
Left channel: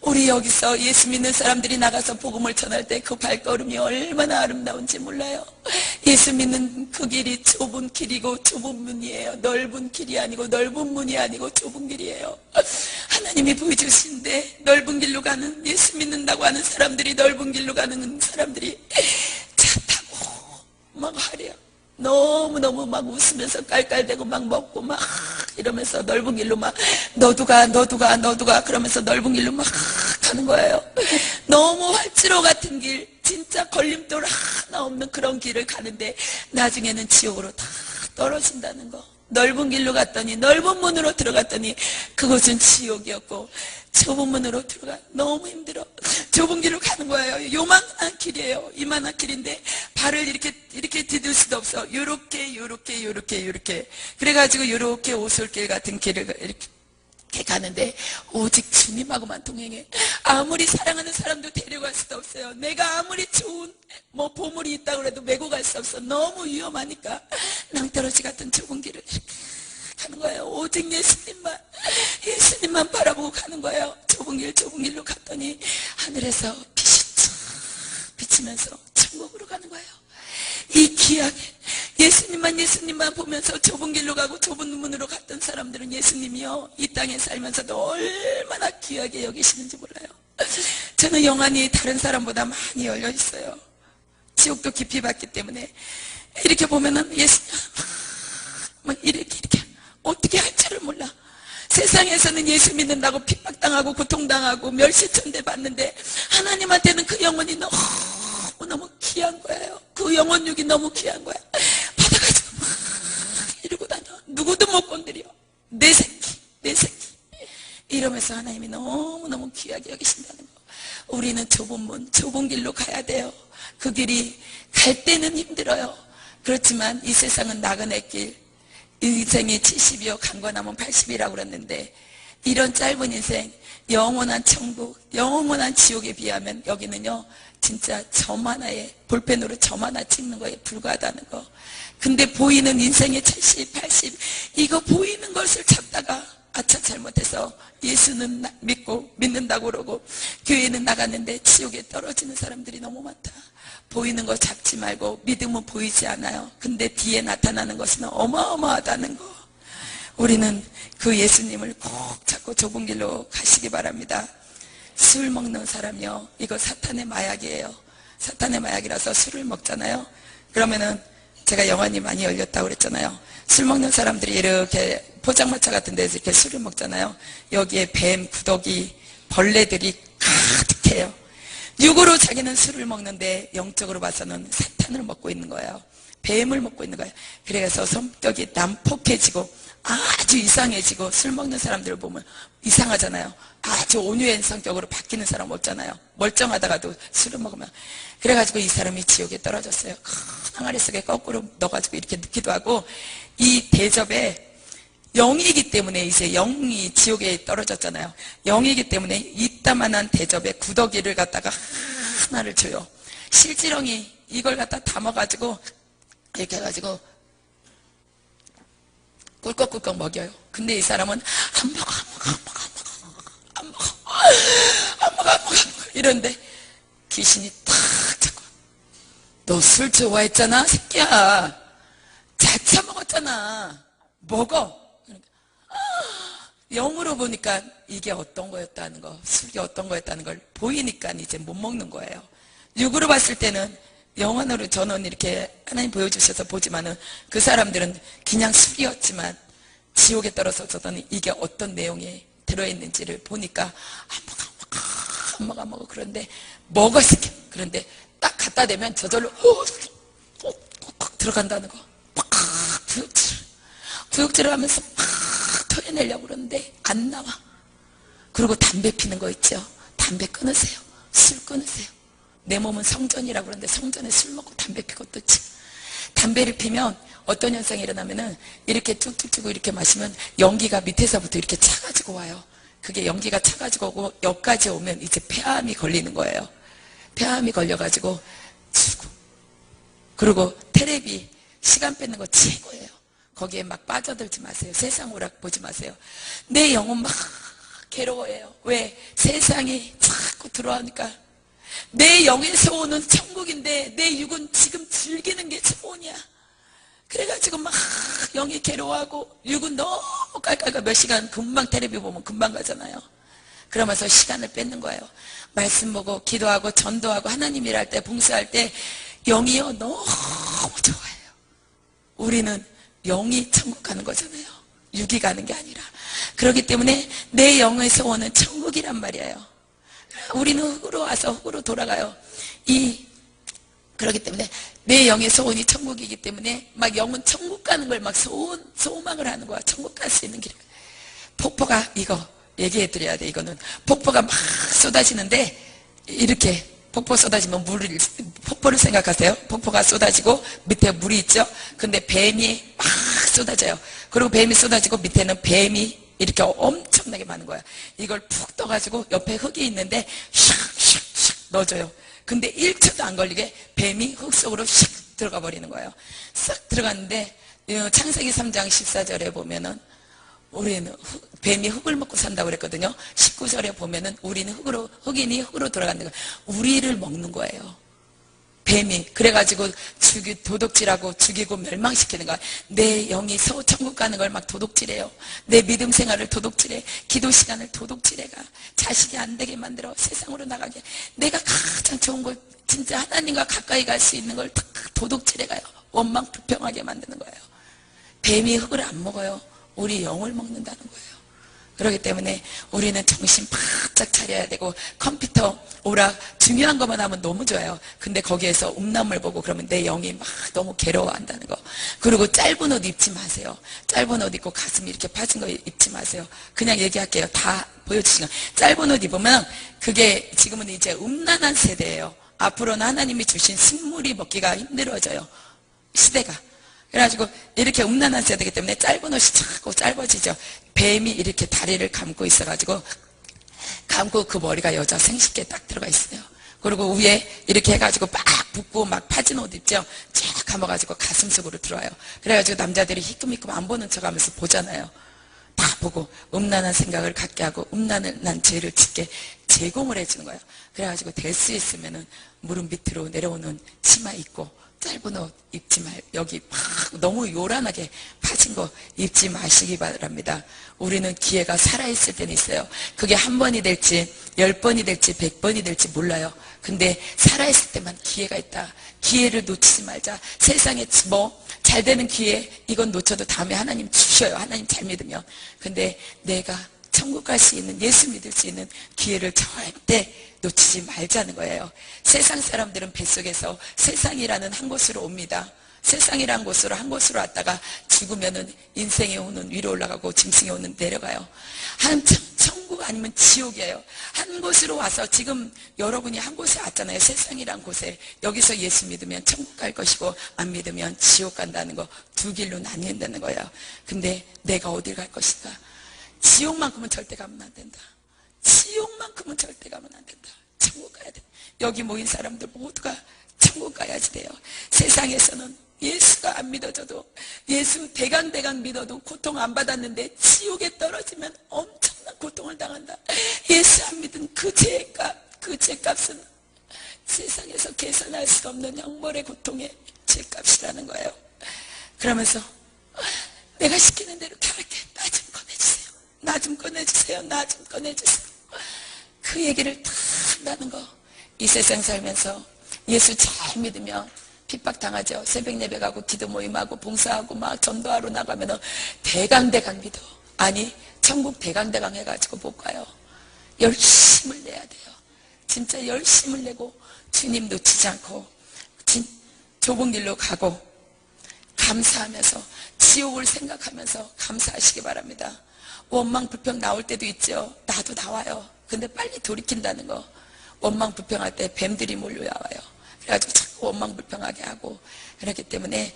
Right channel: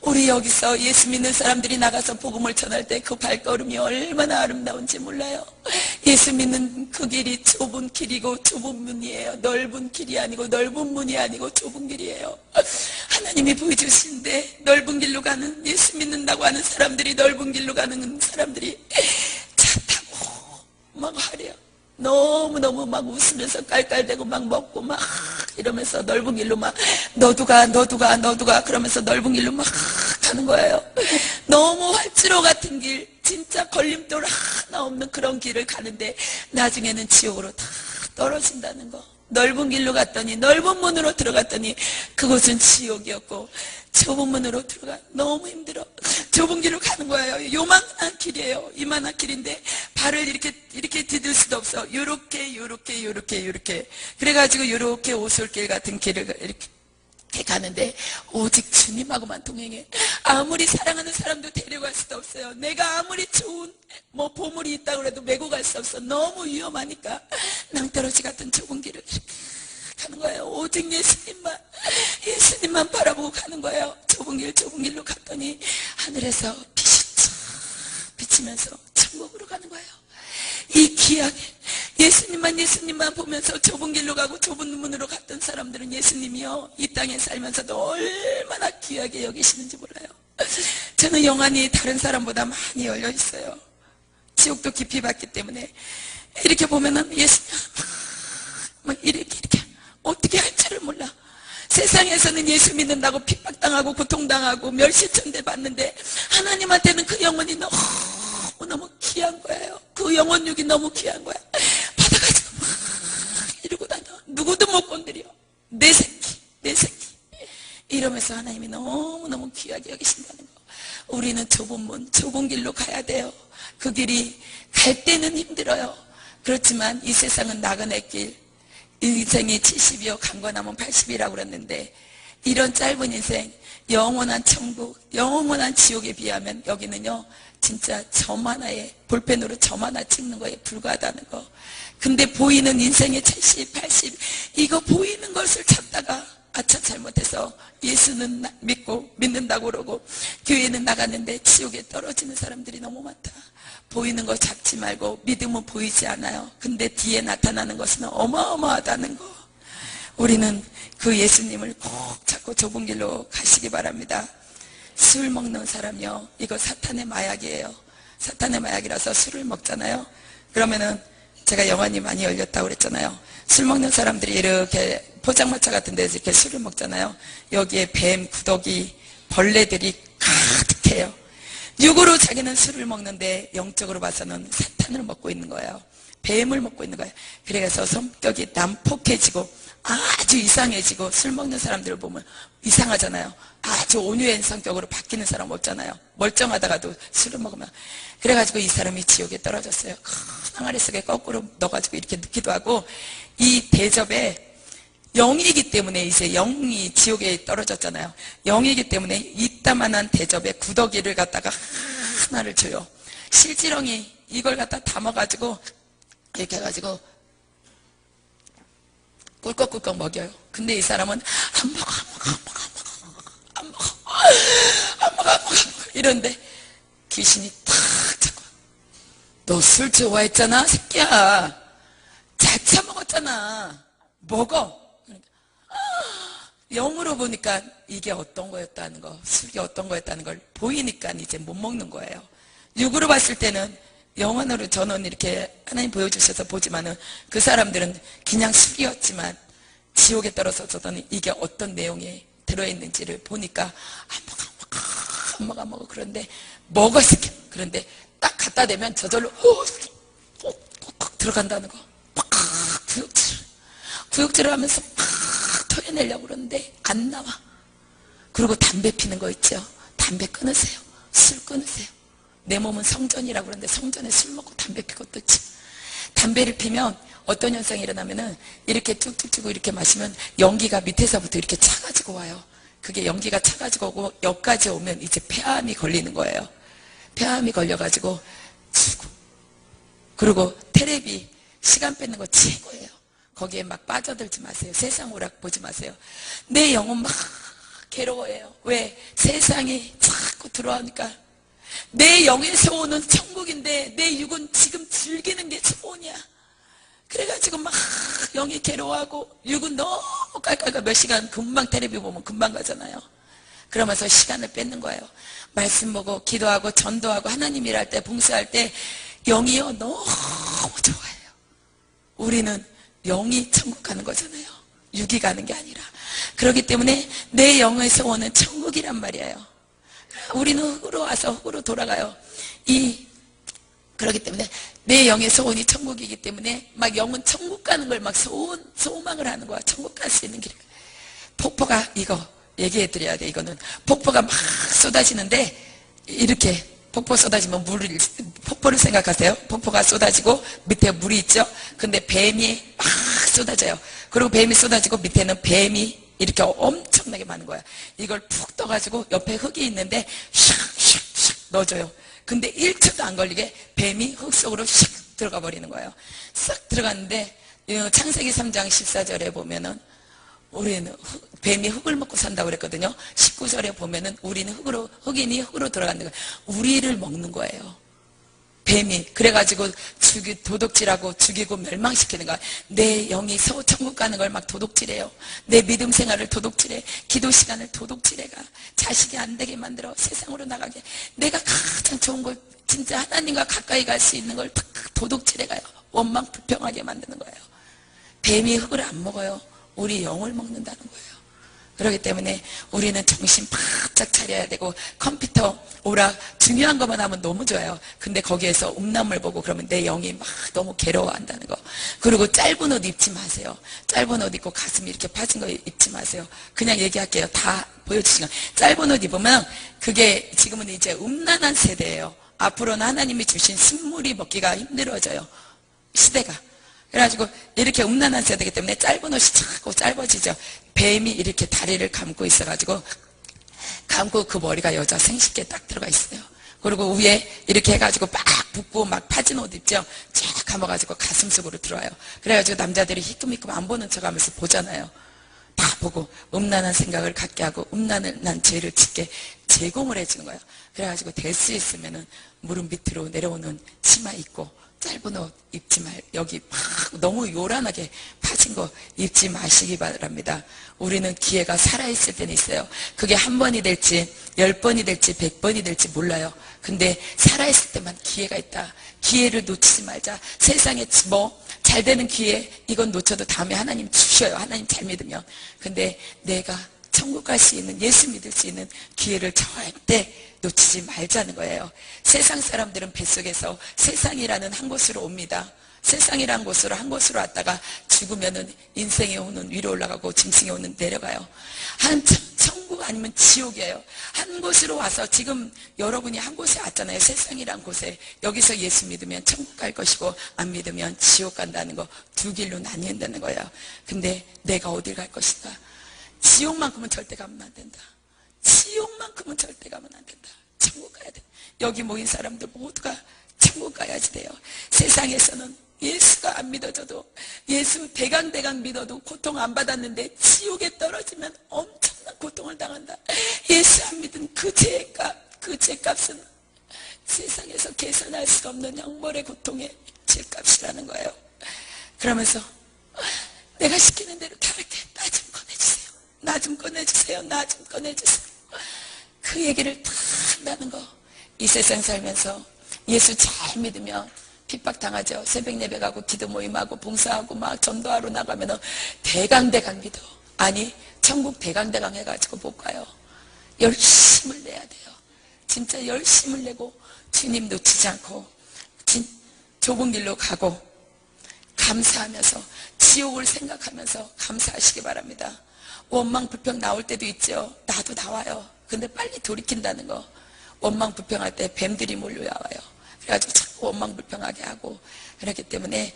우리 여기서 예수 믿는 사람들이 나가서 복음을 전할 때 그 발걸음이 얼마나 아름다운지 몰라요. 예수 믿는 그 길이 좁은 길이고 좁은 문이에요. 넓은 길이 아니고 넓은 문이 아니고 좁은 길이에요. 하나님이 보여주신데 넓은 길로 가는 예수 믿는다고 하는 사람들이 넓은 길로 가는 사람들이 차 타고 막 하래요. 너무너무 막 웃으면서 깔깔대고 막 먹고 막 이러면서 넓은 길로 막 너도 가 그러면서 넓은 길로 막 가는 거예요. 너무 활주로 같은 길, 진짜 걸림돌 하나 없는 그런 길을 가는데 나중에는 지옥으로 다 떨어진다는 거. 넓은 길로 갔더니, 넓은 문으로 들어갔더니 그곳은 지옥이었고, 좁은 문으로 들어가 너무 힘들어. 좁은 길로 가는 거예요. 요만한 길이에요. 이만한 길인데 발을 이렇게 디딜 수도 없어. 요렇게 그래가지고 요렇게 오솔길 같은 길을 이렇게 가는데 오직 주님하고만 동행해. 아무리 사랑하는 사람도 데려갈 수도 없어요. 내가 아무리 좋은 보물이 있다고 해도 메고 갈 수 없어. 너무 위험하니까 낭떠러지 같은 좁은 길을 이렇게 가는 거예요. 오직 예수님만 바라보고 가는 거예요. 좁은 길로 갔더니 하늘에서 빛이 쫙 비치면서 천국으로 가는 거예요. 이 귀하게 예수님만 보면서 좁은 길로 가고 좁은 문으로 갔던 사람들은 예수님이요, 이 땅에 살면서도 얼마나 귀하게 여기시는지 몰라요. 저는 영안이 다른 사람보다 많이 열려 있어요. 지옥도 깊이 봤기 때문에 이렇게 보면은 예수님 막 이렇게 어떻게 할 줄을 몰라. 세상에서는 예수 믿는다고 핍박당하고 고통당하고 멸시천대 받는데 하나님한테는 그 영혼이 너무 귀한 거예요. 그 영혼육이 너무 귀한 거야. 받아가지고 막 이러고 다녀. 누구도 못 건드려. 내 새끼 이러면서 하나님이 너무너무 귀하게 여기신다는 거. 우리는 좁은 길로 가야 돼요. 그 길이 갈 때는 힘들어요. 그렇지만 이 세상은 나그네 길, 인생이 70이요 강건하면 80이라고 그랬는데, 이런 짧은 인생, 영원한 천국, 영원한 지옥에 비하면 여기는요 진짜 점 하나에, 볼펜으로 점 하나 찍는 거에 불과하다는 거. 근데 보이는 인생의 70, 80 이거 보이는 것을 찾다가 아차 잘못해서 예수는 믿는다고 그러고 교회는 나갔는데 지옥에 떨어지는 사람들이 너무 많다. 보이는 거 잡지 말고, 믿음은 보이지 않아요. 근데 뒤에 나타나는 것은 어마어마하다는 거. 우리는 그 예수님을 꼭 잡고 좁은 길로 가시기 바랍니다. 술 먹는 사람이요, 이거 사탄의 마약이에요. 사탄의 마약이라서 술을 먹잖아요. 그러면은 제가 영안이 많이 열렸다고 그랬잖아요. 술 먹는 사람들이 이렇게 포장마차 같은 데서 이렇게 술을 먹잖아요. 여기에 뱀, 구더기, 벌레들이 가득해요. 육으로 자기는 술을 먹는데 영적으로 봐서는 사탄을 먹고 있는 거예요. 뱀을 먹고 있는 거예요. 그래서 성격이 난폭해지고 아주 이상해지고, 술 먹는 사람들을 보면 이상하잖아요. 아주 온유한 성격으로 바뀌는 사람 없잖아요. 멀쩡하다가도 술을 먹으면. 그래가지고 이 사람이 지옥에 떨어졌어요. 큰 항아리 속에 거꾸로 넣어가지고 이렇게 넣기도 하고, 이 대접에 영이기 때문에, 이제 영이 지옥에 떨어졌잖아요. 영이기 때문에 이따만한 대접에 구더기를 갖다가 하나를 줘요. 실지렁이 이걸 갖다 담아가지고 이렇게 해가지고 꿀꺽꿀꺽 먹여요. 근데 이 사람은 안 먹어 이런데 귀신이 탁 잡고, 너 술 좋아했잖아 새끼야, 잘 처먹었잖아, 먹어. 영으로 보니까 이게 어떤 거였다는 거, 술이 어떤 거였다는 걸 보이니까 이제 못 먹는 거예요. 육으로 봤을 때는, 영원으로 저는 이렇게 하나님 보여주셔서 보지만은 그 사람들은 그냥 술이었지만 지옥에 떨어져서는 이게 어떤 내용이 들어있는지를 보니까 안 먹어. 그런데 먹었을 게, 그런데 딱 갖다 대면 저절로 들어간다는 거. 구역질을 하면서 막 토해내려고 그러는데 안 나와. 그리고 담배 피는 거 있죠. 담배 끊으세요. 술 끊으세요. 내 몸은 성전이라고 그러는데 성전에 술 먹고 담배 피고 떴지. 담배를 피면 어떤 현상이 일어나면은 이렇게 쭉쭉쭉 이렇게 마시면 연기가 밑에서부터 이렇게 차가지고 와요. 그게 연기가 차가지고 오고 여기까지 오면 이제 폐암이 걸리는 거예요. 폐암이 걸려가지고 죽고. 그리고 테레비 시간 뺏는 거 최고예요. 거기에 막 빠져들지 마세요. 세상 오락 보지 마세요. 내 영혼 막 괴로워해요. 왜? 세상이 자꾸 들어오니까. 내 영에서 오는 천국인데 내 육은 지금 즐기는 게 소원이야. 그래가지고 막 영이 괴로워하고 육은 너무 깔깔깔 몇 시간 금방 테레비 보면 금방 가잖아요. 그러면서 시간을 뺏는 거예요. 말씀 보고 기도하고 전도하고 하나님 일할 때 봉사할 때 영이요 너무 좋아해요. 우리는 영이 천국 가는 거잖아요. 육이 가는 게 아니라. 그렇기 때문에 내 영의 소원은 천국이란 말이에요. 우리는 흙으로 와서 흙으로 돌아가요. 그렇기 때문에 내 영의 소원이 천국이기 때문에 막 영은 천국 가는 걸 막 소망을 하는 거야. 천국 갈 수 있는 길. 폭포가, 이거 얘기해 드려야 돼. 이거는 폭포가 막 쏟아지는데, 이렇게 폭포 쏟아지면 폭포를 생각하세요. 폭포가 쏟아지고 밑에 물이 있죠. 근데 뱀이 막 쏟아져요. 그리고 뱀이 쏟아지고 밑에는 뱀이 이렇게 엄청나게 많은 거야. 이걸 푹 떠가지고 옆에 흙이 있는데 샥샥샥 넣어줘요. 근데 1초도 안 걸리게 뱀이 흙 속으로 샥 들어가 버리는 거예요. 싹 들어갔는데 창세기 3장 14절에 보면은 우리는 뱀이 흙을 먹고 산다고 그랬거든요. 19절에 보면은 우리는 흑인이 흙으로 들어가는 거예요. 우리를 먹는 거예요. 뱀이. 그래가지고 도둑질하고 죽이고 멸망시키는 거야. 내 영이 천국 가는 걸 막 도둑질해요. 내 믿음 생활을 도둑질해. 기도 시간을 도둑질해가. 자식이 안 되게 만들어. 세상으로 나가게. 내가 가장 좋은 걸, 진짜 하나님과 가까이 갈 수 있는 걸 다 도둑질해가요. 원망 불평하게 만드는 거예요. 뱀이 흙을 안 먹어요. 우리 영을 먹는다는 거예요. 그렇기 때문에 우리는 정신 바짝 차려야 되고, 컴퓨터 오락 중요한 것만 하면 너무 좋아요. 근데 거기에서 음란물 보고 그러면 내 영이 막 너무 괴로워한다는 거. 그리고 짧은 옷 입지 마세요. 짧은 옷 입고 가슴 이렇게 파진 거 입지 마세요. 그냥 얘기할게요. 다 보여주시면. 짧은 옷 입으면 그게 지금은 이제 음란한 세대예요. 앞으로는 하나님이 주신 식물이 먹기가 힘들어져요. 시대가. 그래가지고 이렇게 음란한 세대이기 때문에 짧은 옷이 자꾸 짧아지죠. 뱀이 이렇게 다리를 감고 있어가지고, 감고 그 머리가 여자 생식기에 딱 들어가 있어요. 그리고 위에 이렇게 해가지고 막 붓고 막 파진 옷 입죠. 쫙 감아가지고 가슴 속으로 들어와요. 그래가지고 남자들이 희끔희끔 안 보는 척 하면서 보잖아요. 다 보고 음란한 생각을 갖게 하고 음란한 죄를 짓게 제공을 해주는 거예요. 그래가지고 될 수 있으면은 무릎 밑으로 내려오는 치마 입고, 짧은 옷 입지 여기 막 너무 요란하게 파진 거 입지 마시기 바랍니다. 우리는 기회가 살아있을 때는 있어요. 그게 한 번이 될지 10번이 될지 100번이 될지 몰라요. 근데 살아있을 때만 기회가 있다. 기회를 놓치지 말자. 세상에 뭐 잘 되는 기회, 이건 놓쳐도 다음에 하나님 주셔요. 하나님 잘 믿으면. 근데 내가 천국 갈 수 있는, 예수 믿을 수 있는 기회를 절대 놓치지 말자는 거예요. 세상 사람들은 뱃속에서 세상이라는 한 곳으로 옵니다. 세상이라는 곳으로 한 곳으로 왔다가 죽으면은 인생의 호는 위로 올라가고 짐승의 호는 내려가요. 천국 아니면 지옥이에요. 한 곳으로 와서 지금 여러분이 한 곳에 왔잖아요. 세상이란 곳에. 여기서 예수 믿으면 천국 갈 것이고 안 믿으면 지옥 간다는 거, 두 길로 나뉜다는 거예요. 근데 내가 어딜 갈 것이다. 지옥만큼은 절대 가면 안 된다. 지옥만큼은 절대 가면 안 된다. 천국 가야 돼. 여기 모인 사람들 모두가 천국 가야지 돼요. 세상에서는 예수가 안 믿어져도, 예수 대강 믿어도 고통 안 받았는데 지옥에 떨어지면 엄청난 고통을 당한다. 예수 안 믿은 그 죄값은 세상에서 계산할 수 없는 형벌의 고통의 죄값이라는 거예요. 그러면서 내가 시키는 대로 다 할게. 나 좀 꺼내주세요. 나 좀 꺼내주세요. 나 좀 꺼내주세요. 그 얘기를 다 한다는 거. 이 세상 살면서 예수 잘 믿으면 핍박당하죠. 새벽 예배가고 기도 모임하고 봉사하고 막 전도하러 나가면 대강 믿어. 아니 천국 대강 해가지고 못 가요. 열심을 내야 돼요. 진짜 열심을 내고 주님 놓치지 않고 좁은 길로 가고 감사하면서 지옥을 생각하면서 감사하시기 바랍니다. 원망 불평 나올 때도 있죠. 나도 나와요. 근데 빨리 돌이킨다는 거. 원망 불평할 때 뱀들이 몰려와요. 그래가지고 자꾸 원망 불평하게 하고. 그렇기 때문에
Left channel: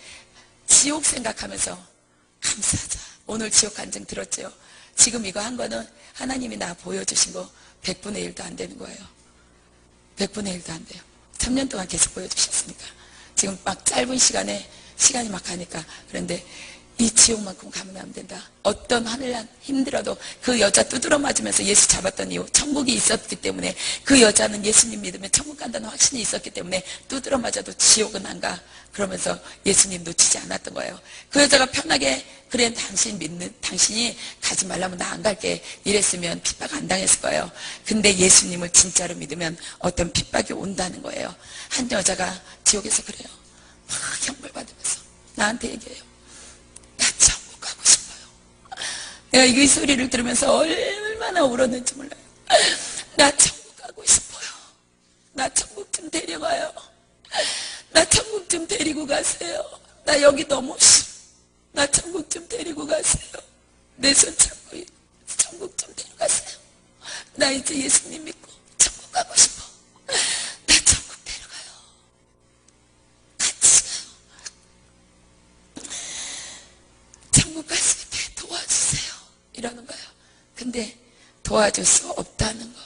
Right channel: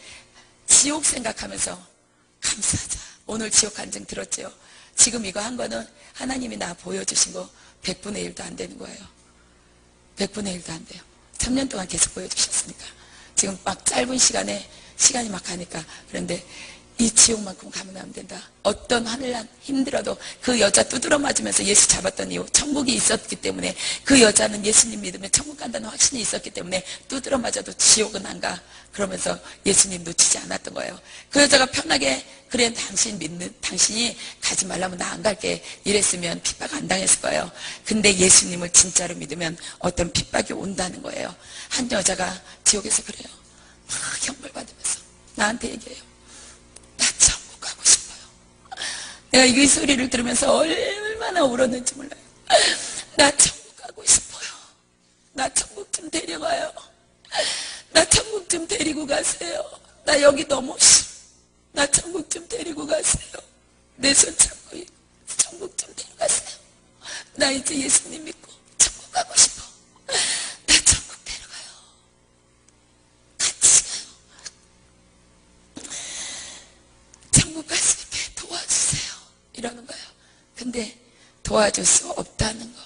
지옥 생각하면서 감사하자. 오늘 지옥 간증 들었죠. 지금 이거 한 거는 하나님이 나 보여주신 거 100분의 1도 안 되는 거예요. 100분의 1도 안 돼요. 3년 동안 계속 보여주셨으니까. 지금 막 짧은 시간이 막 가니까. 그런데 이 지옥만큼 가면 안 된다. 어떤 하늘난 힘들어도 그 여자 두드러 맞으면서 예수 잡았던 이유, 천국이 있었기 때문에, 그 여자는 예수님 믿으면 천국 간다는 확신이 있었기 때문에 두드러 맞아도 지옥은 안 가. 그러면서 예수님 놓치지 않았던 거예요. 그 여자가 편하게 그래 당신이 가지 말라면 나 안 갈게 이랬으면 핍박 안 당했을 거예요. 근데 예수님을 진짜로 믿으면 어떤 핍박이 온다는 거예요. 한 여자가 지옥에서 그래요. 막 형벌 받으면서 나한테 얘기해요. 내가 이 소리를 들으면서 얼마나 울었는지 몰라요. 나 천국 가고 싶어요. 나 천국 좀 데려가요. 나 천국 좀 데리고 가세요. 나 여기 너무 싫어. 나 천국 좀 데리고 가세요. 내 손 잡고 천국 좀 데려가세요. 나 이제 예수님 믿고 천국 가고 싶어. 나 천국 데려가요. 같이 가요. 천국 갈 수 있게 도와주세요. 이러는 거예요. 근데 도와줄 수 없다는 거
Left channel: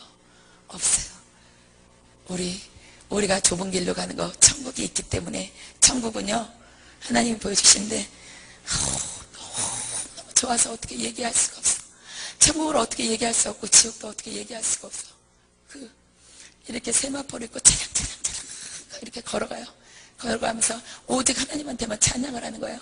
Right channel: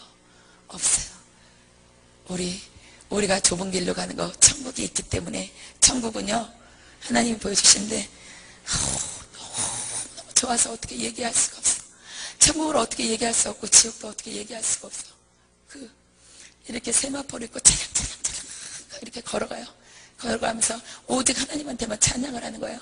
없어요. 우리가 좁은 길로 가는 거 천국이 있기 때문에 천국은요 하나님이 보여주시는데 너무 좋아서 어떻게 얘기할 수가 없어. 천국을 어떻게 얘기할 수 없고 지옥도 어떻게 얘기할 수가 없어. 이렇게 세마포를 입고 차량차량 이렇게 걸어가요. 걸어가면서 오직 하나님한테만 찬양을 하는 거예요.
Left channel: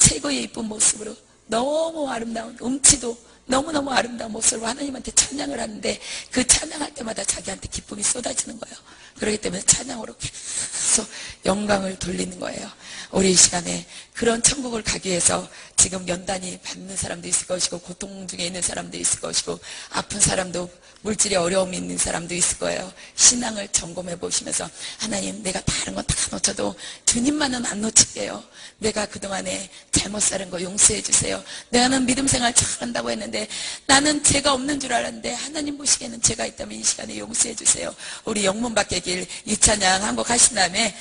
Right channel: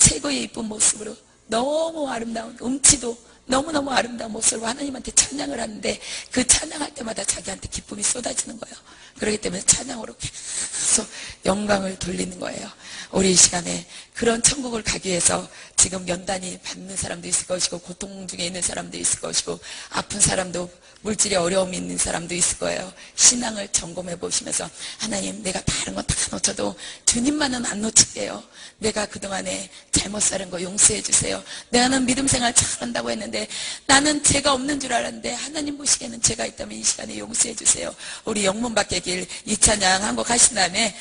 최고의 이쁜 모습으로 너무 아름다운 음치도 너무너무 아름다운 모습으로 하나님한테 찬양을 하는데 그 찬양할 때마다 자기한테 기쁨이 쏟아지는 거예요. 그렇기 때문에 찬양으로 계속 영광을 돌리는 거예요. 우리 이 시간에 그런 천국을 가기 위해서 지금 연단이 받는 사람도 있을 것이고 고통 중에 있는 사람도 있을 것이고 아픈 사람도 물질에 어려움이 있는 사람도 있을 거예요. 신앙을 점검해 보시면서 하나님 내가 다른 건 다 놓쳐도 주님만은 안 놓칠게요. 내가 그동안에 잘못 사는 거 용서해 주세요. 나는 믿음 생활 잘한다고 했는데 나는 죄가 없는 줄 알았는데 하나님 보시기에는 죄가 있다면 이 시간에 용서해 주세요. 우리 영문 밖의 길 이 찬양 한 곡 하신 다음에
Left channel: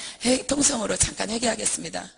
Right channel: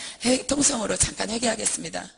통성으로 잠깐 회개하겠습니다.